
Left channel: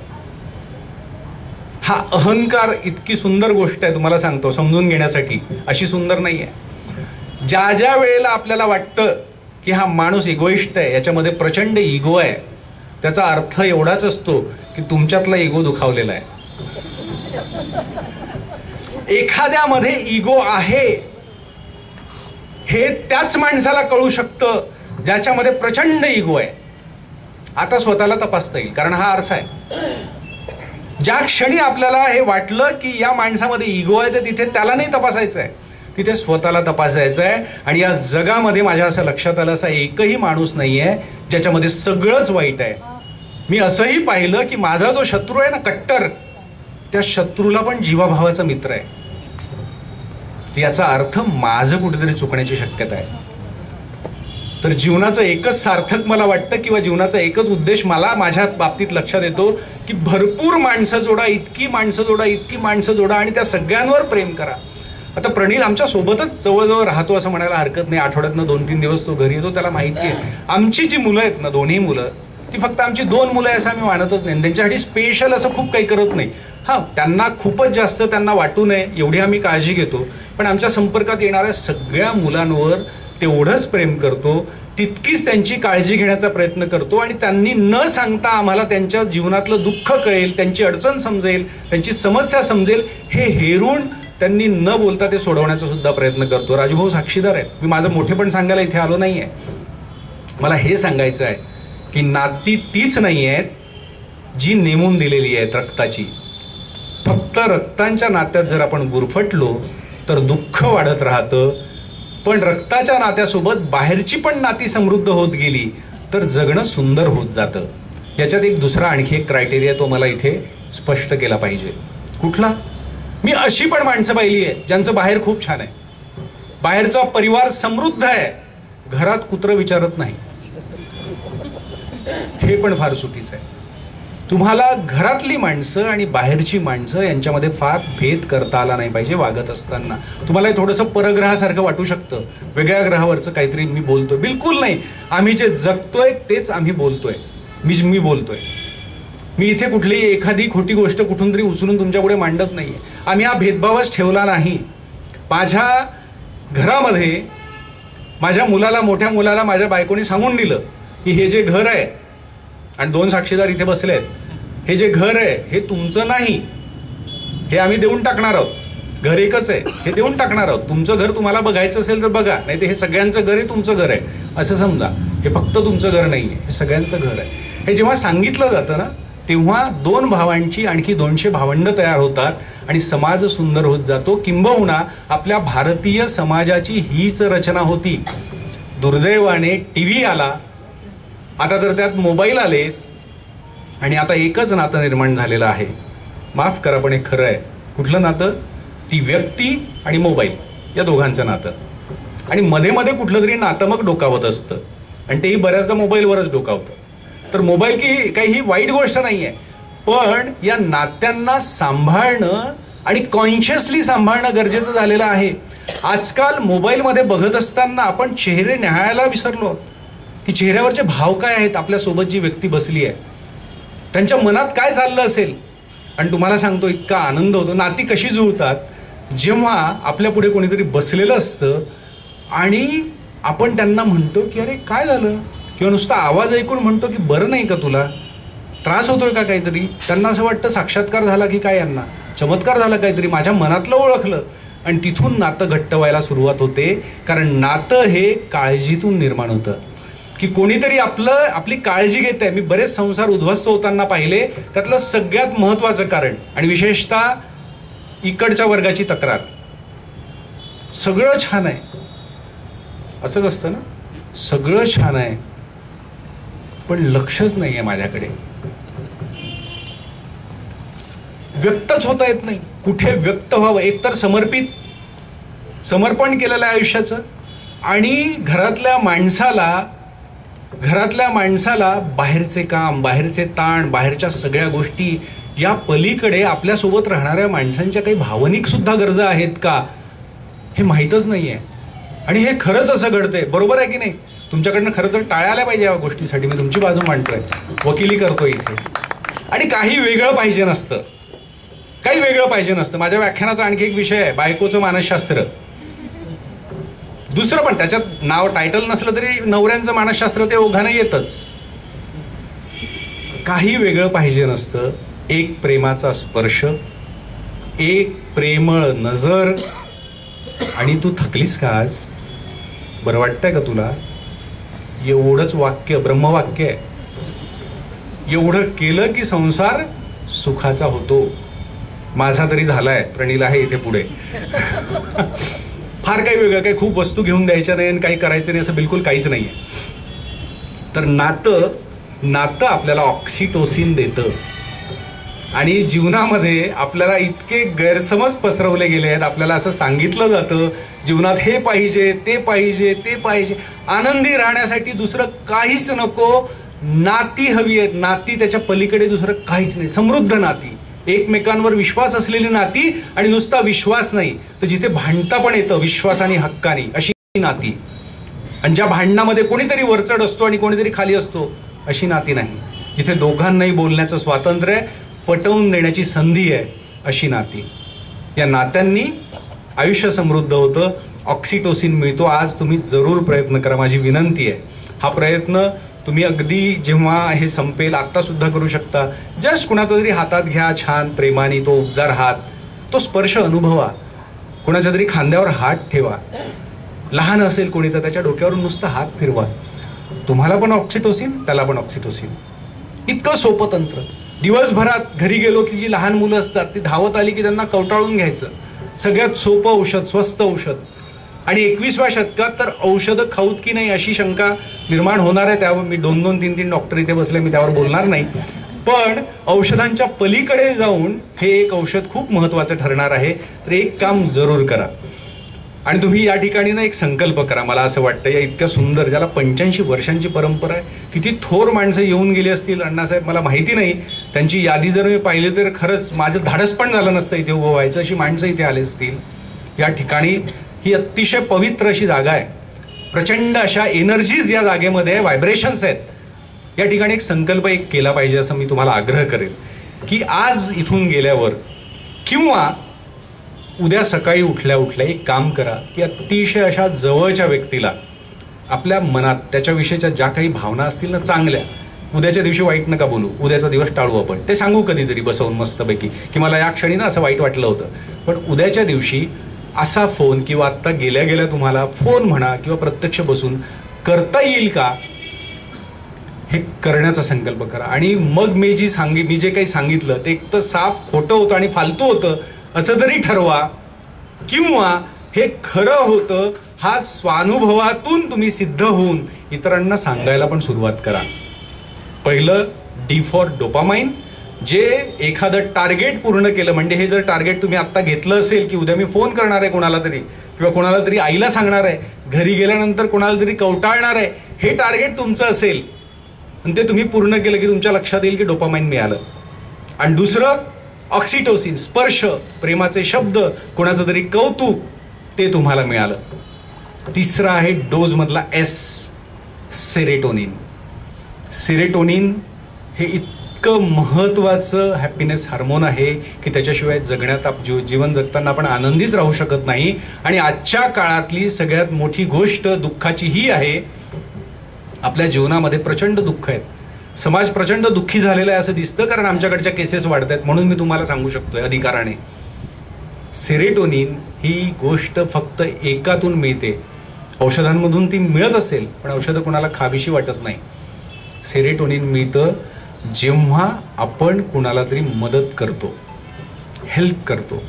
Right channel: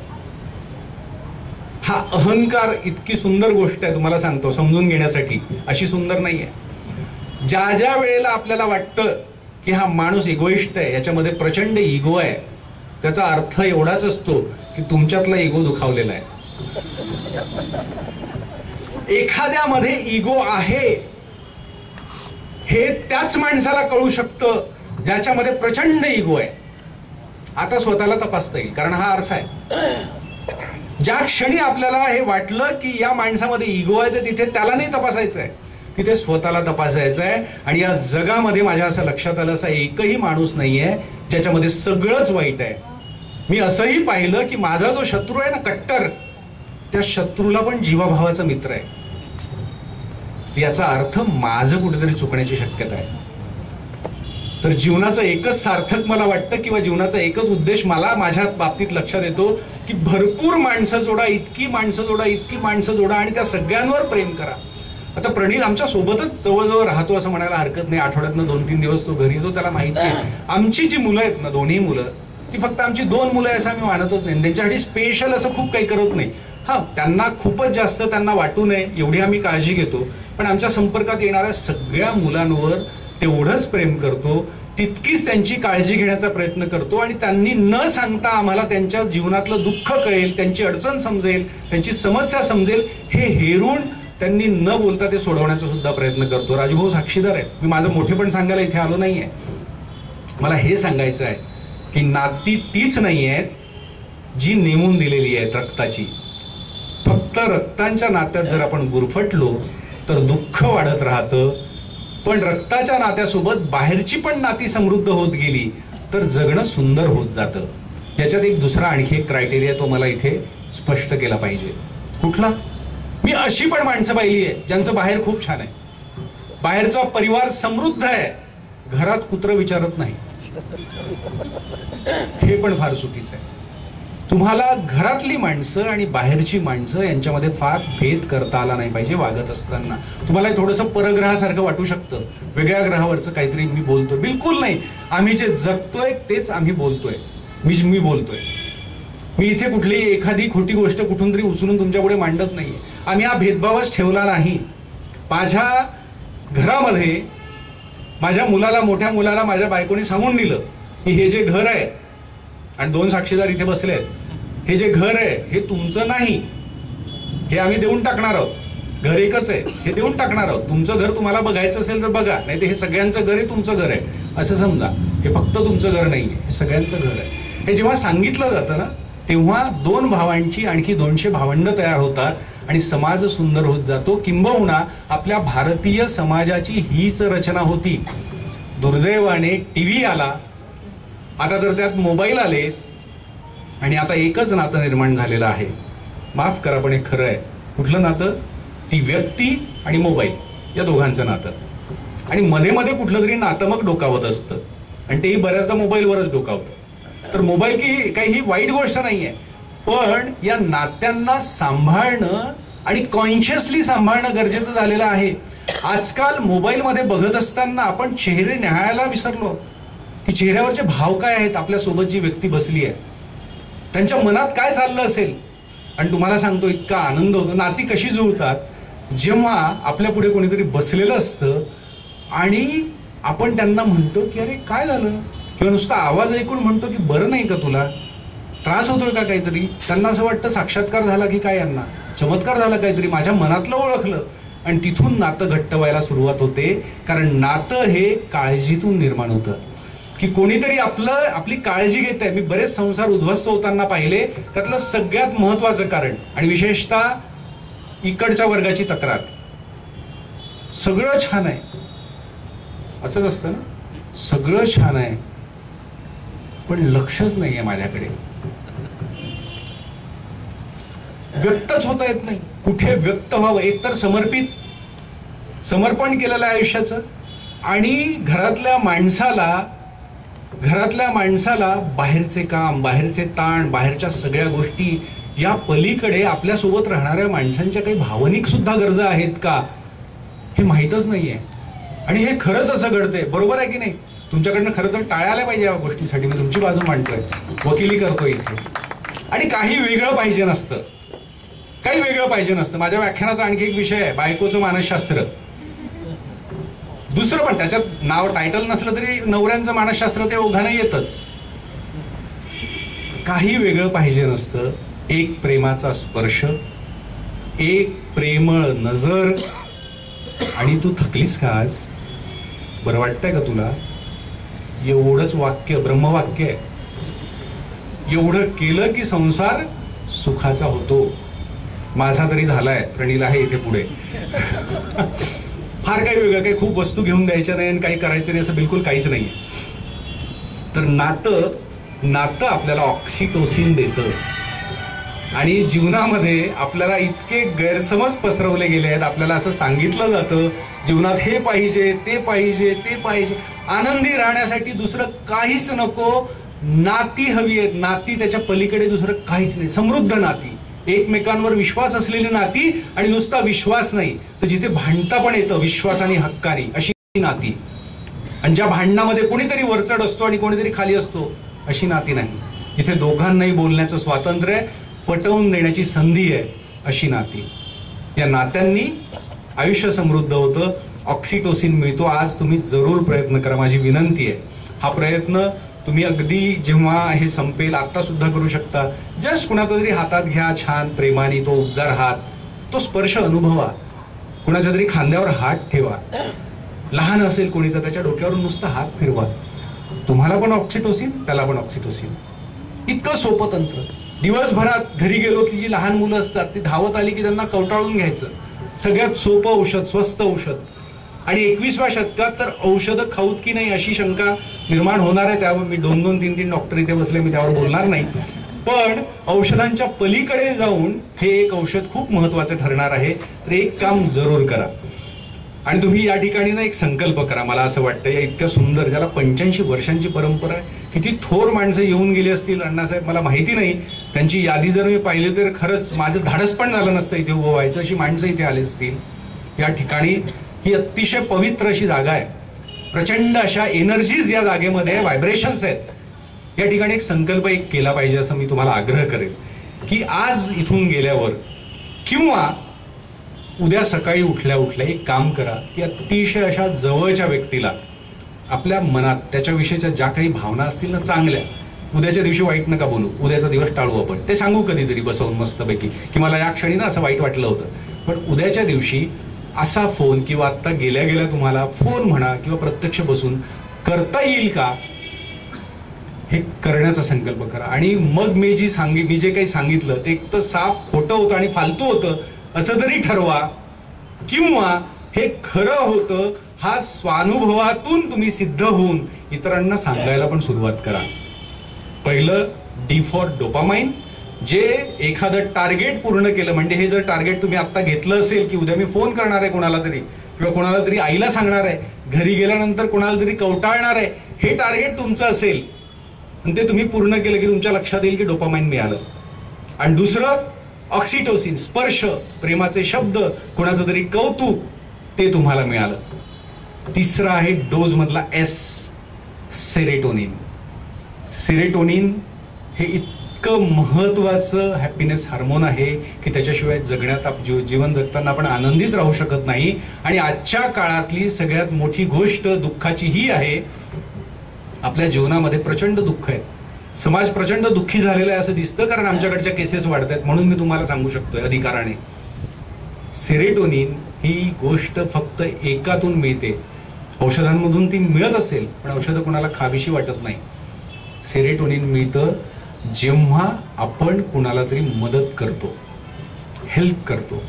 हा अहंकार इतकी सुंदर गोष्ट आहे, तुम्हाला सांगतो समजून घेण्यासाठी, अशी सुंदर नाही आहे. ज्या ज्या वेळेला आपल्याला वाटतं की हा माणूस इगोइस्ट आहे, याच्यामध्ये प्रचंड इगो आहे, त्याचा अर्थ एवढाच असतो की तुमच्यातला इगो दुखावलेला आहे. एखाद्यामध्ये इगो आहे हे त्याच माणसाला कळू शकतं ज्याच्यामध्ये प्रचंड इगो आहे. आता स्वतःला तपासता येईल, कारण हा आरसा आहे. ज्या क्षणी आपल्याला हे वाटलं की या माणसामध्ये इगो आहे, तर तिथे त्याला नाही तपासायचं आहे, तिथे स्वतःला तपासायचं आहे. आणि या जगामध्ये माझ्या असं लक्षात आलं, असा एकही माणूस नाही आहे ज्याच्यामध्ये सगळंच वाईट आहे. मी असंही पाहिलं की माझा जो शत्रू आहे ना, कट्टर, त्या शत्रूला पण जीवाभावाचा मित्र आहे. याचा अर्थ माझं कुठेतरी चुकण्याची शक्यता आहे. तर जीवनाचं एकच सार्थक मला वाटतं, किंवा जीवनाचा एकच उद्देश मला माझ्या बाबतीत लक्षात येतो की भरपूर माणसं जोडा, इतकी माणसं जोडा, इतकी माणसं जोडा आणि त्या सगळ्यांवर प्रेम करा. आता प्रणील आमच्या सोबतच जवळजवळ राहतो असं म्हणायला हरकत नाही. आठवड्यातनं 2-3 दिवस तो घरी येतो. त्याला माहिती आहे आमची जी मुलं आहेत ना, दोन्ही मुलं, ती फक्त आमची 2 मुलं आहे असं आम्ही मानतच नाही. त्यांच्यासाठी स्पेशल असं खूप काही करत नाही. हा, त्यांना खूपच जास्त त्यांना वाटू नये एवढी आम्ही काळजी घेतो, पण आमच्या संपर्कात येणाऱ्या सगळ्या मुलांवर तेवढंच प्रेम करतो, तितकीच त्यांची काळजी घेण्याचा प्रयत्न करतो. आणि त्यांनी न सांगता आम्हाला त्यांच्या जीवनातलं दुःख कळेल, त्यांची अडचण समजेल, त्यांची समस्या समजेल, हे हेरून त्यांनी न बोलता ते सोडवण्याचा सुद्धा प्रयत्न करतो. राजूभाऊ साक्षीदार आहे. मी माझं मोठेपण सांगायला इथे आलो नाहीये. मला हे सांगायचं आहे की नाती तीच नाही आहेत जी नेमून दिलेली आहेत रक्ताची. फक्त रक्तांच्या नात्यात जर आपण गुरफटलो तर दुःख वाढत राहतं, पण रक्ताच्या नात्यासोबत बाहेरची पण नाती समृद्ध होत गेली तर जगणं सुंदर होत जातं. याच्यात एक दुसरा आणखी एक क्रायटेरिया तो मला इथे स्पष्ट केला पाहिजे. कुठला? मी अशी पण माणसं पाहिली आहे ज्यांचं बाहेर खूप छान आहे, बाहेरचा परिवार समृद्ध आहे, घरात कुत्रं विचारत नाही. हे पण फार चुकीचं आहे. तुम्हाला घरातली माणसं आणि बाहेरची माणसं यांच्यामध्ये फार भेद करता आला नाही पाहिजे वागत असताना. तुम्हाला थोडंसं परग्रहासारखं वाटू शकतं, वेगळ्या ग्रहावरचं काहीतरी मी बोलतोय. बिलकुल नाही. आम्ही जे जगतोय तेच आम्ही बोलतोय. मी बोलतोय. मी इथे कुठलीही एखादी खोटी गोष्ट कुठून तरी उचलून तुमच्यापुढे मांडत नाहीये. आम्ही हा भेदभावच ठेवला नाही. माझ्या घरामध्ये माझ्या मुलाला, मोठ्या मुलाला माझ्या बायकोने सांगून दिलं की हे जे घर आहे, आणि 2 साक्षीदार इथे बसले आहेत, हे जे घर आहे हे तुमचं नाही, हे आम्ही देऊन टाकणार आहोत. घर एकच आहे, हे देऊन टाकणार आहोत. तुमचं घर तुम्हाला बघायचं असेल तर बघा, नाही तर हे सगळ्यांचं घर आहे, तुमचं घर आहे असं समजा. हे फक्त तुमचं घर नाहीये, हे सगळ्यांचं घर आहे. हे जेव्हा सांगितलं जातं ना, तेव्हा 2 भावांची आणखी 200 भावंड तयार होतात आणि समाज सुंदर होत जातो. किंबहुना आपल्या भारतीय समाजाची हीच रचना होती. दुर्दैवाने टीव्ही आला, आता तर त्यात मोबाईल आले आणि आता एकच नातं निर्माण झालेलं आहे. माफ करा पण हे खरं आहे. कुठलं नातं? ती व्यक्ती आणि मोबाईल, या दोघांचं नातं. आणि मध्ये मध्ये कुठलं तरी नातं मग डोकावत असतं, आणि तेही बऱ्याचदा मोबाईलवरच डोकावतं. तर मोबाईल की काही ही वाईट गोष्ट नाही आहे, पण या नात्यांना सांभाळणं आणि कॉन्शियसली सांभाळणं गरजेचं झालेलं आहे. आजकाल मोबाईलमध्ये बघत असताना आपण चेहरे न्याहाळायला विसरलो की चेहऱ्यावरचे भाव काय आहेत. आपल्यासोबत जी व्यक्ती बसली आहे त्यांच्या मनात काय चाललं असेल. आणि तुम्हाला सांगतो, इतका आनंद होतो. नाती कशी जुळतात जेव्हा आपल्या पुढे कोणीतरी बसलेलं असतं आणि आपण त्यांना म्हणतो की अरे काय झालं, किंवा नुसता आवाज ऐकून म्हणतो की बरं नाही का, तुला त्रास होतोय का काहीतरी. त्यांना असं वाटतं साक्षात्कार झाला की काय, यांना चमत्कार झाला काहीतरी, माझ्या मनातलं ओळखलं. आणि तिथून नातं घट्ट व्हायला सुरुवात होते. कारण नातं हे काळजीतून निर्माण होतं की कोणीतरी आपली काळजी घेत आहे. मी बरेच संसार उद्ध्वस्त होताना पाहिले. त्यातलं सगळ्यात महत्वाचं कारण, आणि विशेषतः इकडच्या वर्गाची तक्रार, सगळं छान आहे असंच असतं ना, सगळं छान आहे, पण लक्षच नाही आहे माझ्याकडे, व्यक्तच होता येत नाही. कुठे व्यक्त व्हावं? एकतर समर्पण केलेलं आहे आयुष्याचं, आणि घरातल्या माणसाला बाहेरचे काम, बाहेरचे ताण, बाहेरच्या सगळ्या गोष्टी, या पलीकडे आपल्यासोबत राहणाऱ्या माणसांच्या काही भावनिक सुद्धा गरजा आहेत का हे माहीतच नाहीये. आणि हे खरंच असं घडतंय, बरोबर आहे की नाही? तुमच्याकडनं खरं तर टाळ्या आल्या पाहिजे या गोष्टीसाठी. मी तुमची बाजू मांडतोय, वकिली करतोय इथे. आणि काही वेगळं पाहिजे नसतं. माझ्या व्याख्यानाचा आणखी एक विषय आहे, बायकोचं मानसशास्त्र. दुसरं पण, त्याच्यात नाव टायटल नसलं तरी नवऱ्यांचं मानसशास्त्र ते ओघानं येतच. काही वेगळं पाहिजे नसतं. एक प्रेमाचा स्पर्श, एक प्रेमळ नजर. आणि तू थकलीस का आज? बरं वाटतंय का तुला? एवढंच वाक्य ब्रह्मवाक्य आहे. एवढं केलं की संसार सुखाचा होतो. माझा तरी झालाय, प्रणीला आहे इथे पुढे. फार काही वेगळं, काही खूप वस्तू घेऊन द्यायच्या नाही आणि काही करायचं नाही असं बिलकुल काहीच नाहीये. तर नातं आपल्याला ऑक्सिटोसिन देतं. आणि जीवनामध्ये आपल्याला इतके गैरसमज पसरवले गेले आहेत. आपल्याला असं सांगितलं जातं जीवनात हे पाहिजे, ते पाहिजे, आनंदी राहण्यासाठी दुसरं काहीच नको, नाती हवी आहेत. नाती, त्याच्या पलीकडे दुसरं काहीच नाही. समृद्ध नाती, एकमेकांवर विश्वास असलेली नाती. आणि नुसता विश्वास नाही तर जिथे भांडता पण येतं विश्वासाने, हक्काने, अशी नाती. आणि ज्या भांडणामध्ये कोणीतरी वरचढ असतो आणि कोणीतरी खाली असतो, अशी नाती नाही. जिथे दोघांनाही बोलण्याचं स्वातंत्र्य आहे, पटवून देण्याची संधी आहे, अशी नाती. या नात्यांनी आयुष्य समृद्ध होतं, ऑक्सिटोसिन मिळतो. आज तुम्ही जरूर प्रयत्न करा, माझी विनंती आहे. हा प्रयत्न तुम्ही अगदी जेव्हा हे संपेल आत्ता सुद्धा करू शकता. जस्ट कुणाचा तरी हातात घ्या, छान प्रेमाने, तो उबदार हात, तो स्पर्श अनुभवा. कुणाच्या तरी खांद्यावर हात ठेवा. लहान असेल कोणी तर त्याच्या डोक्यावर नुसता हात फिरवा. तुम्हाला पण ऑक्सिटोसिन, त्याला पण ऑक्सिटोसिन. इतकं सोपं तंत्र. दिवसभरात घरी गेलो की जी लहान मुलं असतात ती धावत आली की त्यांना कवटाळून घ्यायचं. सगळ्यात सोपं औषध, स्वस्त औषध. आणि 21व्या शतकात तर औषधं खाऊत की नाही अशी शंका निर्माण होणार आहे. त्यावर मी 2-3 डॉक्टर इथे बसले, मी त्यावर बोलणार नाही. पण औषधांच्या पलीकडे जाऊन हे एक औषध खूप महत्वाचं ठरणार आहे. तर एक काम जरूर करा. आणि तुम्ही या ठिकाणी ना एक संकल्प करा. मला असं वाटतं या इतक्या सुंदर, ज्याला 85 वर्षांची परंपरा आहे, किती थोर माणसं येऊन गेली असतील अण्णासाहेब मला माहिती नाही. त्यांची यादी जर मी पाहिली तर खरंच माझं धाडस पण झालं नसतं इथे उभं व्हायचं, अशी माणसं इथे आली असतील. या ठिकाणी ही अतिशय पवित्र अशी जागा आहे. प्रचंड अशा एनर्जीज या जागेमध्ये, व्हायब्रेशन्स आहेत. या ठिकाणी एक संकल्प केला पाहिजे असं मी तुम्हाला आग्रह करेन की आज इथून गेल्यावर किंवा उद्या सकाळी उठल्या एक काम करा की अतिशय अशा जवळच्या व्यक्तीला आपल्या मनात त्याच्याविषयीच्या ज्या काही भावना असतील ना चांगल्या, उद्याच्या दिवशी वाईट नका बोलू, उद्याचा दिवस टाळू आपण, ते सांगू कधीतरी बसवून मस्तपैकी की मला या क्षणी ना असं वाईट वाटलं होतं. पण उद्याच्या दिवशी असा फोन किंवा आत्ता गेल्या तुम्हाला फोन म्हणा किंवा प्रत्यक्ष बसून करता येईल का हे करण्याचा संकल्प करा. आणि मग मी जे काही सांगितलं ते एक तर साफ खोटं होतं आणि फालतू होतं असं तरी ठरवा, किंवा हे खरं होतं हा स्वानुभवातून तुम्ही सिद्ध होऊन इतरांना सांगायला पण सुरुवात करा. पहिलं डी फॉर डोपामाइन. जे एखादं टार्गेट पूर्ण केलं, म्हणजे हे जर टार्गेट तुम्ही आत्ता घेतलं असेल की उद्या मी फोन करणार आहे कोणाला तरी किंवा कोणाला तरी आईला सांगणार आहे, घरी गेल्यानंतर कोणाला तरी कवटाळणार आहे, हे टार्गेट तुमचं असेल आणि ते तुम्ही पूर्ण केलं की तुमच्या लक्षात येईल की डोपामाइन मिळालं. आणि दुसरं ऑक्सिटोसिन, स्पर्श, प्रेमाचे शब्द, कोणाचं तरी कौतुक, ते तुम्हाला मिळालं. तिसरं आहे डोज मधला एस, सेरोटोनिन. सेरोटोनिन हे इतकं महत्वाचं हॅपीनेस हार्मोन आहे की त्याच्याशिवाय जगण्यात जीवन जगताना आपण आनंदीच राहू शकत नाही. आणि आजच्या काळातली सगळ्यात मोठी गोष्ट दुःखाची ही आहे, आपल्या जीवनामध्ये प्रचंड दुःख आहेत. समाज प्रचंड दुःखी झालेला आहे असं दिसतं, कारण आमच्याकडच्या केसेस वाढत आहेत. म्हणून मी तुम्हाला सांगू शकतोय अधिकाराने, सेरोटोनिन ही गोष्ट फक्त एकातून मिळते. औषधांमधून ती मिळत असेल पण औषधं कोणाला खावीशी वाटत नाही. सेरोटोनिन मिळतं जेव्हा आपण कुणाला तरी मदत करतो, हेल्प करतो.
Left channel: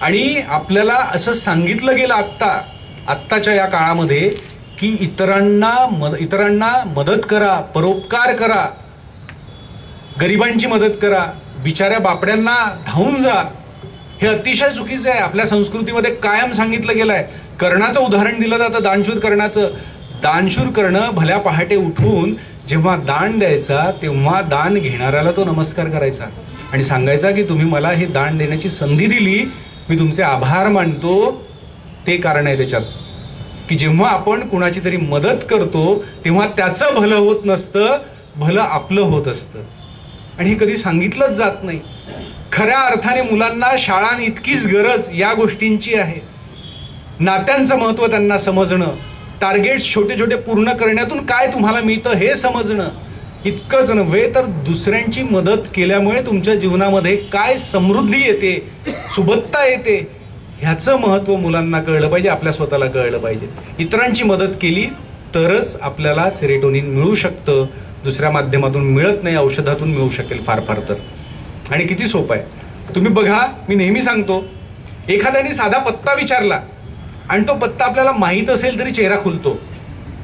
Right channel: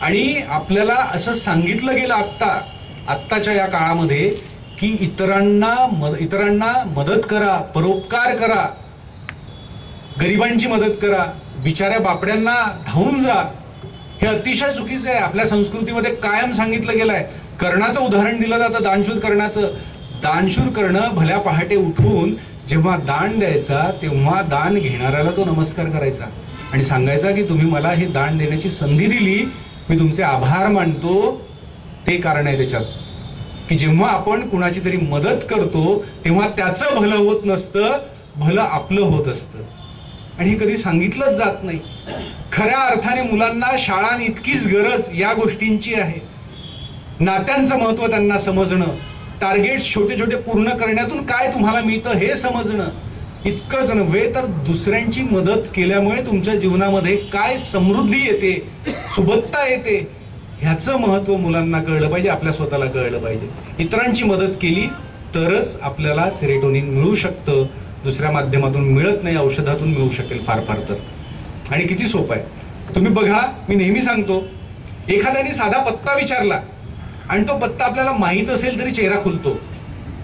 आणि आपल्याला असं सांगितलं गेलं आत्ता आत्ताच्या या काळामध्ये की इतरांना मदत करा, परोपकार करा, गरिबांची मदत करा, बिचाऱ्या बापड्यांना धावून जा, हे अतिशय चुकीचं आहे. आपल्या संस्कृतीमध्ये कायम सांगितलं गेलं आहे. कर्णाचं उदाहरण दिलं जातं, दानशूर कर्णाचं. दानशूर करणं भल्या पहाटे उठून जेव्हा दान द्यायचा तेव्हा दान घेणाऱ्याला तो नमस्कार करायचा आणि सांगायचा की तुम्ही मला हे दान देण्याची संधी दिली, मी तुमचे आभार मानतो. ते कारण आहे त्याच्यात की जेव्हा आपण कुणाची तरी मदत करतो तेव्हा त्याचं भलं होत नसतं, भलं आपलं होत असतं. आणि हे कधी सांगितलंच जात नाही. खऱ्या अर्थाने मुलांना शाळां इतकीच गरज या गोष्टींची आहे. नात्यांचं महत्व त्यांना समजणं, टार्गेट्स छोटे छोटे पूर्ण करण्यातून काय तुम्हाला मिळतं हे समजणं, इतकंच नव्हे तर दुसऱ्यांची मदत केल्यामुळे तुमच्या जीवनामध्ये काय समृद्धी येते, सुबत्ता येते, ह्याचं महत्व मुलांना कळलं पाहिजे, आपल्या स्वतःला कळलं पाहिजे. इतरांची मदत केली तरच आपल्याला सेरोटोनिन मिळू शकतं, दुसऱ्या माध्यमातून मिळत नाही, औषधातून मिळू शकेल फार फार तर. आणि किती सोपं आहे तुम्ही बघा. मी नेहमी सांगतो, एखाद्याने साधा पत्ता विचारला आणि तो पत्ता आपल्याला माहीत असेल तरी चेहरा खुलतो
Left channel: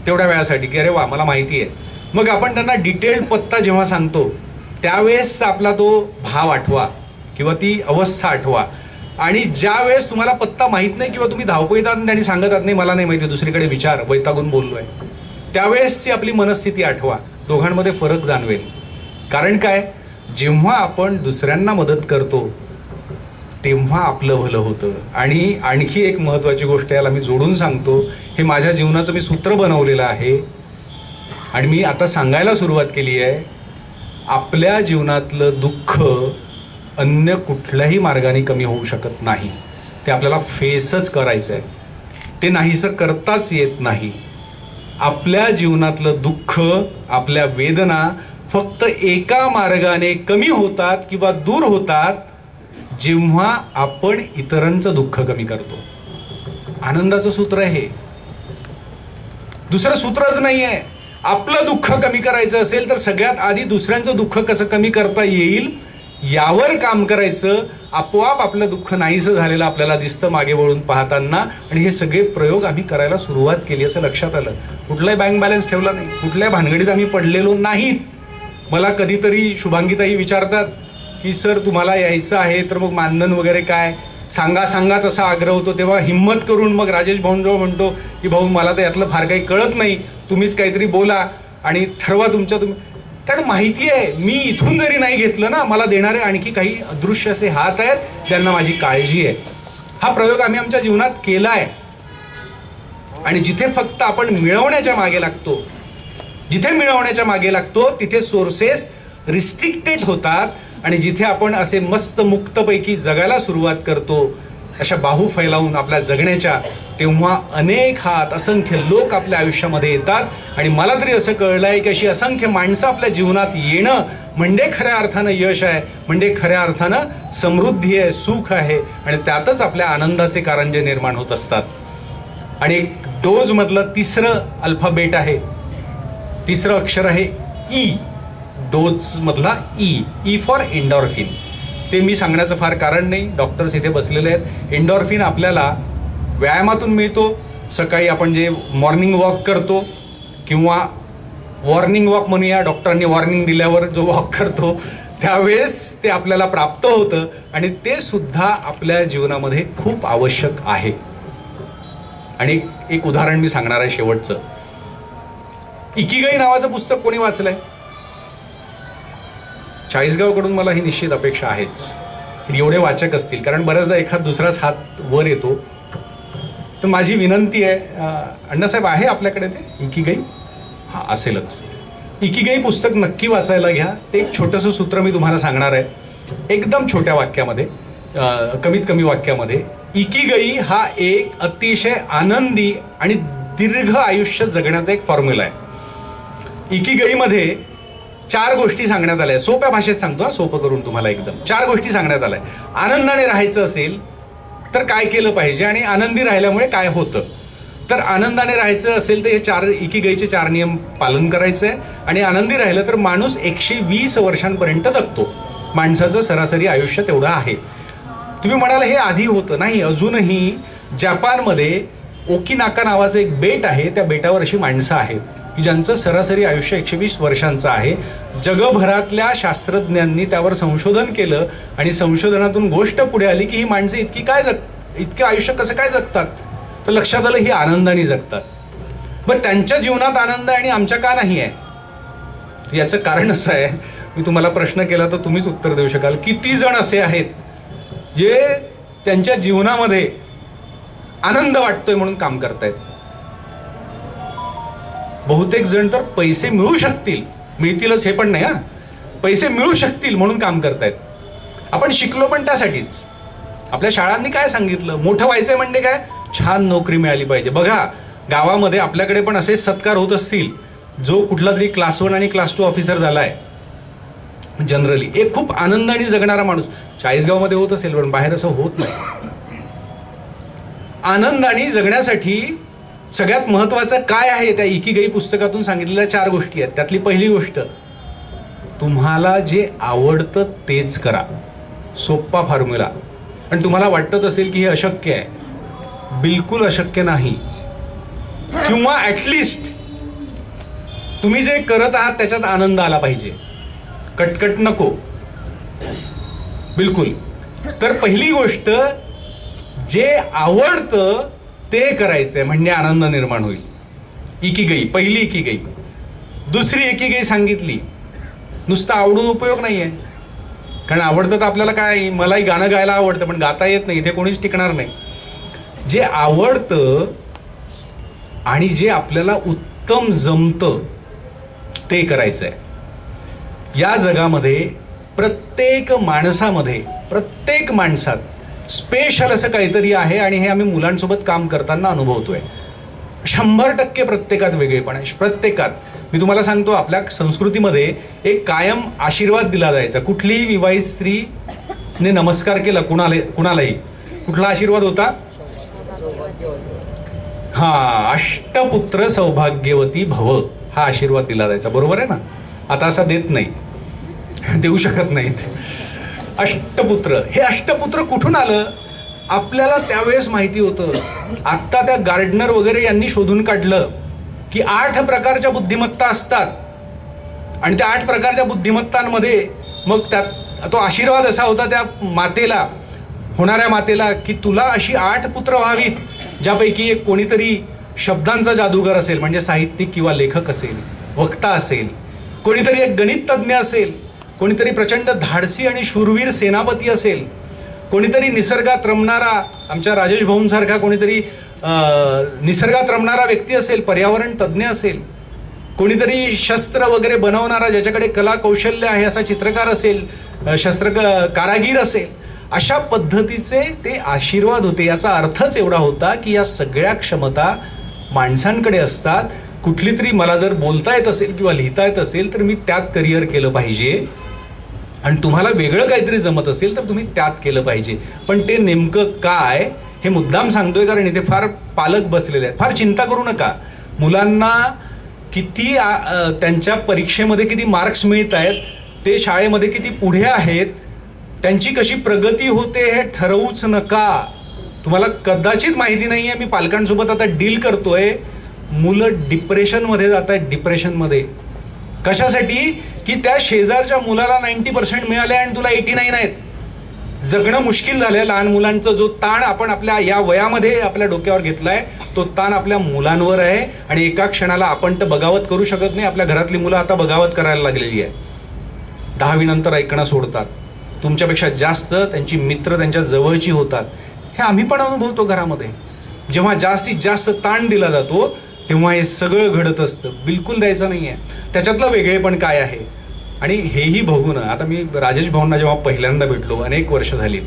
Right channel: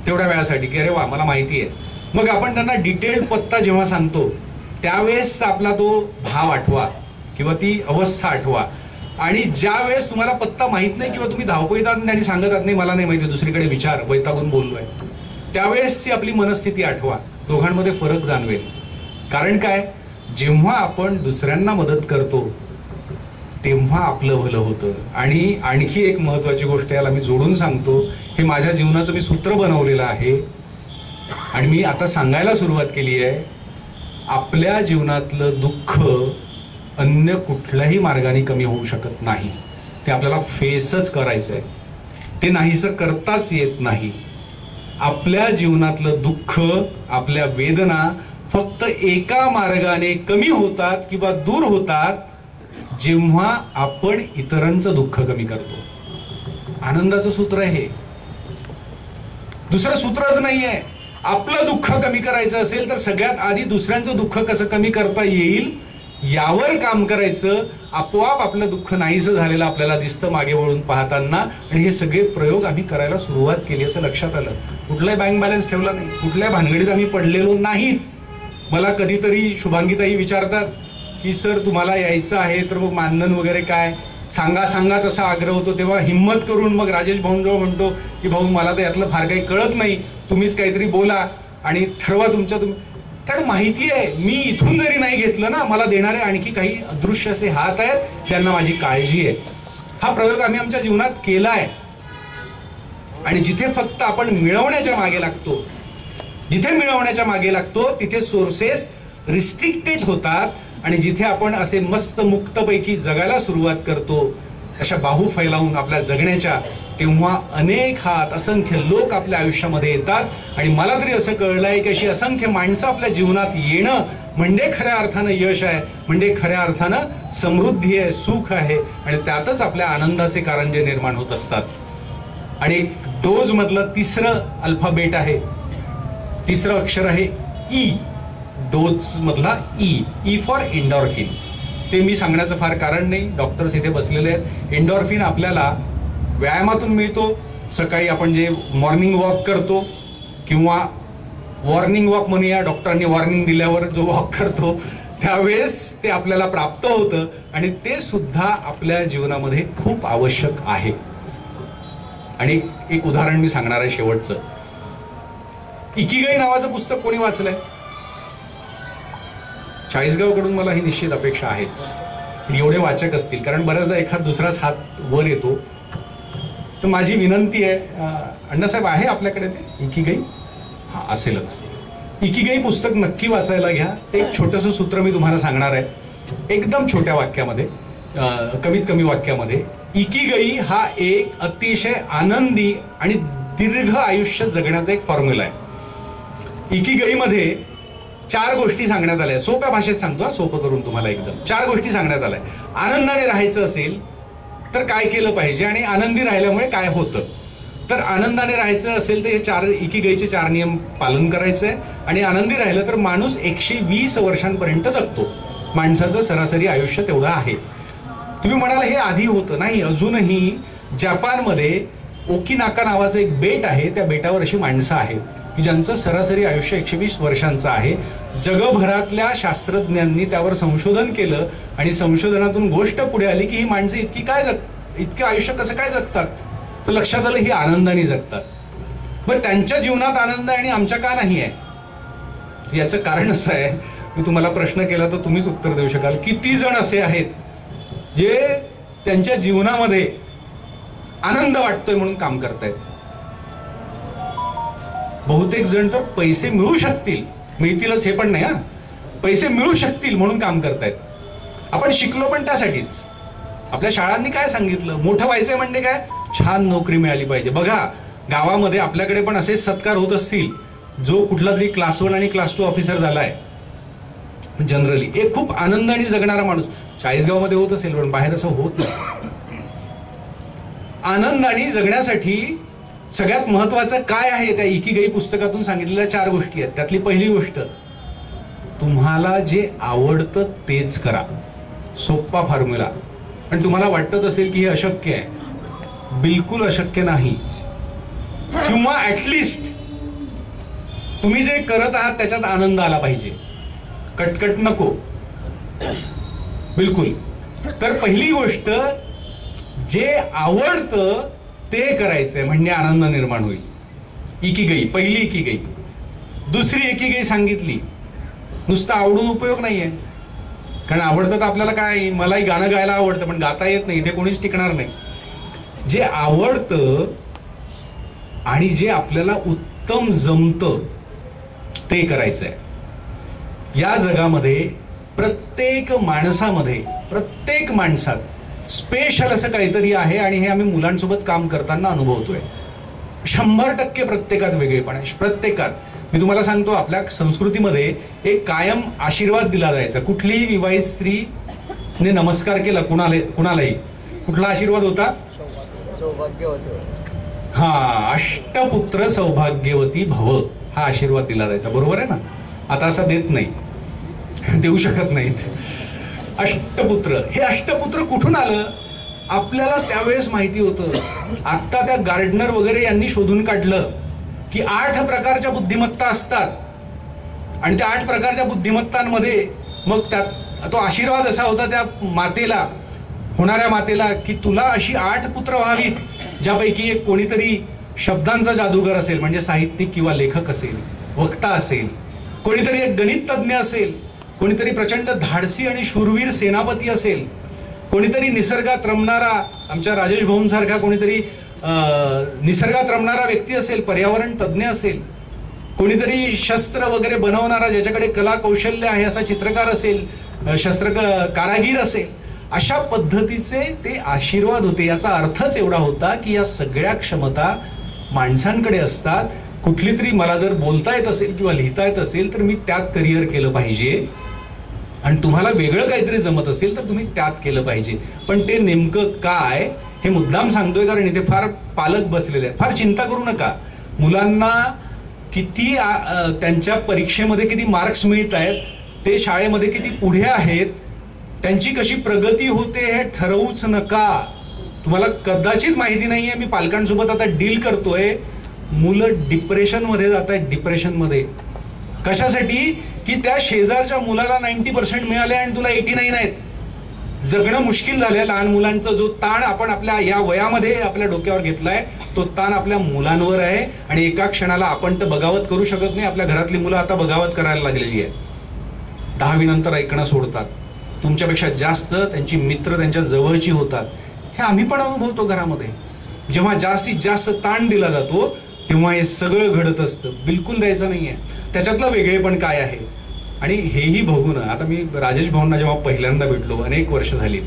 तेवढ्या वेळासाठी की अरे वा मला माहिती आहे. मग आपण त्यांना डिटेल्ड पत्ता जेव्हा सांगतो त्यावेळेस आपला तो भाव आठवा किंवा ती अवस्था आठवा. आणि ज्या वेळेस तुम्हाला पत्ता माहीत नाही किंवा तुम्ही धावपळीत आहात त्यांनी सांगत आहात नाही मला नाही माहिती, दुसरीकडे विचार, वैतागून बोललोय, त्यावेळेसची आपली मनस्थिती आठवा. दोघांमध्ये फरक जाणवेल. कारण काय, जेव्हा आपण दुसऱ्यांना मदत करतो तेव्हा आपलं भलं होतं. आणि आणखी एक महत्वाची गोष्ट याला मी जोडून सांगतो, हे माझ्या जीवनाचं मी सूत्र बनवलेलं आहे आणि मी आता सांगायला सुरुवात केली आहे. आपल्या जीवनातलं दुःख अन्य कुठल्याही मार्गाने कमी होऊ शकत नाही. ते आपल्याला फेसच करायचं आहे, ते नाहीसं करताच येत नाही. आपल्या जीवनातलं दुःख, आपल्या वेदना फक्त एका मार्गाने कमी होतात किंवा दूर होतात जेव्हा आपण इतरांचं दुःख कमी करतो. आनंदाचं सूत्र आहे हे, दुसरं सूत्रच नाही आहे. आपलं दुःख कमी करायचं असेल तर सगळ्यात आधी दुसऱ्यांचं दुःख कसं कमी करता येईल यावर काम करायचं. आपोआप आपलं दुःख नाहीसं झालेलं आपल्याला दिसतं मागे वळून पाहताना. आणि हे सगळे प्रयोग आम्ही करायला सुरुवात केली असं लक्षात आलं. कुठलाही बँक बॅलन्स ठेवला नाही, कुठल्याही भानगडीत आम्ही पडलेलो नाहीत. मला कधीतरी शुभांगीताई विचारतात की सर तुम्हाला यायचं आहे तर मग मानधन वगैरे काय सांगाच असा आग्रह होतो. तेव्हा हिम्मत करून मग राजेश भाऊंजवळ म्हणतो की भाऊ मला तर यातलं फार काही कळत नाही, तुम्हीच काहीतरी बोला आणि ठरवा तुमच्या तुम्ही. कारण माहिती आहे मी इथून जरी नाही घेतलं ना, मला देणारे आणखी काही अदृश्य असे हात आहेत ज्यांना माझी काळजी आहे. हा प्रयोग आम्ही आमच्या जीवनात केलाय. आणि जिथे फक्त आपण मिळवण्याच्या मागे लागतो तिथे सोर्सेस रिस्ट्रिक्टेड होतात. आणि जिथे आपण असे मस्त मुक्तपैकी जगायला सुरुवात करतो, अशा बाहू फैलावून आपल्या जगण्याच्या, तेव्हा अनेक हात, असंख्य लोक आपल्या आयुष्यामध्ये येतात. आणि मला तरी असं कळलंय की अशी असंख्य माणसं आपल्या जीवनात येणं म्हणजे खऱ्या अर्थानं यश आहे, म्हणजे खऱ्या अर्थानं समृद्धी आहे, सुख आहे. आणि त्यातच आपल्या आनंदाचे कारंजे निर्माण होत असतात. आणि डोज मधलं तिसरं अल्फाबेट आहे, तिसरं अक्षर आहे ई. डोज मधला ई फॉर एंडॉर्फिन. ते मी सांगण्याचं फार कारण नाही, डॉक्टर्स इथे बसलेले आहेत. एंडॉर्फिन आपल्याला व्यायामातून मिळतो. सकाळी आपण जे मॉर्निंग वॉक करतो किंवा वॉर्निंग वॉक म्हणूया, डॉक्टरांनी वॉर्निंग दिल्यावर जो वॉक करतो त्यावेळेस ते आपल्याला प्राप्त होतं. आणि ते सुद्धा आपल्या जीवनामध्ये खूप आवश्यक आहे. आणि एक उदाहरण मी सांगणार आहे शेवटचं. इकिगाई नावाचं पुस्तक कोणी वाचलंय? चाळीसगावकडून मला ही निश्चित अपेक्षा आहेच, एवढे वाचक असतील. कारण बऱ्याचदा एखाद दुसराच हात वर येतो. तर माझी विनंती आहे, अण्णासाहेब आहे आपल्याकडे ते इकिगाई? हा असेलच. इकिगाई पुस्तक नक्की वाचायला घ्या. ते एक छोटंसं सूत्र मी तुम्हाला सांगणार आहे, एकदम छोट्या वाक्यामध्ये, कमीत कमी वाक्यामध्ये. इकिगाई हा एक अतिशय आनंदी आणि दीर्घ आयुष्य जगण्याचा एक फॉर्म्युला आहे. इकिगाईमध्ये 4 गोष्टी सांगण्यात आल्या. सोप्या भाषेत सांगतो, सोपं करून तुम्हाला एकदम. 4 गोष्टी सांगण्यात आल्या. आनंदाने राहायचं असेल तर काय केलं पाहिजे आणि आनंदी राहिल्यामुळे काय होतं. तर आनंदाने राहायचं असेल तर हे 4 इकिगाईचे 4 नियम पालन करायचं आहे. आणि आनंदी राहिलं तर माणूस 120 वर्षांपर्यंत जगतो. माणसाचं सरासरी आयुष्य तेवढं आहे. तुम्ही म्हणाल हे आधी होतं. नाही, अजूनही जपानमध्ये ओकिनाका नावाचं एक बेट आहे, त्या बेटावर अशी माणसं आहेत की ज्यांचं सरासरी आयुष्य 120 वर्षांचं आहे. जगभरातल्या शास्त्रज्ञांनी त्यावर संशोधन केलं आणि संशोधनातून गोष्ट पुढे आली की ही माणसं इतके आयुष्य कसं काय जगतात, तर लक्षात आलं ही आनंदाने जगतात. पण त्यांच्या जीवनात आनंद आणि आमच्या का नाही आहे, याचं कारण असं आहे, मी तुम्हाला प्रश्न केला तर तुम्हीच उत्तर देऊ शकाल. किती जण असे आहेत जे त्यांच्या जीवनामध्ये आनंद वाटतोय म्हणून काम करतायत? बहुतेक जण तर पैसे मिळू शकतील, मिळतीलच हे पण नाही हा, पैसे मिळू शकतील म्हणून काम करतायत. आपण शिकलो पण त्यासाठीच. आपल्या शाळांनी काय सांगितलं, मोठं व्हायचंय म्हणजे काय, छान नोकरी मिळाली पाहिजे. बघा गावामध्ये आपल्याकडे पण असेच सत्कार होत असतील. जो कुठला तरी क्लास 1 आणि क्लास 2 ऑफिसर झालाय जनरली एक खूप आनंदाने जगणारा माणूस 40गाव मध्ये होत असेल, पण बाहेर असं होत नाही. आनंदाने जगण्यासाठी सगळ्यात महत्वाचं काय आहे, त्या इकिगाई पुस्तकातून सांगितलेल्या 4 गोष्टी आहेत. त्यातली पहिली गोष्ट, तुम्हाला जे आवडतं तेच करा. सोप्पा फॉर्म्युला. आणि तुम्हाला वाटत असेल की हे अशक्य आहे, बिलकुल अशक्य नाही. किंवा ऍटलिस्ट तुम्ही जे करत आहात त्याच्यात आनंद आला पाहिजे, कटकट नको बिलकुल. तर पहिली गोष्ट, जे आवडतं ते करायचंय म्हणजे आनंद निर्माण होईल. इकिगाई, पहिली इकिगाई. दुसरी इकिगाई सांगितली, नुसतं आवडून उपयोग नाहीये, कारण आवडतं तर आपल्याला काय, मलाही गाणं गायला आवडतं पण गाता येत नाही, इथे कोणीच टिकणार नाही. जे आवडतं आणि जे आपल्याला उत्तम जमतं ते करायचंय. या जगामध्ये प्रत्येक माणसामध्ये, प्रत्येक माणसात स्पेशल असं काहीतरी आहे आणि हे आम्ही मुलांसोबत काम करताना अनुभवतोय. 100% प्रत्येकात वेगळेपण आहे, प्रत्येकात. मी तुम्हाला सांगतो, आपल्या संस्कृतीमध्ये एक कायम आशीर्वाद दिला जायचा. कुठलीही विवाहित स्त्रीने नमस्कार केला कुणालाही, कुठला आशीर्वाद होता? हा, अष्टपुत्र सौभाग्यवती भव, हा आशीर्वाद दिला जायचा. बरोबर आहे ना? आता असा देत नाही, देऊ शकत नाहीत. अष्टपुत्र, हे अष्टपुत्र कुठून आलं आपल्याला त्यावेळेस माहिती होतं. आता त्या गार्डनर वगैरे यांनी शोधून काढलं की 8 प्रकारच्या बुद्धिमत्ता असतात आणि त्या 8 प्रकारच्या बुद्धिमत्तांमध्ये मग त्यात तो आशीर्वाद असा होता त्या मातेला, होणाऱ्या मातेला, की तुला अशी 8 पुत्र व्हावीत, ज्यापैकी एक कोणीतरी शब्दांचा जादूगर असेल, म्हणजे साहित्यिक किंवा लेखक असेल, वक्ता असेल, कोणीतरी एक गणित तज्ज्ञ असेल, कोणीतरी प्रचंड धाडसी आणि शूरवीर सेनापती असेल, कोणीतरी निसर्गात रमणारा, आमच्या राजेश भाऊंसारखा कोणीतरी निसर्गात रमणारा व्यक्ती असेल, पर्यावरण तज्ज्ञ असेल, कोणीतरी शस्त्र वगैरे बनवणारा, ज्याच्याकडे कला कौशल्य आहे असा चित्रकार असेल, कारागीर असेल. अशा पद्धतीचे ते आशीर्वाद होते. याचा अर्थच एवढा होता की या सगळ्या क्षमता माणसांकडे असतात. कुठली तरी मला जर बोलता येत असेल किंवा लिहिता येत असेल तर मी त्यात करिअर केलं पाहिजे, आणि तुम्हाला वेगळं काहीतरी जमत असेल तर तुम्ही त्यात केलं पाहिजे. पण ते नेमकं काय हे मुद्दाम सांगतोय कारण इथे फार पालक बसलेले आहेत. फार चिंता करू नका. मुलांना किती त्यांच्या परीक्षेमध्ये किती मार्क्स मिळत आहेत, ते शाळेमध्ये किती पुढे आहेत, त्यांची कशी प्रगती होते हे ठरवूच नका. तुम्हाला कदाचित माहिती नाहीये, मी पालकांसोबत आता डील करतोय, मुलं डिप्रेशनमध्ये जात आहेत. डिप्रेशनमध्ये कशासाठी? की त्या शेजारच्या मुलाला 90% मिळाले आणि तुला 89 आहेत. जगणं मुश्किल झालंय. लहान मुलांचा जो ताण आपण आपल्या या वयामध्ये आपल्या डोक्यावर घेतलाय, तो ताण आपल्या मुलांवर आहे. आणि एका क्षणाला आपण तर बगावत करू शकत नाही. आपल्या घरातली मुलं आता बगावत करायला लागलेली आहे. 10वी नंतर ऐकणं सोडतात. तुमच्यापेक्षा जास्त त्यांची मित्र त्यांच्या जवळची होतात. हे आम्ही पण अनुभवतो घरामध्ये. जेव्हा जास्तीत जास्त ताण दिला जातो तेव्हा हे सगळं घडत असतं. बिलकुल द्यायचं नाहीये. त्याच्यातलं वेगळेपण काय आहे आणि हेही बघू ना. आता मी राजेश भाऊंना जेव्हा पहिल्यांदा भेटलो, अनेक वर्ष झाली,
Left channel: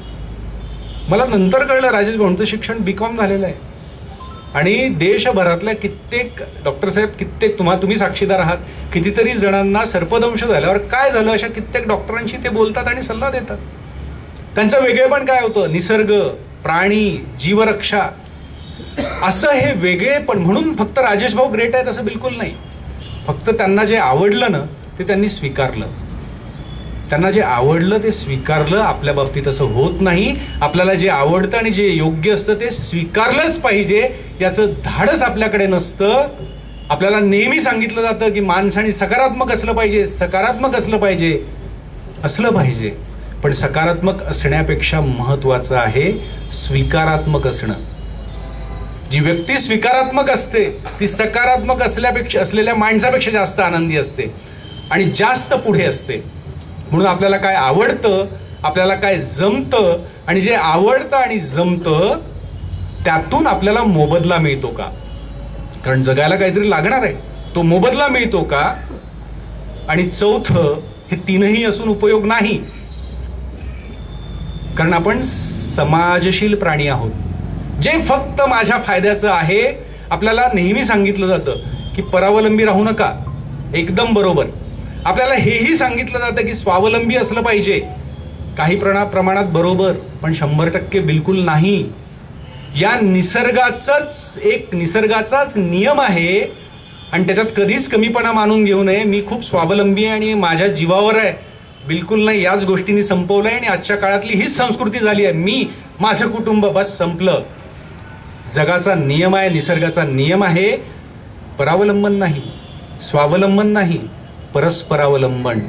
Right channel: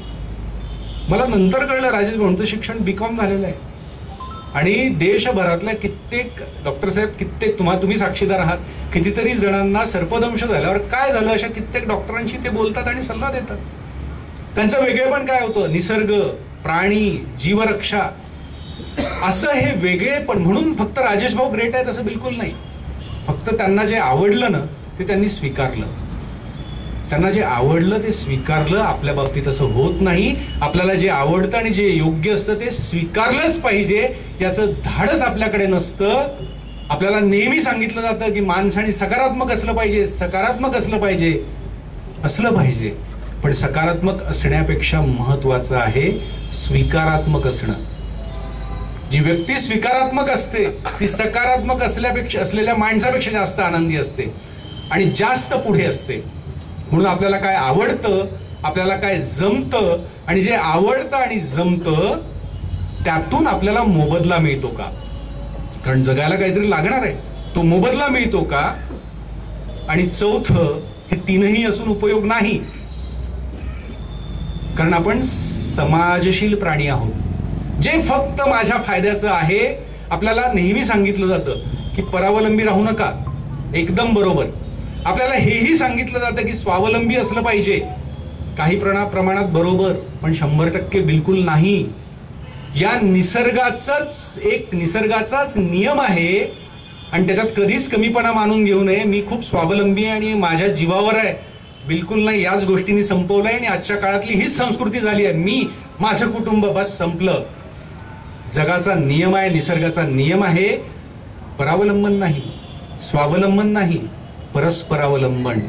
मला नंतर कळलं राजेश भाऊंचं शिक्षण B.Com झालेलं आहे. आणि देशभरातल्या कित्येक डॉक्टर साहेब, कित्येक तुम्ही साक्षीदार आहात, कितीतरी जणांना सर्पदंश झाल्यावर काय झालं अशा कित्येक डॉक्टरांशी ते बोलतात आणि सल्ला देतात. त्यांचं वेगळेपण काय होतं? निसर्ग, प्राणी, जीवरक्षा, असं हे वेगळेपण. म्हणून फक्त राजेश भाऊ ग्रेट आहेत असं बिलकुल नाही. फक्त त्यांना जे आवडलं ना ते त्यांनी स्वीकारलं. त्यांना जे आवडलं ते स्वीकारलं. आपल्या बाबतीत असं होत नाही. आपल्याला जे आवडतं आणि जे योग्य असतं ते स्वीकारलंच पाहिजे. याचं धाडस आपल्याकडे नसतं. आपल्याला नेहमी सांगितलं जातं की माणसाने सकारात्मक असलं पाहिजे, सकारात्मक असलं पाहिजे. पण सकारात्मक असण्यापेक्षा महत्वाचं आहे स्वीकारात्मक असणं. जी व्यक्ती स्वीकारात्मक असते ती सकारात्मक असलेल्या माणसापेक्षा जास्त आनंदी असते आणि जास्त पुढे असते. म्हणून आपल्याला काय आवडतं, आपल्याला काय जमतं, आणि जे आवडतं आणि जमतं त्यातून आपल्याला मोबदला मिळतो का? कारण जगायला काहीतरी लागणार आहे. तो मोबदला मिळतो का? आणि चौथं, हे तीनही असून उपयोग नाही, कारण आपण समाजशील प्राणी आहोत. जे फक्त माझ्या फायद्याचं आहे. आपल्याला नेहमी सांगितलं जातं की परावलंबी राहू नका, एकदम बरोबर. आपल्याला हेही सांगितलं जातं की स्वावलंबी असलं पाहिजे, काही प्रमाणात बरोबर, पण 100% बिलकुल नाही. या निसर्गाचाच नियम आहे आणि त्याच्यात कधीच कमीपणा मानून घेऊ नये. मी खूप स्वावलंबी आणि माझ्या जीवावर आहे, बिलकुल नाही. याच गोष्टींनी संपवलंय आणि आजच्या काळातली हीच संस्कृती झाली आहे. मी, माझं कुटुंब, बस संपलं. जगाचा नियम आहे, निसर्गाचा नियम आहे, परावलंबन नाही, स्वावलंबन नाही, परस्परावलंबन.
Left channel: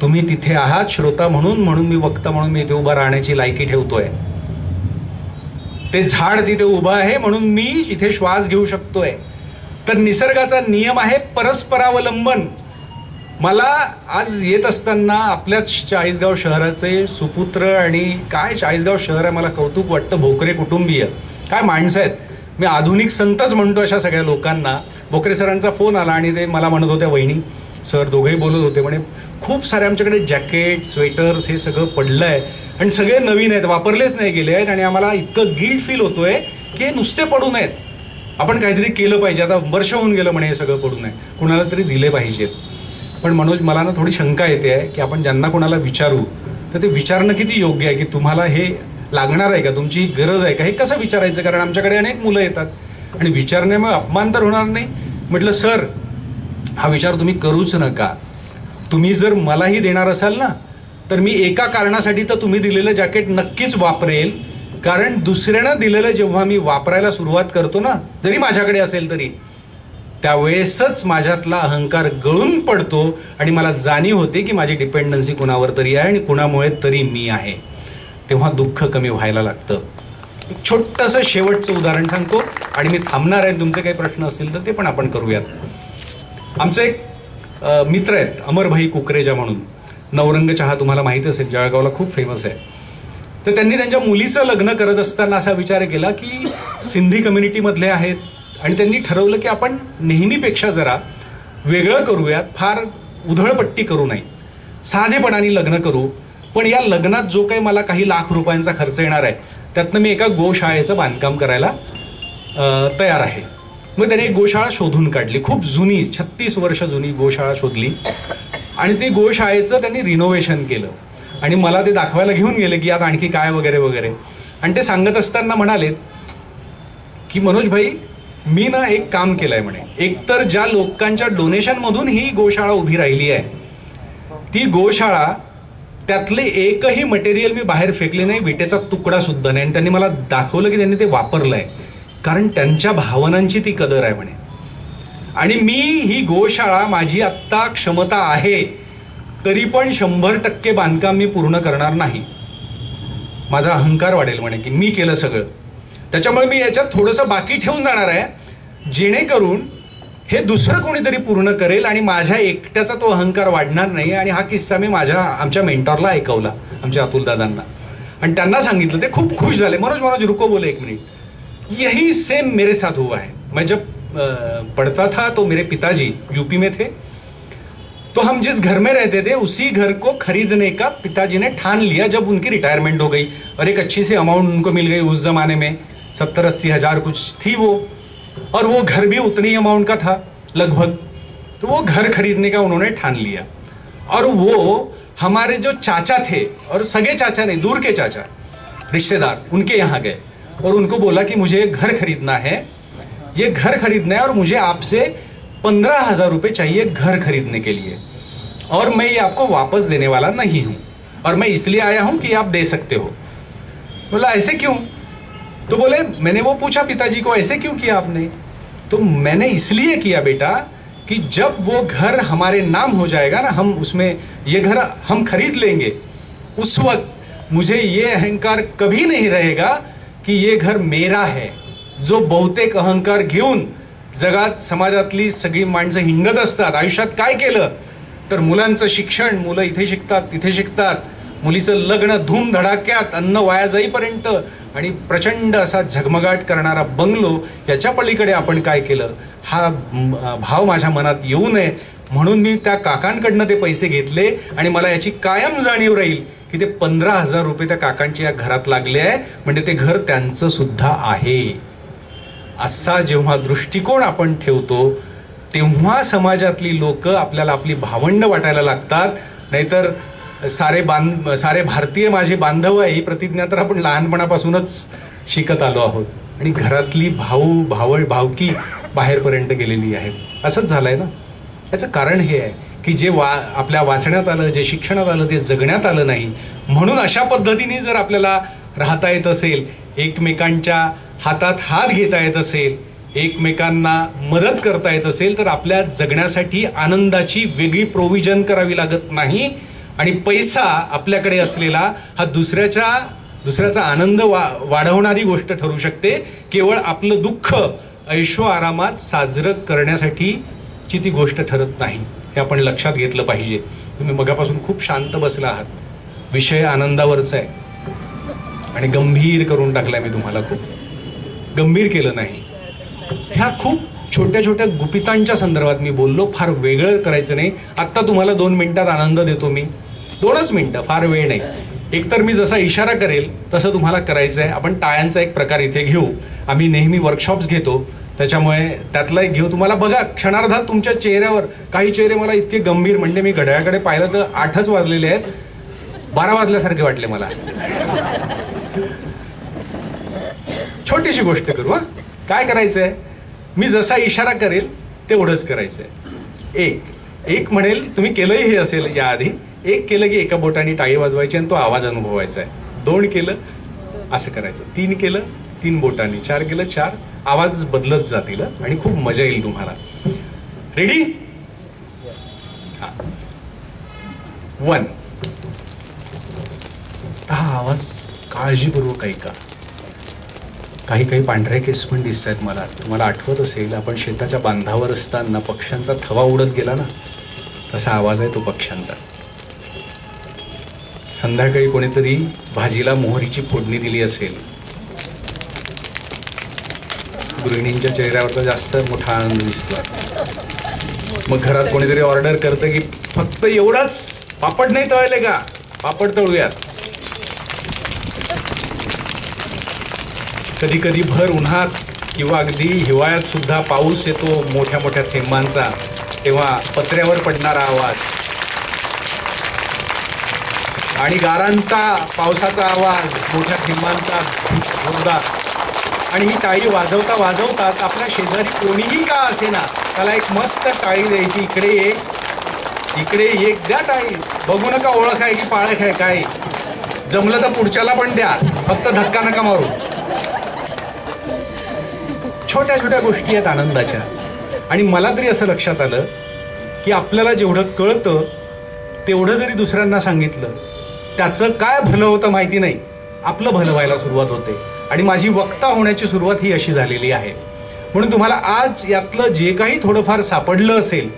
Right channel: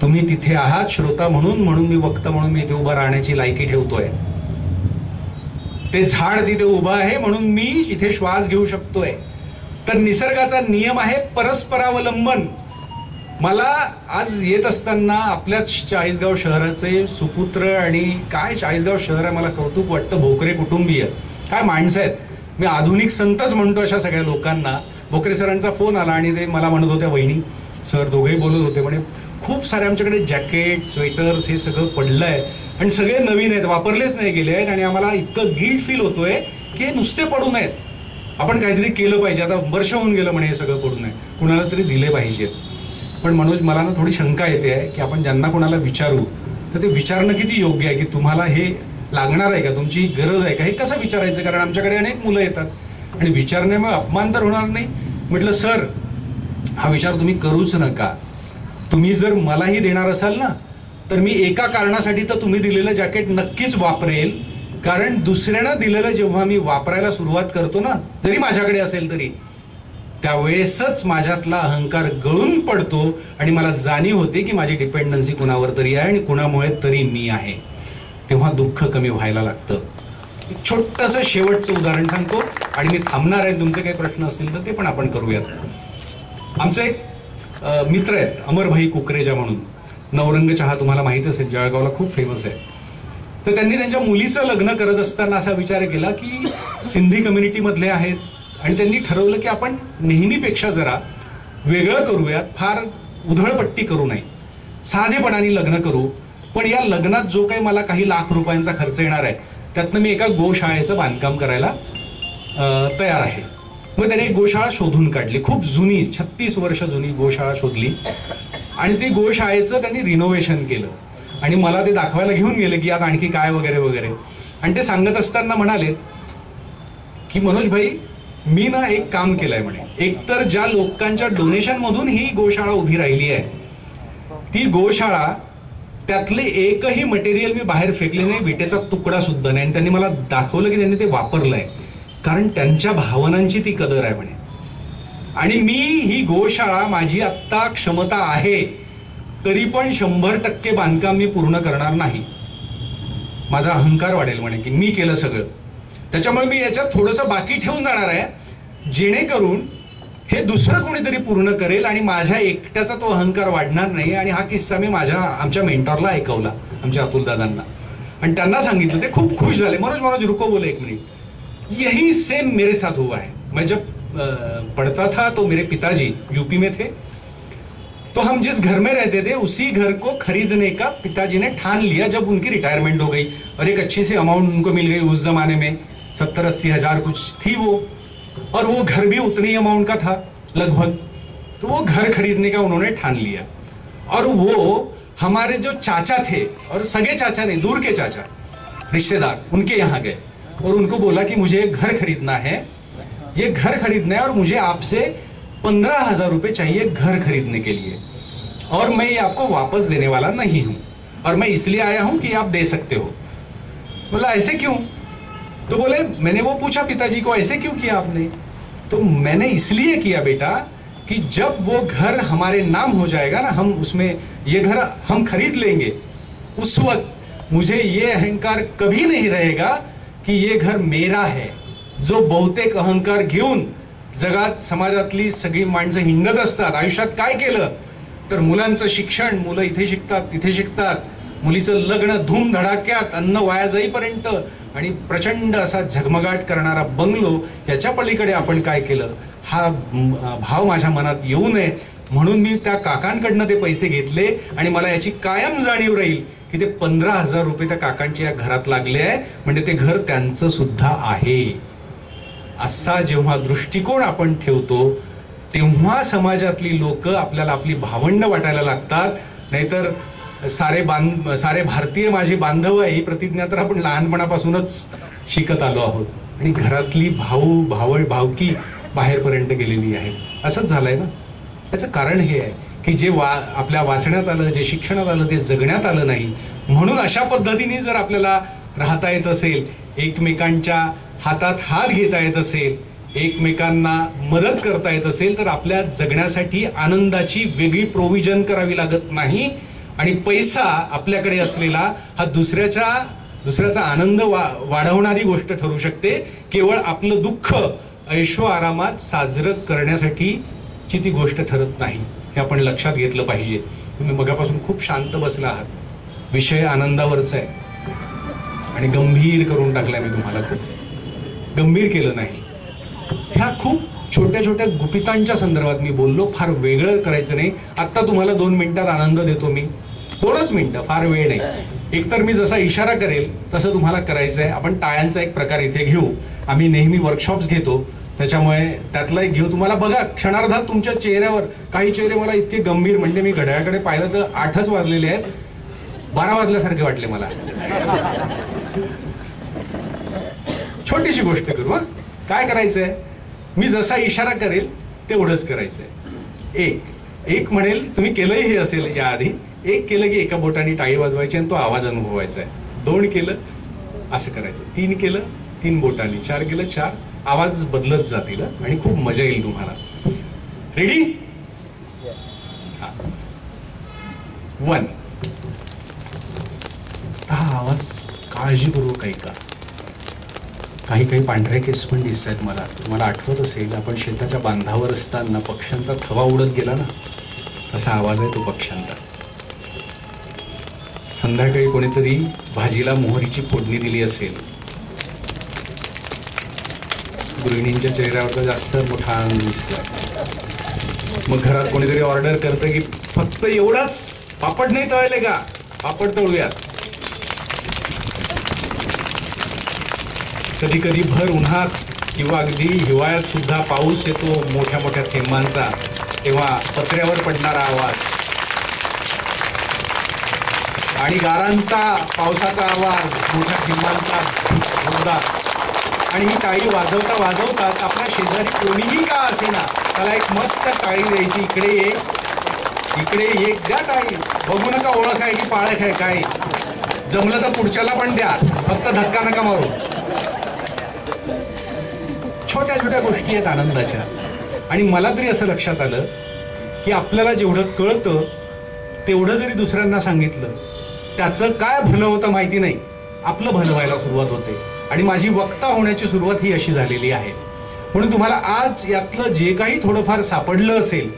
तुम्ही तिथे आहात श्रोता म्हणून मी वक्ता म्हणून मी इथे उभा राहण्याची लायकी ठेवतोय. ते झाड तिथे उभं आहे म्हणून मी इथे श्वास घेऊ शकतोय. तर निसर्गाचा नियम आहे परस्परावलंबन. मला आज येत असताना आपल्याच चाळीसगाव शहराचे सुपुत्र, आणि काय चाळीसगाव शहर आहे, मला कौतुक वाटतं. भोकरे कुटुंबीय, काय माणसं आहेत. मी आधुनिक संतच म्हणतो अशा सगळ्या लोकांना. भोकरे सरांचा फोन आला आणि ते मला म्हणत होत्या, वहिनी सर दोघेही बोलत होते, म्हणे खूप सारे आमच्याकडे जॅकेट, स्वेटर्स हे सगळं पडलंय आणि सगळे नवीन आहेत, वापरलेच नाही गेले आहेत, आणि आम्हाला इतकं गिल्ट फील होतोय की हे नुसते पडू नयेत, आपण काहीतरी केलं पाहिजे. आता वर्ष होऊन गेलं म्हणे हे सगळं पडू नये, कुणाला तरी दिले पाहिजेत. पण मनोज, मला ना थोडी शंका येते आहे की आपण ज्यांना कोणाला विचारू तर ते विचारणं किती योग्य आहे की तुम्हाला हे लागणार आहे का, तुमची गरज आहे का, हे कसं विचारायचं? कारण आमच्याकडे अनेक मुलं येतात आणि विचारण्यामुळे अपमान तर होणार नाही. म्हटलं सर, हा विचार तुम्ही करूच नका. तुम्ही जर मलाही देणार असाल ना तर मी एका कारणासाठी तर तुम्ही दिलेलं जॅकेट नक्कीच वापरेल, कारण दुसऱ्यानं दिलेलं जेव्हा मी वापरायला सुरुवात करतो ना, जरी माझ्याकडे असेल तरी, त्यावेळेसच माझ्यातला अहंकार गळून पडतो आणि मला जाणीव होते की माझी डिपेंडन्सी कुणावर तरी आहे आणि कुणामुळे तरी मी आहे. तेव्हा दुःख कमी व्हायला लागतं. एक छोटंसं शेवटचं उदाहरण सांगतो आणि मी थांबणार आहे. तुमचे काही प्रश्न असतील तर ते पण आपण करूयात. आमचे एक मित्र आहेत, अमरभाई कुकरेजा म्हणून. नवरंग चहा तुम्हाला माहिती असेल, जळगावला खूप फेमस आहे. तर त्यांनी त्यांच्या मुलीचं लग्न करत असताना असा विचार केला की सिंधी कम्युनिटीमधले आहेत आणि त्यांनी ठरवलं की आपण नेहमीपेक्षा जरा वेगळं करूयात, फार उधळपट्टी करू नये, साधेपणाने लग्न करू. पण या लग्नात जो काही मला काही लाख रुपयांचा खर्च येणार आहे त्यातनं मी एका गोशाळेचं बांधकाम करायला तयार आहे. मग त्याने एक गोशाळा शोधून काढली, खूप जुनी, 36 वर्ष जुनी गोशाळा शोधली आणि ती गोशाळेचं त्यांनी रिनोव्हेशन केलं आणि मला ते दाखवायला घेऊन गेले की यात आणखी काय वगैरे वगैरे. आणि ते सांगत असताना म्हणाले की मनोज भाई, मी ना एक काम केलंय म्हणे. एकतर ज्या लोकांच्या डोनेशनमधून ही गोशाळा उभी राहिली आहे, ती गोशाळा त्यातले एकही मटेरियल मी बाहेर फेकले नाही, विटेचा तुकडा सुद्धा नाही. आणि त्यांनी मला दाखवलं की त्यांनी ते वापरलंय, कारण त्यांच्या भावनांची ती कदर आहे म्हणे. आणि मी ही गोशाळा, माझी आत्ता क्षमता आहे तरी पण 100% बांधकाम मी पूर्ण करणार नाही. माझा अहंकार वाढेल म्हणे की मी केलं सगळं, त्याच्यामुळे मी याच्यात थोडंसं बाकी ठेवून जाणार आहे, जेणेकरून हे दुसरं कोणीतरी पूर्ण करेल आणि माझ्या एकट्याचा तो अहंकार वाढणार नाही. आणि हा किस्सा मी आमच्या मेंटॉरला ऐकवला, आमच्या अतुल दादांना, आणि त्यांना सांगितलं. ते खूप खुश झाले. मनोज रुको, बोले एक मिनिट, यही सेम मेरे साथ हुआ है. मैं जब पढ़ता था तो मेरे पिताजी यूपी में थे, तो हम जिस घर में रहते थे उसी घर को खरीदने का पिताजी ने ठान लिया जब उनकी रिटायरमेंट हो गई और एक अच्छी सी अमाउंट उनको मिल गई. उस जमाने में 70-80 हज़ार कुछ थी वो, और वो घर भी उतनी अमाउंट का था लगभग. तो वो घर खरीदने का उन्होंने ठान लिया और वो हमारे जो चाचा थे, और सगे चाचा नहीं, दूर के चाचा रिश्तेदार, उनके यहाँ गए और उनको बोला कि मुझे घर खरीदना है, ये घर खरीदना है और मुझे आपसे 15,000 रुपये चाहिए घर खरीदने के लिए, और मैं ये आपको वापस देने वाला नहीं हूँ. और मैं इसलिए आया हूं कि आप दे सकते हो। बोला ऐसे क्यों? तो बोले मैंने वो पूछा पिताजी को ऐसे क्यों किया आपने? तो मैंने इसलिए किया बेटा कि जब वो घर हमारे नाम हो जाएगा ना, हम उसमें ये घर हम खरीद लेंगे, उस वक्त मुझे ये अहंकार कभी नहीं रहेगा की ये घर मेरा आहे। जो बहुतेक अहंकार घेऊन जगात समाजातली सगळी माणसं हिंडत असतात, आयुष्यात काय केलं तर मुलांचं शिक्षण, मुलं इथे शिकतात तिथे शिकतात, मुलीचं लग्न धूमधडाक्यात, अन्न वाया जाईपर्यंत, आणि प्रचंड असा झगमगाट करणारा बंगलो, याच्या पलीकडे आपण काय केलं हा भाव माझ्या मनात येऊ नये म्हणून मी त्या काकांकडनं ते पैसे घेतले, आणि मला याची कायम जाणीव राहील की ते 15,000 रुपये त्या काकांच्या या घरात लागले आहे, म्हणजे ते घर त्यांचं सुद्धा आहे। असा जेव्हा दृष्टिकोन आपण ठेवतो तेव्हा समाजातली लोक आपल्याला आपली भावंड वाटायला लागतात। नाहीतर सारे भारतीय माझे बांधव आहे ही प्रतिज्ञा तर आपण लहानपणापासूनच शिकत आलो आहोत, आणि घरातली भावकी बाहेरपर्यंत गेलेली आहे। असंच झालंय ना। याचं कारण हे आहे की जे आपल्या वाचण्यात आलं, जे शिक्षणात आलं, ते जगण्यात आलं नाही। म्हणून अशा पद्धतीने जर आपल्याला राहता येत असेल, एकमेकांच्या हातात हात घेता येत असेल, एकमेकांना मदत करता येत असेल, तर आपल्या जगण्यासाठी आनंदाची वेगळी प्रोव्हिजन करावी लागत नाही, आणि पैसा आपल्याकडे असलेला हा दुसऱ्याचा आनंद वाढवणारी गोष्ट ठरू शकते। केवळ आपलं दुःख ऐशो आरामात साजरं करण्यासाठीची ती गोष्ट ठरत नाही, हे आपण लक्षात घेतलं पाहिजे। तुम्ही मगापासून खूप शांत बसला आहात, विषय आनंदावरचा आहे, आणि गंभीर करून टाकलाय मी तुम्हाला, खूप गंभीर केलं नाही। ह्या खूप छोट्या छोट्या गुपितांच्या संदर्भात मी बोललो, फार वेगळं करायचं नाही। आत्ता तुम्हाला 2 मिनिटात आनंद देतो मी, 2च मिनिटं, फार वेळ नाही। एकतर मी जसा इशारा करेल तसं तुम्हाला करायचं आहे। आपण टाळ्यांचा एक प्रकार इथे घेऊ, आम्ही नेहमी वर्कशॉप्स घेतो, त्याच्यामुळे त्यातला एक घेऊ। तुम्हाला बघा क्षणार्धात तुमच्या चेहऱ्यावर, काही चेहरे मला इतके गंभीर, म्हणजे मी घड्याळाकडे पाहिलं तर 8च वाजलेले आहेत, 12 वाजल्यासारखे वाटले मला। छोटीशी गोष्ट करू हा, काय करायचंय, मी जसा इशारा करेल तेवढंच करायचंय। एक म्हणेल, तुम्ही केलंही हे असेल याआधी, 1 केलं की एका बोटाने टाळी वाजवायची आणि तो आवाज अनुभवायचा आहे, 2 केलं असं करायचं, 3 केलं 3 बोटांनी, 4 केलं 4, आवाज बदलत जातील आणि खूप मजा येईल तुम्हाला। रेडी? 1 हा आवाज काळजीपूर्वक ऐका। काही पांढरे केस पण दिसत आहेत मला। तुम्हाला आठवत असेल आपण शेताच्या बांधावर असताना पक्ष्यांचा थवा उडत गेला ना, तसा आवाज आहे तो पक्ष्यांचा। संध्याकाळी कोणीतरी भाजीला मोहरीची फोडणी दिली असेल, गृहिणींच्या चेहऱ्यावरचा जास्त मोठा आनंद दिसतोय। मग घरात कोणीतरी ऑर्डर करतं की फक्त एवढाच, पापड नाही तळले का, पापड तळूयात। कधी कधी भर उन्हात किंवा अगदी हिवाळ्यात सुद्धा पाऊस येतो मोठ्या मोठ्या थेंबांचा, तेव्हा पत्र्यावर पडणारा आवाज आणि गारांचा पावसाचा आवाज, मोठ्या थेंबांचा जोरदार, आणि ही टाळी वाजवता वाजवतात आपल्या शेजारी कोणीही का असेना त्याला एक मस्त टाळी द्यायची, इकडे एक द्या टाळी, बघू नका ओळख आहे की पाळख आहे काय, जमलं तर पुढच्याला पण द्या, फक्त धक्का नका मारू। छोट्या छोट्या गोष्टी आहेत आनंदाच्या। आणि मला तरी असं लक्षात आलं की आपल्याला जेवढं कळतं तेवढं जरी दुसऱ्यांना सांगितलं त्याचं काय भलं होतं माहिती नाही, आपलं भलं व्हायला सुरुवात होते, आणि माझी वक्ता होण्याची सुरुवात ही अशी झालेली आहे। म्हणून तुम्हाला आज यातलं जे काही थोडंफार सापडलं असेल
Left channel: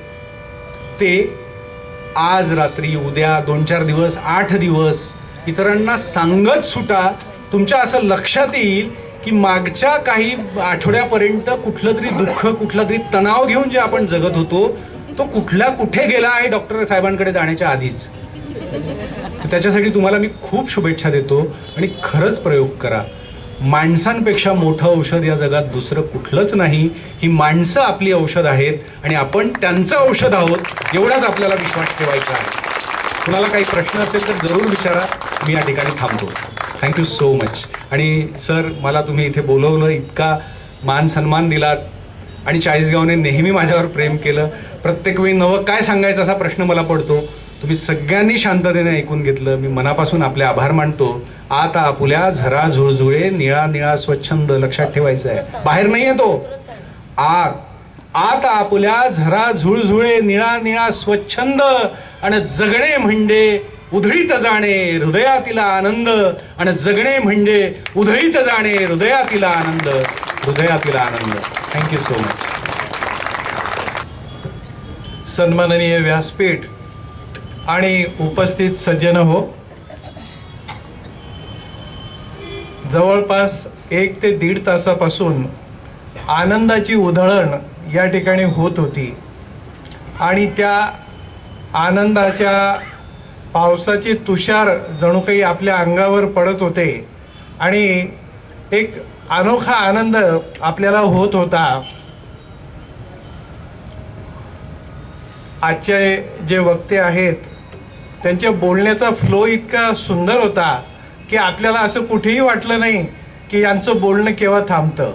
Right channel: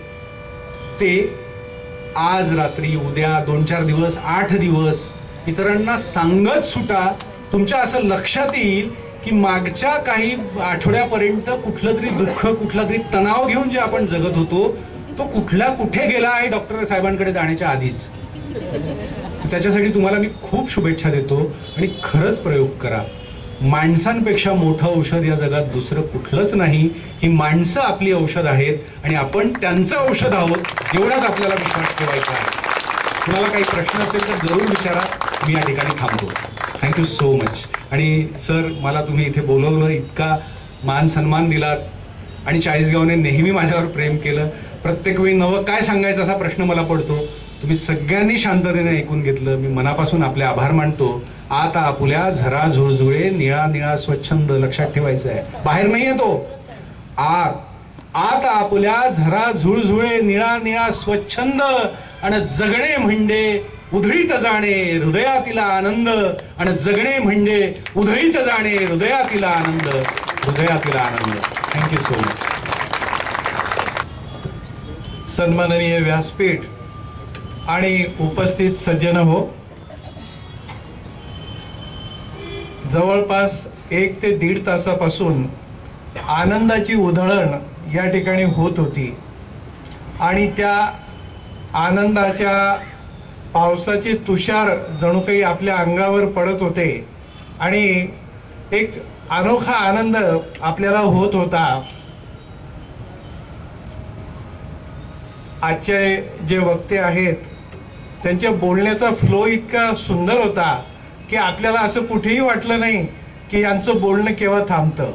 ते आज रात्री, उद्या, 2-4 दिवस, 8 दिवस इतरांना सांगत सुटा। तुमच्या असं लक्षात येईल की मागच्या काही आठवड्यापर्यंत कुठलं तरी दुःख, कुठला तरी तणाव घेऊन जे आपण जगत होतो तो कुठे गेला आहे डॉक्टर साहेबांकडे जाण्याच्या आधीच। त्याच्यासाठी तुम्हाला मी खूप शुभेच्छा देतो, आणि खरंच प्रयोग करा। माणसांपेक्षा मोठं औषध या जगात दुसरं कुठलंच नाही। ही माणसं आपली औषध आहेत आणि आपण त्यांचं औषध आहोत, एवढाच आपल्याला विश्वास ठेवायचा आहे। कुणाला काही प्रश्न असेल तर जरूर विचारा, मी या ठिकाणी थांबतो। Thank you so much. आणि सर, मला तुम्ही इथे बोलवलं, इतका मान सन्मान दिलात, आणि चाळीसगावने नेहमी माझ्यावर प्रेम केलं। प्रत्येक वेळी नवं काय सांगायचं असा प्रश्न मला पडतो, तुम्ही सगळ्यांनी शांततेने ऐकून घेतलं. मी मनापासून आपले आभार मानतो. आता आपुल्या झरा झुळझुळे निळा निळा स्वच्छंद, लक्षात ठेवायचं आहे, बाहेर नाही आहे तो. आता आपुल्या झरा झुळझुळे निळा निळा स्वच्छंद, आणि जगणे म्हणजे उधळीत जाणे हृदयातील आनंद, आणि जगणे म्हणजे उधळीत जाणे हृदयातील आनंद, हृदयातील आनंद. Thank you so much. सन्माननीय व्यासपीठ आणि उपस्थित सज्जन हो, जवळपास 1 ते 1.5 तासापासून आनंदाची उधळण या ठिकाणी होत होती, आणि त्या आनंदाच्या पावसाचे तुषार जणू काही आपल्या अंगावर पडत होते, आणि एक अनोखा आनंद आपल्याला होत होता. आजचे जे वक्ते आहेत त्यांच्या बोलण्याचा फ्लो इतका सुंदर होता की आपल्याला असं कुठेही वाटलं नाही की यांचं बोलणं केव्हा थांबतं.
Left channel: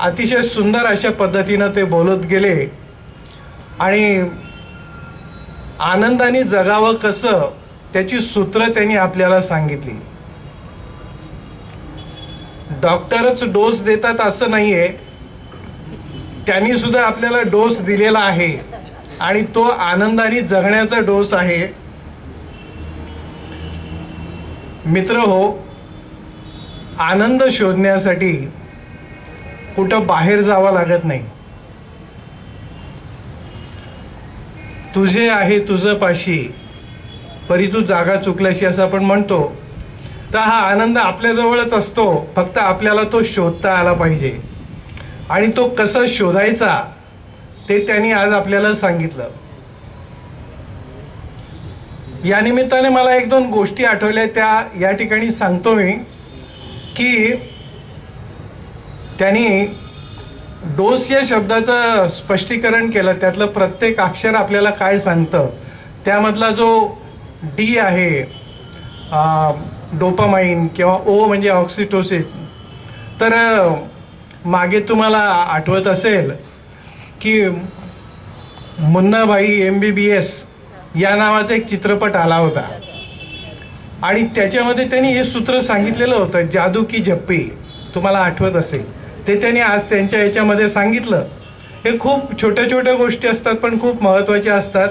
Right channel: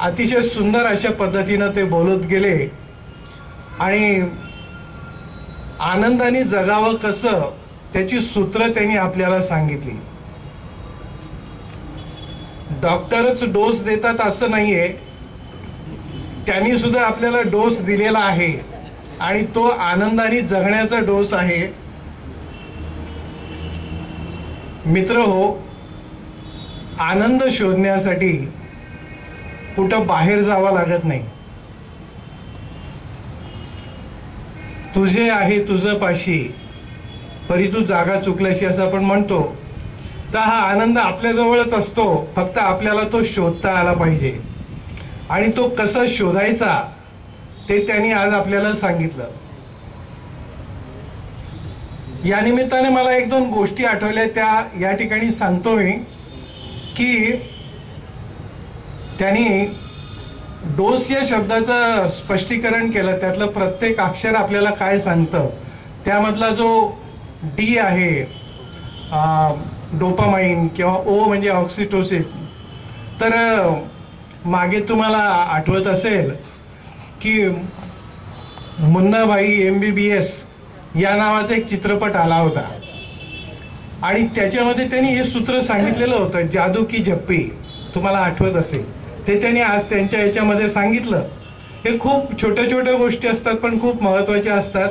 अतिशय सुंदर अशा पद्धतीनं ते बोलत गेले, आणि आनंदाने जगावं कसं त्याची सूत्र त्यांनी आपल्याला सांगितली. डॉक्टरच डोस देतात असं नाहीये, त्यांनी सुद्धा आपल्याला डोस दिलेला आहे, आणि तो आनंदाने जगण्याचा डोस आहे. मित्र हो, आनंद शोधण्यासाठी कुठं बाहेर जावं लागत नाही. तुझे आहे तुझं पाशी परी तू जागा चुकल्याशी असं आपण म्हणतो. तर हा आनंद आपल्याजवळच असतो, फक्त आपल्याला तो शोधता आला पाहिजे, आणि तो कसा शोधायचा ते त्यांनी आज आपल्याला सांगितलं. या निमित्ताने मला 1-2 गोष्टी आठवल्या, त्या या ठिकाणी सांगतो मी. की त्यांनी डोस या शब्दाचं स्पष्टीकरण केलं, त्यातलं प्रत्येक अक्षर आपल्याला काय सांगतं. त्यामधला जो डी आहे डोपामाइन, किंवा ओ म्हणजे ऑक्सिटोसिन. तर मागे तुम्हाला आठवत असेल की मुन्नाभाई MBBS या नावाचा एक चित्रपट आला होता, आणि त्याच्यामध्ये त्यांनी हे सूत्र सांगितलेलं होतं, जादू की झप्पी. तुम्हाला आठवत असेल ते त्यांनी आज त्यांच्या याच्यामध्ये सांगितलं. हे खूप छोट्या छोट्या गोष्टी असतात, पण खूप महत्त्वाच्या असतात.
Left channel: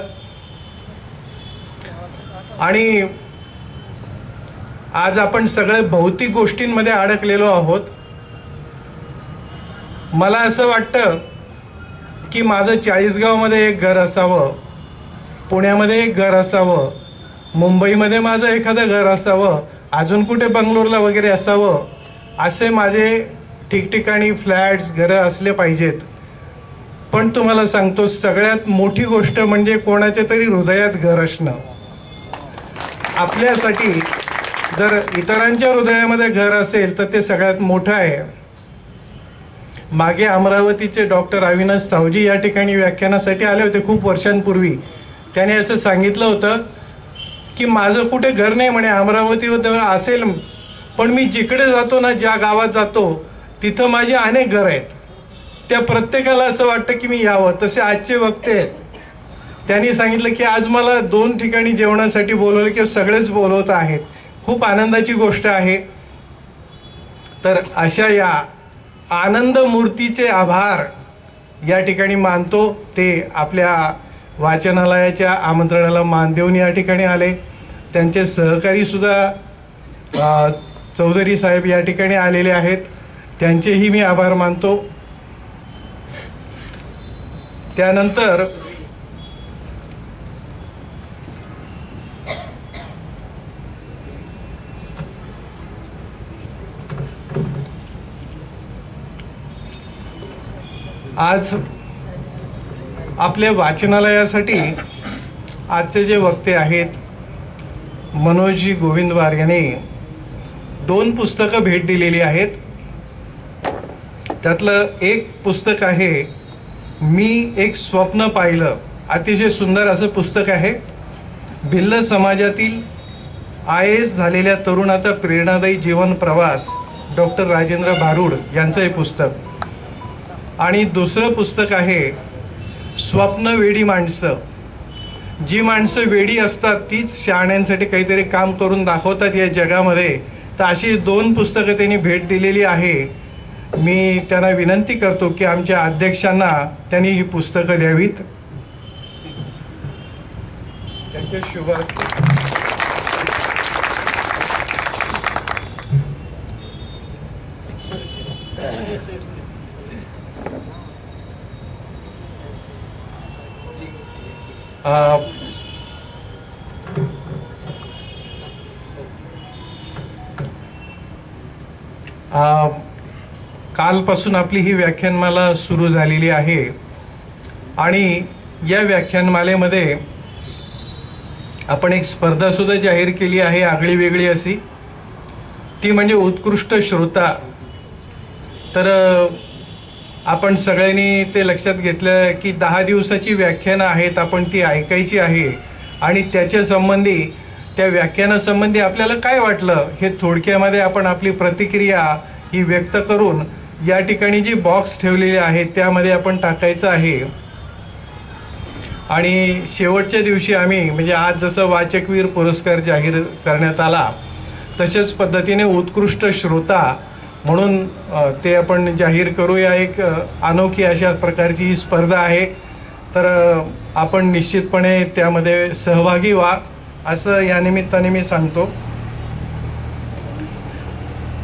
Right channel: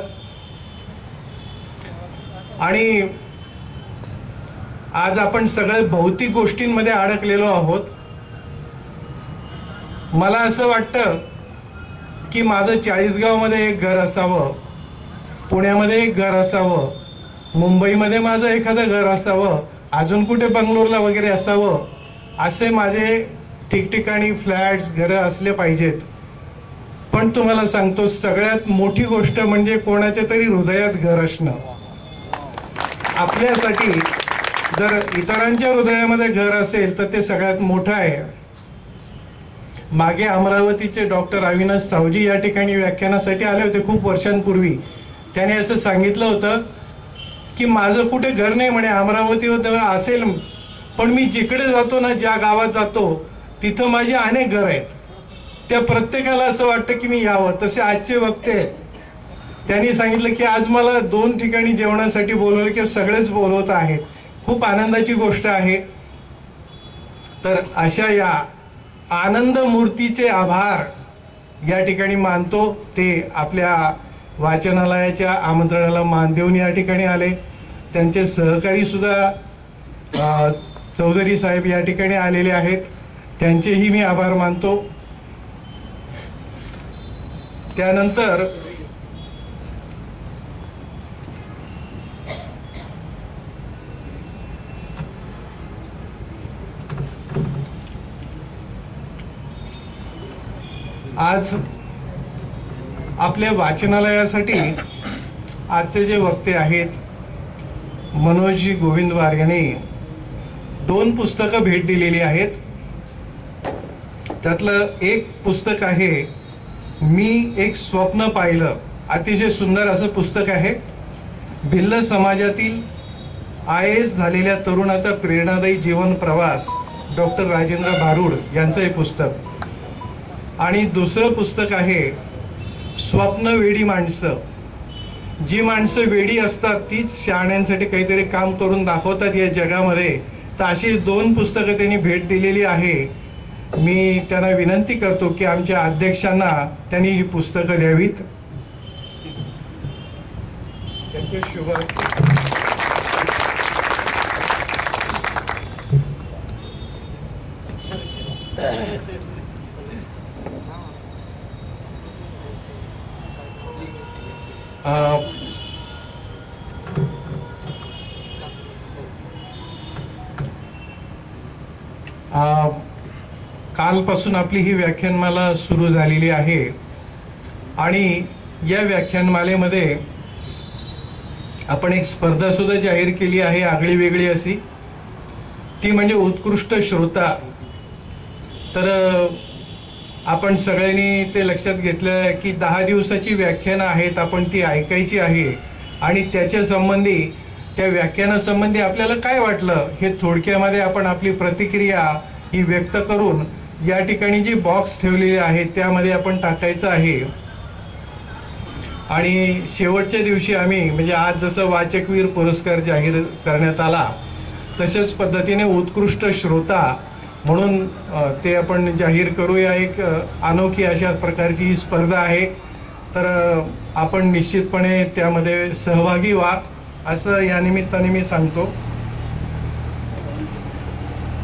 आणि आज आपण सगळे भौतिक गोष्टींमध्ये अडकलेलो आहोत. मला असं वाटतं की माझं 40गावमध्ये एक घर असावं, पुण्यामध्ये एक घर असावं, मुंबईमध्ये माझं एखादं घर असावं, अजून कुठे बंगलोरला वगैरे असावं, असे माझे ठिकठिकाणी फ्लॅट्स घरं असले पाहिजेत. पण तुम्हाला सांगतो, सगळ्यात मोठी गोष्ट म्हणजे कोणाच्या तरी हृदयात घर असणं. आपल्यासाठी जर इतरांच्या हृदयामध्ये घर असेल तर ते सगळ्यात मोठं आहे. मागे अमरावतीचे डॉक्टर अविनाश सावजी या ठिकाणी व्याख्यानासाठी आले होते खूप वर्षांपूर्वी. त्याने असं सांगितलं होतं की माझं कुठे घर नाही म्हणे, अमरावतीवर असेल, पण मी जिकडे जातो ना, ज्या गावात जातो तिथं माझी अनेक घर आहेत. त्या प्रत्येकाला असं वाटतं की मी यावं. तसे आजचे वक्ते आहेत, त्यांनी सांगितलं की आज मला 2 ठिकाणी जेवणासाठी बोलवलं, की सगळेच बोलवत आहेत. खूप आनंदाची गोष्ट आहे. तर अशा या आनंद मूर्तीचे आभार या ठिकाणी मानतो. ते आपल्या वाचनालयाच्या आमंत्रणाला मान देऊन या ठिकाणी आले. त्यांचे सहकारी सुद्धा चौधरी साहेब या ठिकाणी आलेले आहेत, त्यांचेही मी आभार मानतो. त्यानंतर आज आपल्या वाचनालयासाठी आजचे जे वक्ते आहेत, मनोजजी गोविंदवार यांनी 2 पुस्तकं भेट दिलेली आहेत. त्यातलं एक पुस्तक आहे मी एक स्वप्न पाहिलं. अतिशय सुंदर असं पुस्तक आहे. भिल्ल समाजातील IAS झालेल्या तरुणाचा प्रेरणादायी जीवन प्रवास, डॉक्टर राजेंद्र भारूड यांचं हे पुस्तक. आणि दुसरं पुस्तक आहे स्वप्नवेडी माणसं. जी माणसं वेडी असतात तीच शहाण्यांसाठी काहीतरी काम करून दाखवतात या जगामध्ये, तर अशी 2 पुस्तकं त्यांनी भेट दिलेली आहे. मी त्यांना विनंती करतो की आमच्या अध्यक्षांना त्यांनी ही पुस्तकं द्यावीत. त्यांचे शुभ असतील. कालपासून आपली ही व्याख्यानमाला सुरू झालेली आहे आणि या व्याख्यानमालेमध्ये आपण एक स्पर्धा सुद्धा जाहीर केली आहे, आगळी वेगळी अशी. ती म्हणजे उत्कृष्ट श्रोता. तर आपण सगळ्यांनी ते लक्षात घेतलं की 10 दिवसाची व्याख्यानं आहेत, आपण ती ऐकायची आहे आणि त्याच्या संबंधी, त्या व्याख्यानासंबंधी आपल्याला काय वाटलं हे थोडक्यामध्ये आपण आपली प्रतिक्रिया ही व्यक्त करून या ठिकाणी जी बॉक्स ठेवलेली आहे त्यामध्ये आपण टाकायचं आहे. आणि शेवटच्या दिवशी आम्ही म्हणजे आज जसं वाचकवीर पुरस्कार जाहीर करण्यात आला तशाच पद्धतीने उत्कृष्ट श्रोता म्हणून ते आपण जाहीर करूया. एक अनोखी अशा प्रकारची ही स्पर्धा आहे, तर आपण निश्चितपणे त्यामध्ये सहभागी व्हा असं या निमित्ताने मी सांगतो.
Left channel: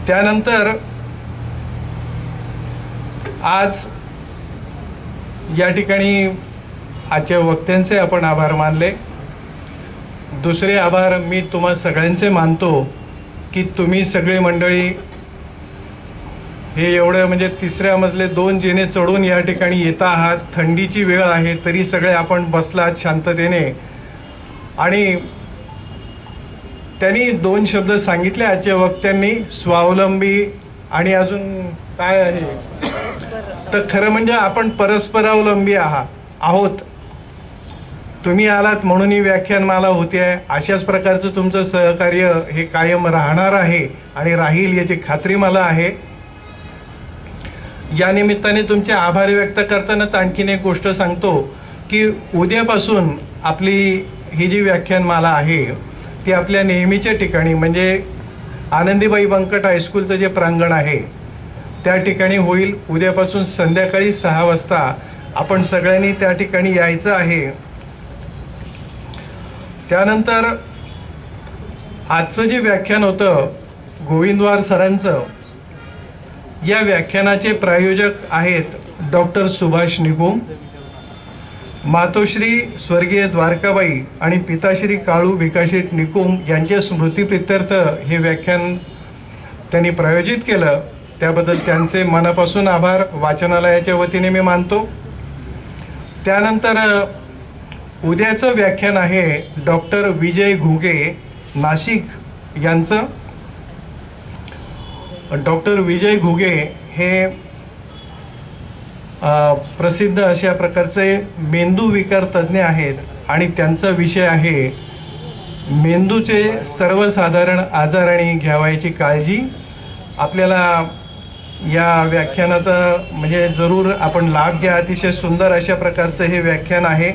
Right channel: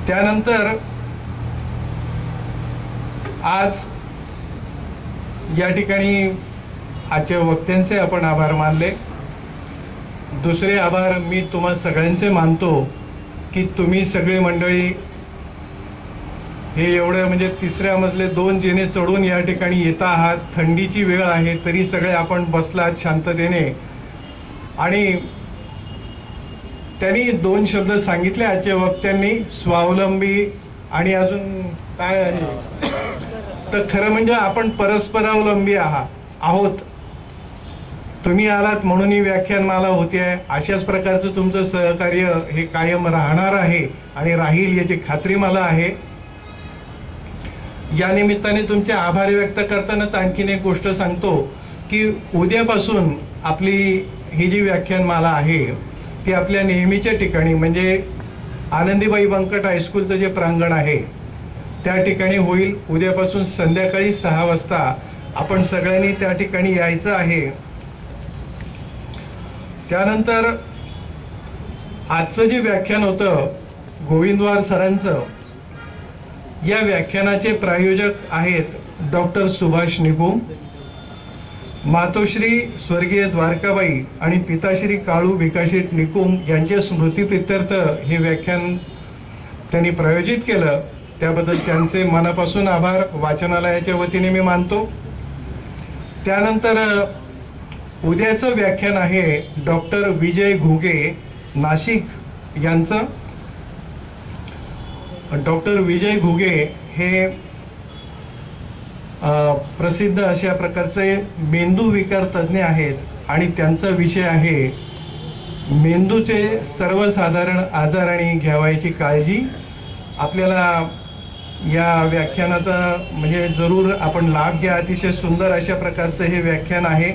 त्यानंतर आज या ठिकाणी आजच्या वक्त्यांचे आपण आभार मानले. दुसरे आभार मी तुम्हा सगळ्यांचे मानतो की तुम्ही सगळी मंडळी हे एवढं म्हणजे 3ऱ्या मजले 2 जिने चढून या ठिकाणी येता आहात. थंडीची वेळ आहे तरी सगळे आपण बसलात शांततेने. आणि त्यांनी 2 शब्द सांगितले आजच्या वक्त्यांनी, स्वावलंबी आणि अजून काय आहे, तर खरं म्हणजे आपण परस्परावलंबी आहोत. तुम्ही आलात म्हणून ही व्याख्यानमाला होते आहे. अशाच प्रकारचं तुमचं सहकार्य हे कायम राहणार आहे आणि राहील याची खात्री मला आहे. या निमित्ताने तुमचे आभार व्यक्त करतानाच आणखीन एक गोष्ट सांगतो की उद्यापासून आपली ही जी व्याख्यानमाला आहे ती आपल्या नेहमीच्या ठिकाणी म्हणजे आनंदीबाई बंकट हायस्कूलचं जे प्रांगण आहे त्या ठिकाणी होईल. उद्यापासून संध्याकाळी 6 वाजता आपण सगळ्यांनी त्या ठिकाणी यायचं आहे. त्यानंतर आजचं जे व्याख्यान होतं गोविंदवार सरांचं, या व्याख्यानाचे प्रायोजक आहेत डॉक्टर सुभाष निकुम. मातोश्री स्वर्गीय द्वारकाबाई आणि पिताश्री काळू भिकाशेठ निकुम यांच्या स्मृतीप्रित्यर्थ हे व्याख्यान त्यांनी प्रायोजित केलं. त्याबद्दल त्यांचे मनापासून आभार वाचनालयाच्या वतीने मी मानतो. त्यानंतर उद्याचं व्याख्यान आहे डॉक्टर विजय घुगे नाशिक यांचं. डॉक्टर विजय घुगे हे प्रसिद्ध अशा प्रकारचे मेंदू विकार तज्ज्ञ आहेत आणि त्यांचा विषय आहे मेंदूचे सर्वसाधारण आजार आणि घ्यावयाची काळजी. आपल्याला या व्याख्यानाचा म्हणजे जरूर आपण लाभ घ्या. अतिशय सुंदर अशा प्रकारचं हे व्याख्यान आहे.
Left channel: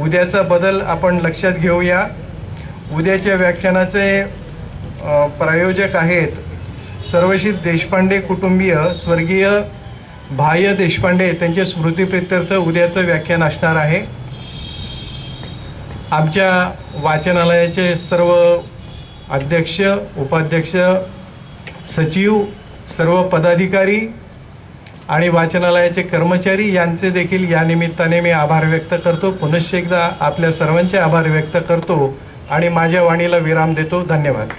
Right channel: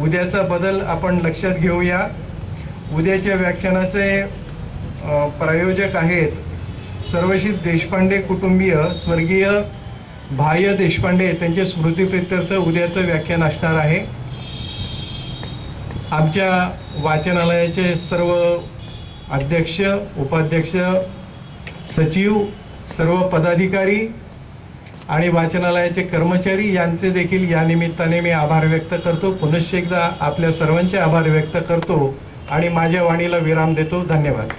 उद्याचा बदल आपण लक्षात घेऊया. उद्याच्या व्याख्यानाचे प्रायोजक आहेत सर्वशीत देशपांडे कुटुंबीय स्वर्गीय भाय देशपांडे. त्यांच्या स्मृतीप्रित्यर्थ उद्याचं व्याख्यान असणार आहे. आमच्या वाचनालयाचे सर्व अध्यक्ष, उपाध्यक्ष, सचिव, सर्व पदाधिकारी आणि वाचनालयाचे कर्मचारी यांचे देखील या निमित्ताने मी आभार व्यक्त करतो. पुनश्च एकदा आपल्या सर्वांचे आभार व्यक्त करतो आणि माझ्या वाणीला विराम देतो. धन्यवाद.